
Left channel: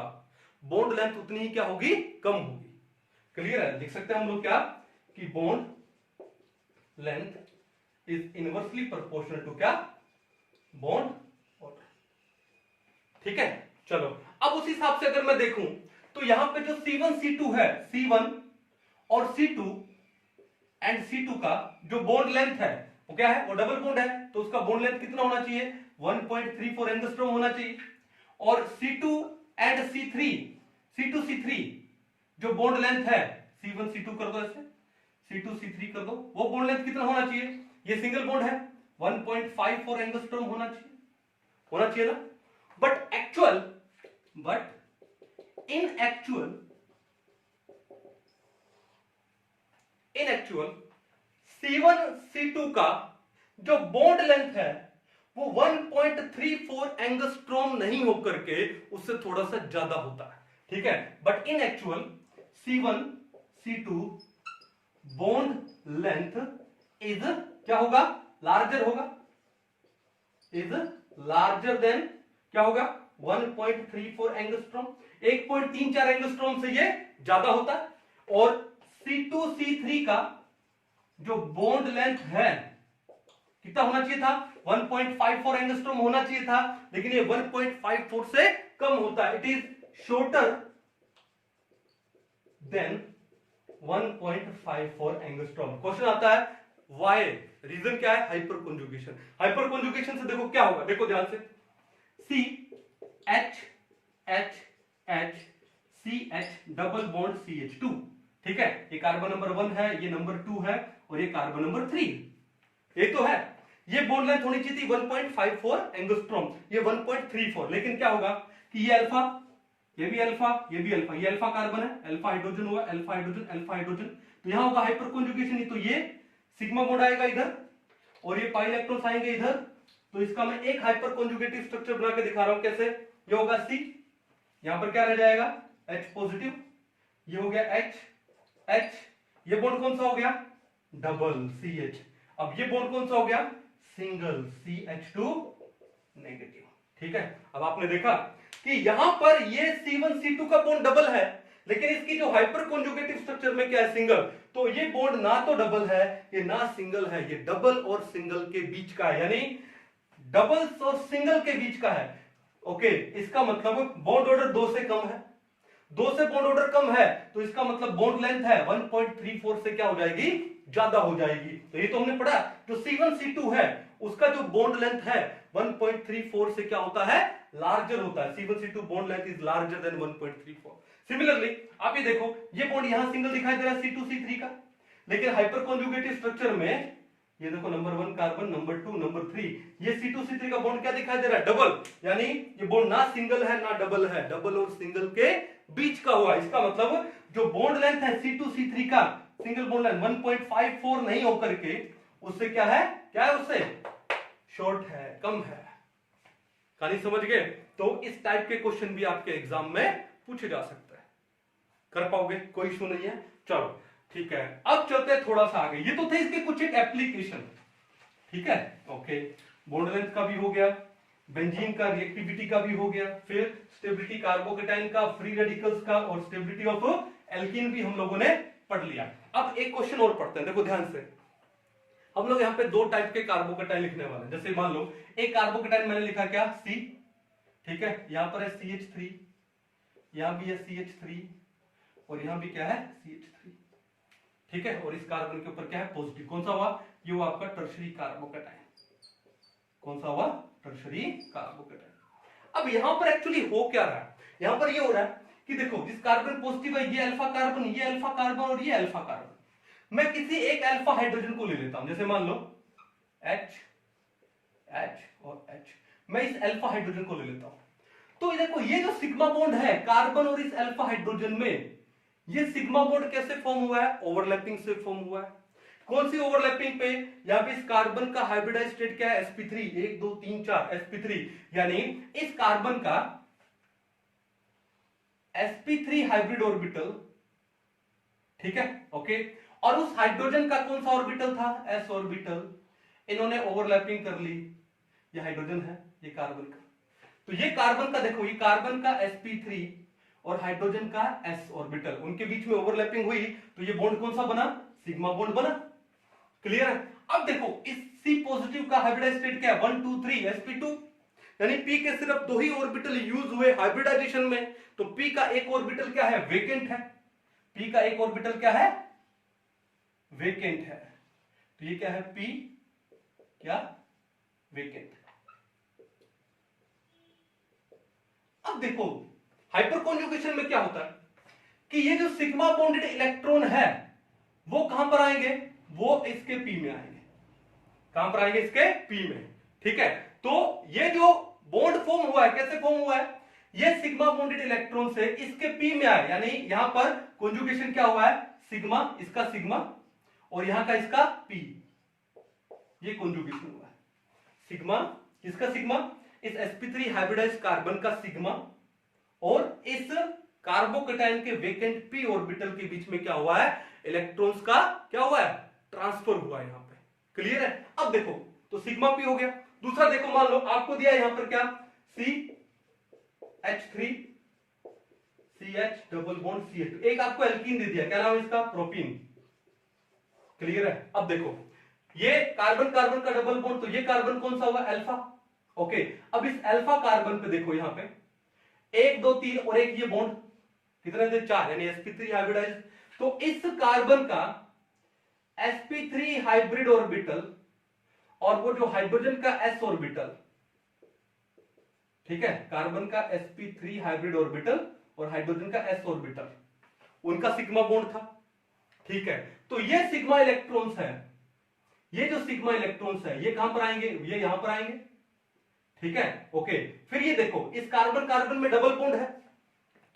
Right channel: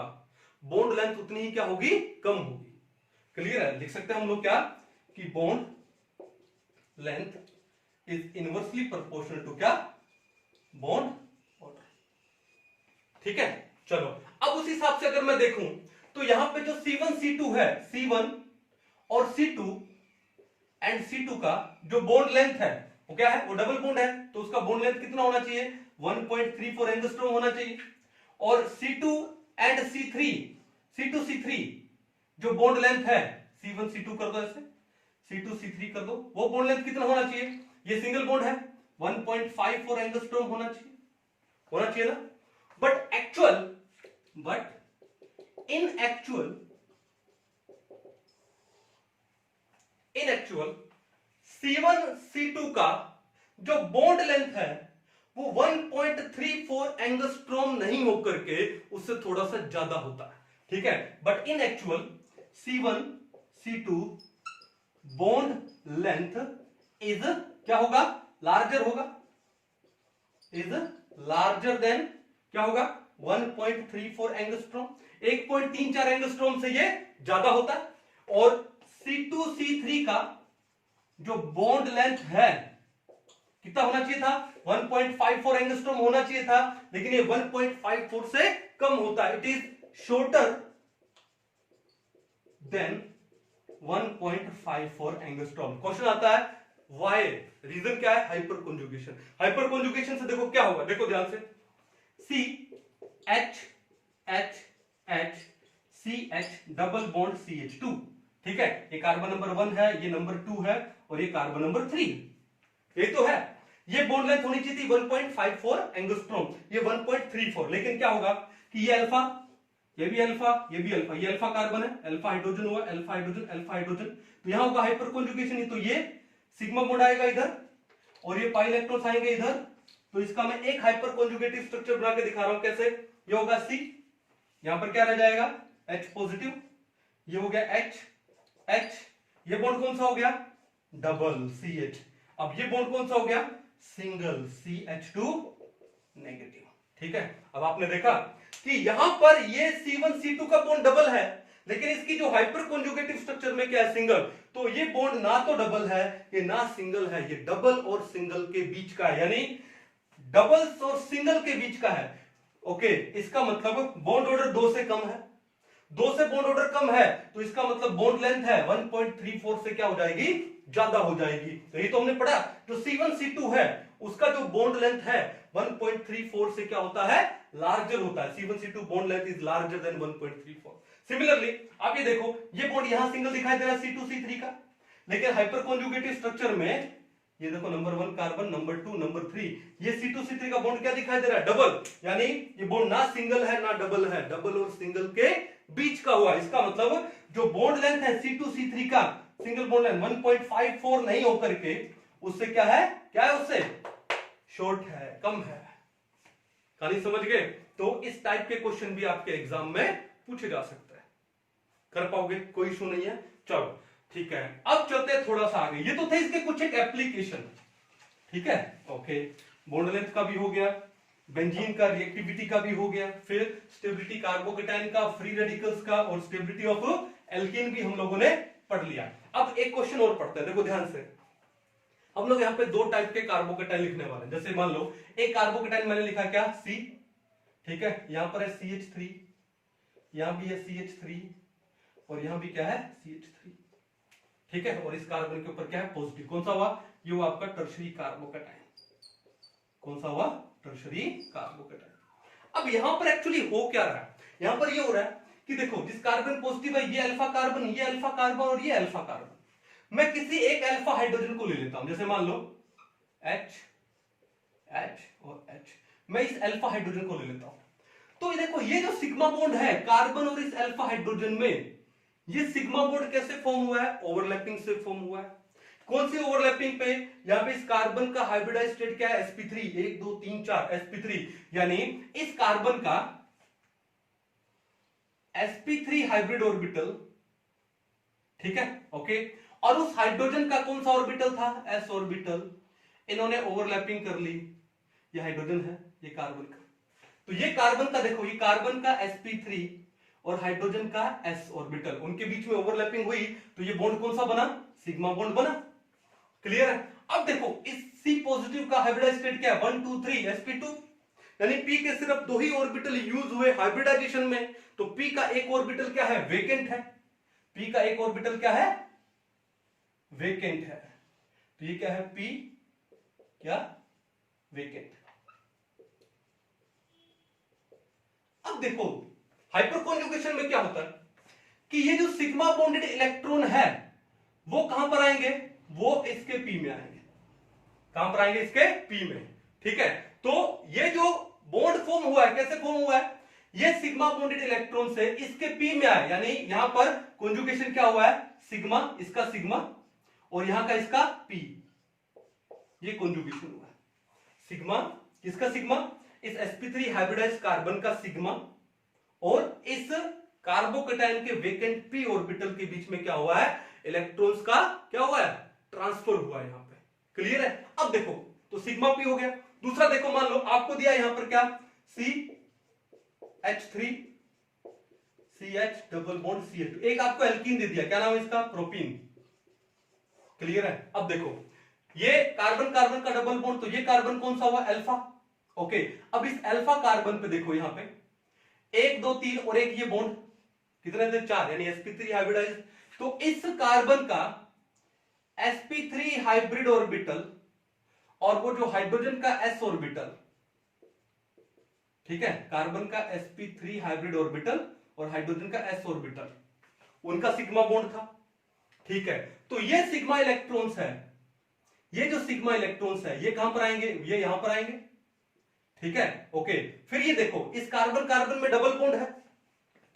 बॉन्ड लेंथ उतनी ही क्या होगी, कम होगी। क्लियर है, लिख सकते हैं हम लोग क्या कि bond length is inversely proportional to क्या, बॉन्ड ऑर्डर, ठीक है। चलो अब उस हिसाब से अगर मैं देखूं तो यहां पे जो C1 C2 है, C1 और C2 एंड C2 का जो बॉन्ड लेंथ है वो क्या है, वो डबल बॉन्ड है, तो उसका बॉन्ड लेंथ कितना होना चाहिए, 1.34 एंगस्ट्रॉम होना चाहिए। और C2 and C3, C2 C3 जो बॉन्ड लेंथ है, C1 C2 कर दो ऐसे, C2 C3 कर दो, वो बॉन्ड लेंथ कितना होना चाहिए, ये सिंगल बॉन्ड है 1.54 एंगस्ट्रॉम होना चाहिए ना। But in actual C1 C2 का जो बॉन्ड लेंथ है वो 1.34 एंगस्ट्रॉम नहीं होकर के उससे थोड़ा सा ज्यादा होता है, ठीक है। But in actual C1 C2 bond length is क्या होगा, लार्जर होगा, इज लार्जर देन क्या होगा 1.34 एंगस्ट्रॉम, 1.34 एंगस्ट्रॉम से ये ज्यादा होता है। और C2 C3 का जो बॉन्ड लेंथ है कितना होना चाहिए था, 1.54 एंगस्ट्रॉम होना चाहिए था, लेकिन ये 1.54 से कम होता है, it is shorter than 1.54 angstrom. Question आता है वाई, रीजन क्या है, हाइपर कॉन्जुगेशन। हाइपर कॉन्जुगेशन से देखो क्या होगा, देखो ध्यान से, C H H H C H double bond CH2, ठीक है, ये कार्बन नंबर 1 है, ये नंबर 2 है, और ये कार्बन नंबर 3, ये तो है। ये बॉन्ड लेंथ होनी चाहिए थी 1.54 एंगस्ट्रॉम, ये 1.34, लेकिन क्या होगा कि ये अल्फा, ये भी अल्फा, ये भी अल्फा, ये अल्फा कार्बन है, अल्फा हाइड्रोजन हुआ, अल्फा हाइड्रोजन, अल्फा हाइड्रोजन, तो यहां होगा हाइपर कॉन्जुगेशन, तो ये सिग्मा बॉन्ड आएगा इधर और ये पाई इलेक्ट्रॉन्स आएंगे इधर, तो इसका मैं एक हाइपर कॉन्जुगेटिव स्ट्रक्चर बना के दिखा रहा हूं कैसे। ये होगा C, यहां पर क्या रह जाएगा H पॉजिटिव, ये हो गया H, ये बॉन्ड कौन सा हो गया, डबल CH। अब ये बॉन्ड कौन सा हो गया, सिंगल CH2 नेगेटिव, ठीक है। अब आपने देखा कि यहां पर ये C1 C2 का बॉन्ड डबल है, लेकिन इसकी जो हाइपर कॉन्जुगेटिव स्ट्रक्चर में क्या है, सिंगल, तो ये बॉन्ड ना तो डबल है, ये ना सिंगल है, ये डबल और सिंगल के बीच का है, यानी डबल और सिंगल के बीच का है। ओके, इसका मतलब बॉन्ड ऑर्डर 2 से कम है, 2 से बॉन्ड ऑर्डर कम है, तो इसका मतलब बॉन्ड लेंथ है 1.34 से क्या हो जाएगी, ज्यादा हो जाएगी। तो ये तो हमने पढ़ा, जो C1 C2 है उसका जो बॉन्ड लेंथ है 1.34 से क्या होता है, लार्जर होता है। C1 C2 bond length is larger than 1.34। Similarly आप ये देखो, ये बॉन्ड यहां सिंगल दिखाई दे रहा है C2 C3 का, लेकिन हाइपर कॉन्जुगेटिव स्ट्रक्चर में ये देखो नंबर 1 कार्बन, नंबर 2, नंबर 3, ये C2 C3 का बॉन्ड क्या दिखाई दे रहा है, डबल, यानी ये बॉन्ड ना सिंगल है ना डबल है, डबल और सिंगल के बीच का हुआ। इसका मतलब जो बॉन्ड लेंथ है C2 C3 का सिंगल बॉन्ड लेंथ 1.54 नहीं होकर के उससे क्या है उससे शॉर्ट है, कम है। खाली समझ गए? तो इस टाइप के क्वेश्चन भी आपके एग्जाम में पूछे जा सकते हैं, कर पाओगे, कोई इशू नहीं है। चलो ठीक है, अब चलते हैं थोड़ा सा आगे। ये तो थे इसके कुछ एक एप्लीकेशन, ठीक है, ओके, बॉन्ड लेंथ का भी हो गया, बेंजीन का रिएक्टिविटी का भी हो गया, फिर स्टेबिलिटी कार्बोकेटाइन का, फ्री रेडिकल्स का, और स्टेबिलिटी ऑफ एल्कीन भी हम लोगों ने पढ़ लिया। अब एक क्वेश्चन और पढ़ते हैं, देखो ध्यान से। हम लोग यहाँ पे 2 टाइप के कार्बोकेटाइन लिखने वाले हैं। जैसे मान लो एक कार्बोकेटाइन मैंने लिखा क्या, C, ठीक है, यहां पर है CH3, यहां भी है CH3, और यहां भी क्या है CH3, ठीक है, और इस कार्बन के ऊपर क्या है, पॉजिटिव। कौन सा हुआ, ये हुआ आपका टर्शरी कार्बोकेटाइन। कौन सा हुआ, टर्शरी कार्बोकेटाइन। अब यहां पर एक्चुअली हो क्या रहा है, यहां पर ये हो रहा है कि देखो जिस कार्बन पॉजिटिव है ये अल्फा कार्बन, ये अल्फा कार्बन और ये अल्फा कार्बन, मैं किसी एक अल्फा हाइड्रोजन को ले लेता हूं, जैसे मान लो H और H, मैं इस अल्फा हाइड्रोजन को ले लेता हूं। तो ये देखो ये जो सिग्मा बॉन्ड है कार्बन और इस अल्फा हाइड्रोजन में, ये सिग्मा बॉन्ड कैसे फॉर्म हुआ है, ओवरलैपिंग से फॉर्म हुआ है। कौन सी ओवरलैपिंग पे, यहां पे इस कार्बन का हाइब्रिडाइज्ड स्टेट क्या है, sp3, 1 2 3 4 sp3, यानी इस कार्बन का sp3 हाइब्रिड ऑर्बिटल, ठीक है, ओके, और उस हाइड्रोजन का कौन सा ऑर्बिटल था, s ऑर्बिटल, इन्होंने ओवरलैपिंग कर ली। ये हाइड्रोजन है, ये कार्बन का, तो ये कार्बन का देखो, ये कार्बन का sp3 और हाइड्रोजन का s ऑर्बिटल, उनके बीच में ओवरलैपिंग हुई, तो ये बॉन्ड कौन सा बना, सिग्मा बॉन्ड बना। क्लियर है? अब देखो इस C पॉजिटिव का हाइब्रिडाइज्ड स्टेट क्या है, 1 2 3 sp2, यानी p के सिर्फ 2 ही ऑर्बिटल यूज हुए हाइब्रिडाइजेशन में, तो p का एक ऑर्बिटल क्या है, वेकेंट है, p का एक ऑर्बिटल क्या है, वेकेंट है, तो ये क्या है, P क्या, वेकेंट। अब देखो हाइपर कॉन्जुगेशन में क्या होता है कि ये जो सिग्मा बॉन्डेड इलेक्ट्रॉन है वो कहां पर आएंगे, वो इसके P में आएंगे। कहां पर आएंगे, इसके P में। ठीक है, तो ये जो बॉन्ड फॉर्म हुआ है, कैसे फॉर्म हुआ है, ये सिग्मा बॉन्डेड इलेक्ट्रॉन से इसके P में आए, यानी यहां पर कॉन्जुगेशन क्या हुआ है, सिग्मा, इसका सिग्मा और यहां का इसका P, ये कॉन्जुगेशन हुआ है। सिग्मा, इसका सिग्मा, इस sp3 हाइब्रिडाइज्ड कार्बन का सिग्मा और इस कार्बोकेटाइन के वेकेंट p ऑर्बिटल के बीच में क्या हुआ है, इलेक्ट्रॉन्स का क्या हुआ है, ट्रांसफर हुआ है यहां पे। क्लियर है। अब देखो तो सिग्मा p हो गया। दूसरा देखो, मान लो आपको दिया यहां पर क्या, CH3 CH double bond CH2, एक आपको एल्कीन दे दिया, क्या नाम है इसका, प्रोपीन। क्लियर है। अब देखो ये कार्बन कार्बन का डबल बॉन्ड, तो ये कार्बन कौन सा हुआ, अल्फा। ओके, अब इस अल्फा कार्बन पे देखो यहां पे 1 2 3 और एक ये बॉन्ड, कितने थे, 4, यानी sp3 हाइब्रिडाइज्ड। तो इस कार्बन का sp3 हाइब्रिड ऑर्बिटल और वो जो हाइड्रोजन का s ऑर्बिटल, ठीक है, कार्बन का sp3 हाइब्रिड ऑर्बिटल और हाइड्रोजन का s ऑर्बिटल, उनका सिग्मा बॉन्ड था। ठीक है, तो ये सिग्मा इलेक्ट्रॉन्स है, ये जो सिग्मा इलेक्ट्रॉन्स है ये कहां पर आएंगे, ये यहां पर आएंगे। ठीक है, ओके। फिर ये देखो इस कार्बन कार्बन में डबल बॉन्ड है,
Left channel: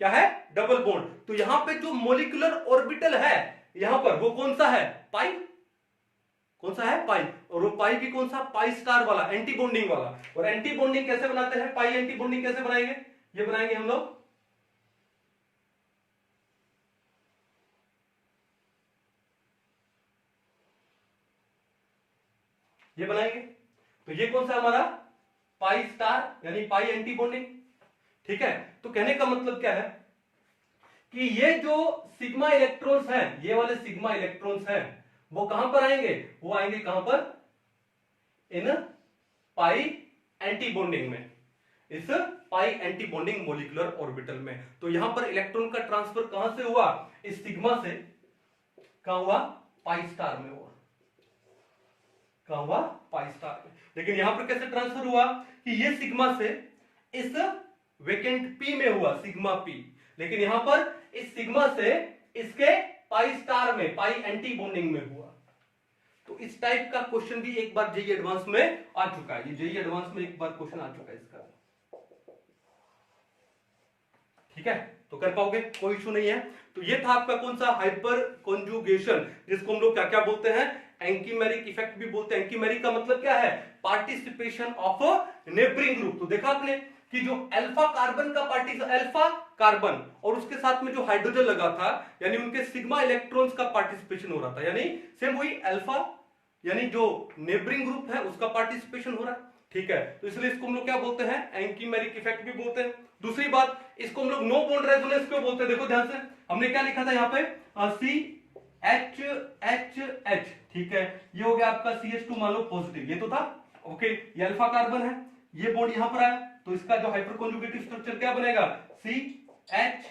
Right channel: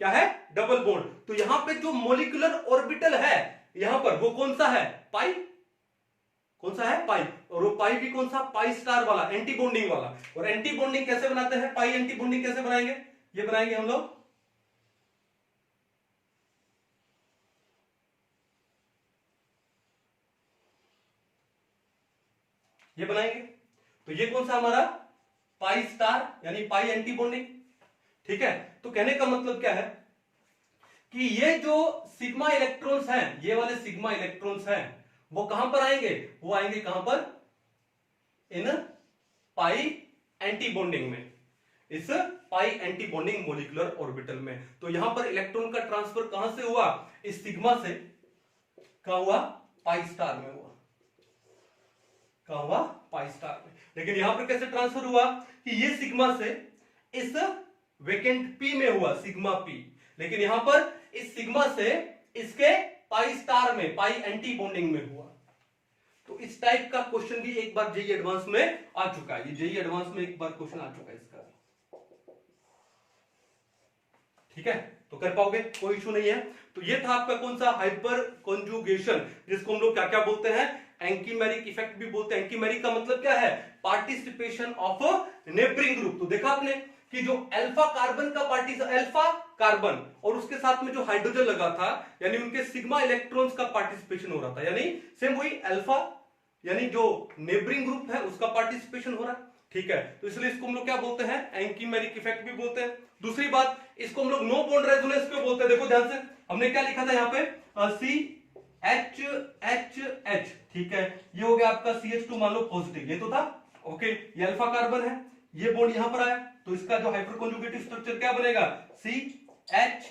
क्या है, डबल बॉन्ड। तो यहां पे जो मोलिकुलर ऑर्बिटल है यहां पर, वो कौन सा है, पाई, कौन सा है, पाई। और वो पाई भी कौन सा, पाई स्टार वाला, एंटी बॉन्डिंग वाला। और एंटी बॉन्डिंग कैसे बनाते हैं, पाई एंटी बॉन्डिंग कैसे बनाएंगे, ये बनाएंगे हम लोग, ये बनाएंगे। तो ये कौन सा हमारा, पाई स्टार, यानी पाई एंटी बॉन्डिंग। ठीक है, तो कहने का मतलब क्या है कि ये जो सिग्मा इलेक्ट्रॉन्स हैं, ये वाले सिग्मा इलेक्ट्रॉन्स हैं, वो कहां पर आएंगे, वो आएंगे कहां पर, इन पाई एंटी बॉन्डिंग में, इस पाई एंटी बॉन्डिंग मोलिकुलर ऑर्बिटल में। तो यहां पर इलेक्ट्रॉन का ट्रांसफर कहां से हुआ, इस सिग्मा से, कहां हुआ, पाई स्टार में हुआ, कहां हुआ, पाई स्टार में। लेकिन यहां पर कैसे ट्रांसफर हुआ कि ये सिग्मा से इस वेकेंट P में हुआ, सिग्मा P। लेकिन यहां पर इस सिग्मा से इसके पाई स्टार में, पाई एंटी बॉन्डिंग में हुआ। तो इस टाइप का क्वेश्चन भी एक बार जेईई एडवांस में आ चुका है, ये जेईई एडवांस में एक बार क्वेश्चन आ चुका है इसका। ठीक है, तो कर पाओगे, कोई इशू नहीं है। तो ये था आपका कौन सा, हाइपर कॉन्जुगेशन, जिसको हम लोग क्या क्या बोलते हैं, एंकीमेरिक इफेक्ट भी बोलते हैं। एंकीमेरिक का मतलब क्या है, पार्टिसिपेशन ऑफ नेबरिंग ग्रुप। तो देखा आपने कि जो अल्फा कार्बन का अल्फा कार्बन और उसके साथ में जो हाइड्रोजन लगा था, यानी उनके सिग्मा इलेक्ट्रॉन्स का पार्टिसिपेशन हो रहा था, यानी सेम वही अल्फा, यानी जो नेबरिंग ग्रुप है उसका पार्टिसिपेशन हो रहा है। ठीक है, तो इसलिए इसको हम लोग क्या बोलते हैं, एंकीमेरिक इफेक्ट भी बोलते हैं। दूसरी बात, इसको हम लोग नो बॉन्ड रेजोनेंस क्यों बोलते हैं, देखो ध्यान से, हमने क्या लिखा था यहाँ पे, CH, ठीक है, ये हो गया आपका CH2, मान लो पॉजिटिव, ये तो था। ओके, ये अल्फा कार्बन है, ये बॉन्ड यहां पर आया, तो इसका जो हाइपर कॉन्जुगेटिव स्ट्रक्चर क्या बनेगा, CH,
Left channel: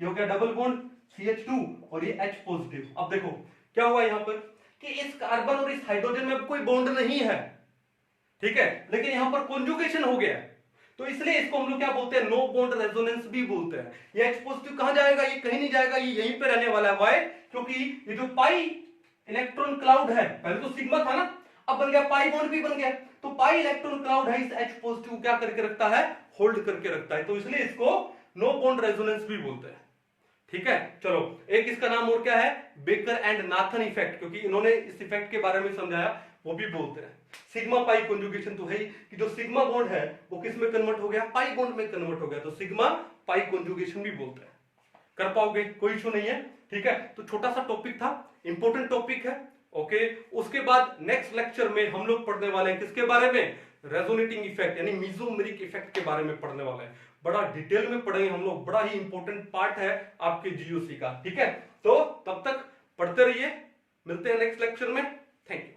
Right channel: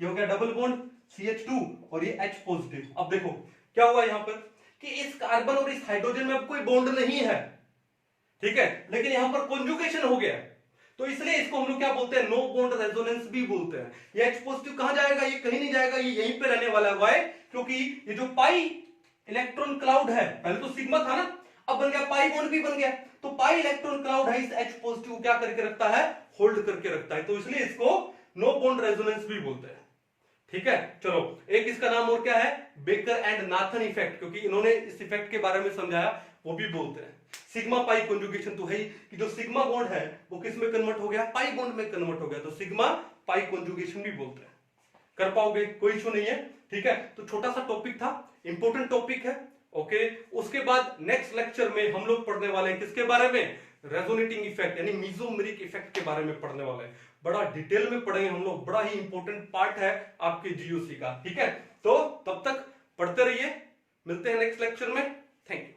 ये हो गया डबल बॉन्ड CH2 और ये H पॉजिटिव। अब देखो क्या हुआ यहां पर कि इस कार्बन और इस हाइड्रोजन में अब कोई बॉन्ड नहीं है, ठीक है, लेकिन यहां पर कॉन्जुगेशन हो गया, तो इसलिए इसको हम लोग क्या बोलते हैं, नो बॉन्ड रेजोनेंस भी बोलते हैं। ये H पॉजिटिव कहां जाएगा, ये कहीं नहीं जाएगा, ये यहीं पे रहने वाला है। व्हाई, क्योंकि ये जो पाई इलेक्ट्रॉन क्लाउड है, पहले तो सिग्मा था ना, अब बन गया पाई बॉन्ड भी बन गया, तो पाई इलेक्ट्रॉन क्लाउड है, इस H पॉजिटिव क्या करके रखता है, होल्ड करके रखता है, तो इसलिए इसको नो बॉन्ड रेजोनेंस भी बोलते हैं। ठीक है, चलो एक इसका नाम और क्या है, बेकर एंड नाथन इफेक्ट, क्योंकि इन्होंने इस इफेक्ट के बारे में समझाया, वो भी बोलते हैं। सिग्मा पाई कॉन्जुगेशन तो है ही कि जो सिग्मा बॉन्ड है वो किस में कन्वर्ट हो गया, पाई बॉन्ड में कन्वर्ट हो गया, तो सिग्मा पाई कॉन्जुगेशन भी बोलते हैं। कर पाओगे, कोई इशू नहीं है। ठीक है, तो छोटा सा टॉपिक था, इंपॉर्टेंट टॉपिक है। ओके, उसके बाद नेक्स्ट लेक्चर में हम लोग पढ़ने वाले हैं किसके बारे में, रेजोनेटिंग इफेक्ट यानी मेसोमेरिक इफेक्ट के बारे में पढ़ने वाले हैं। बड़ा डिटेल में पढ़ेंगे हम लोग, बड़ा ही इंपॉर्टेंट पार्ट है आपके जीओसी का। ठीक है, तो तब तक पढ़ते रहिए, मिलते हैं नेक्स्ट लेक्चर में। Thank you.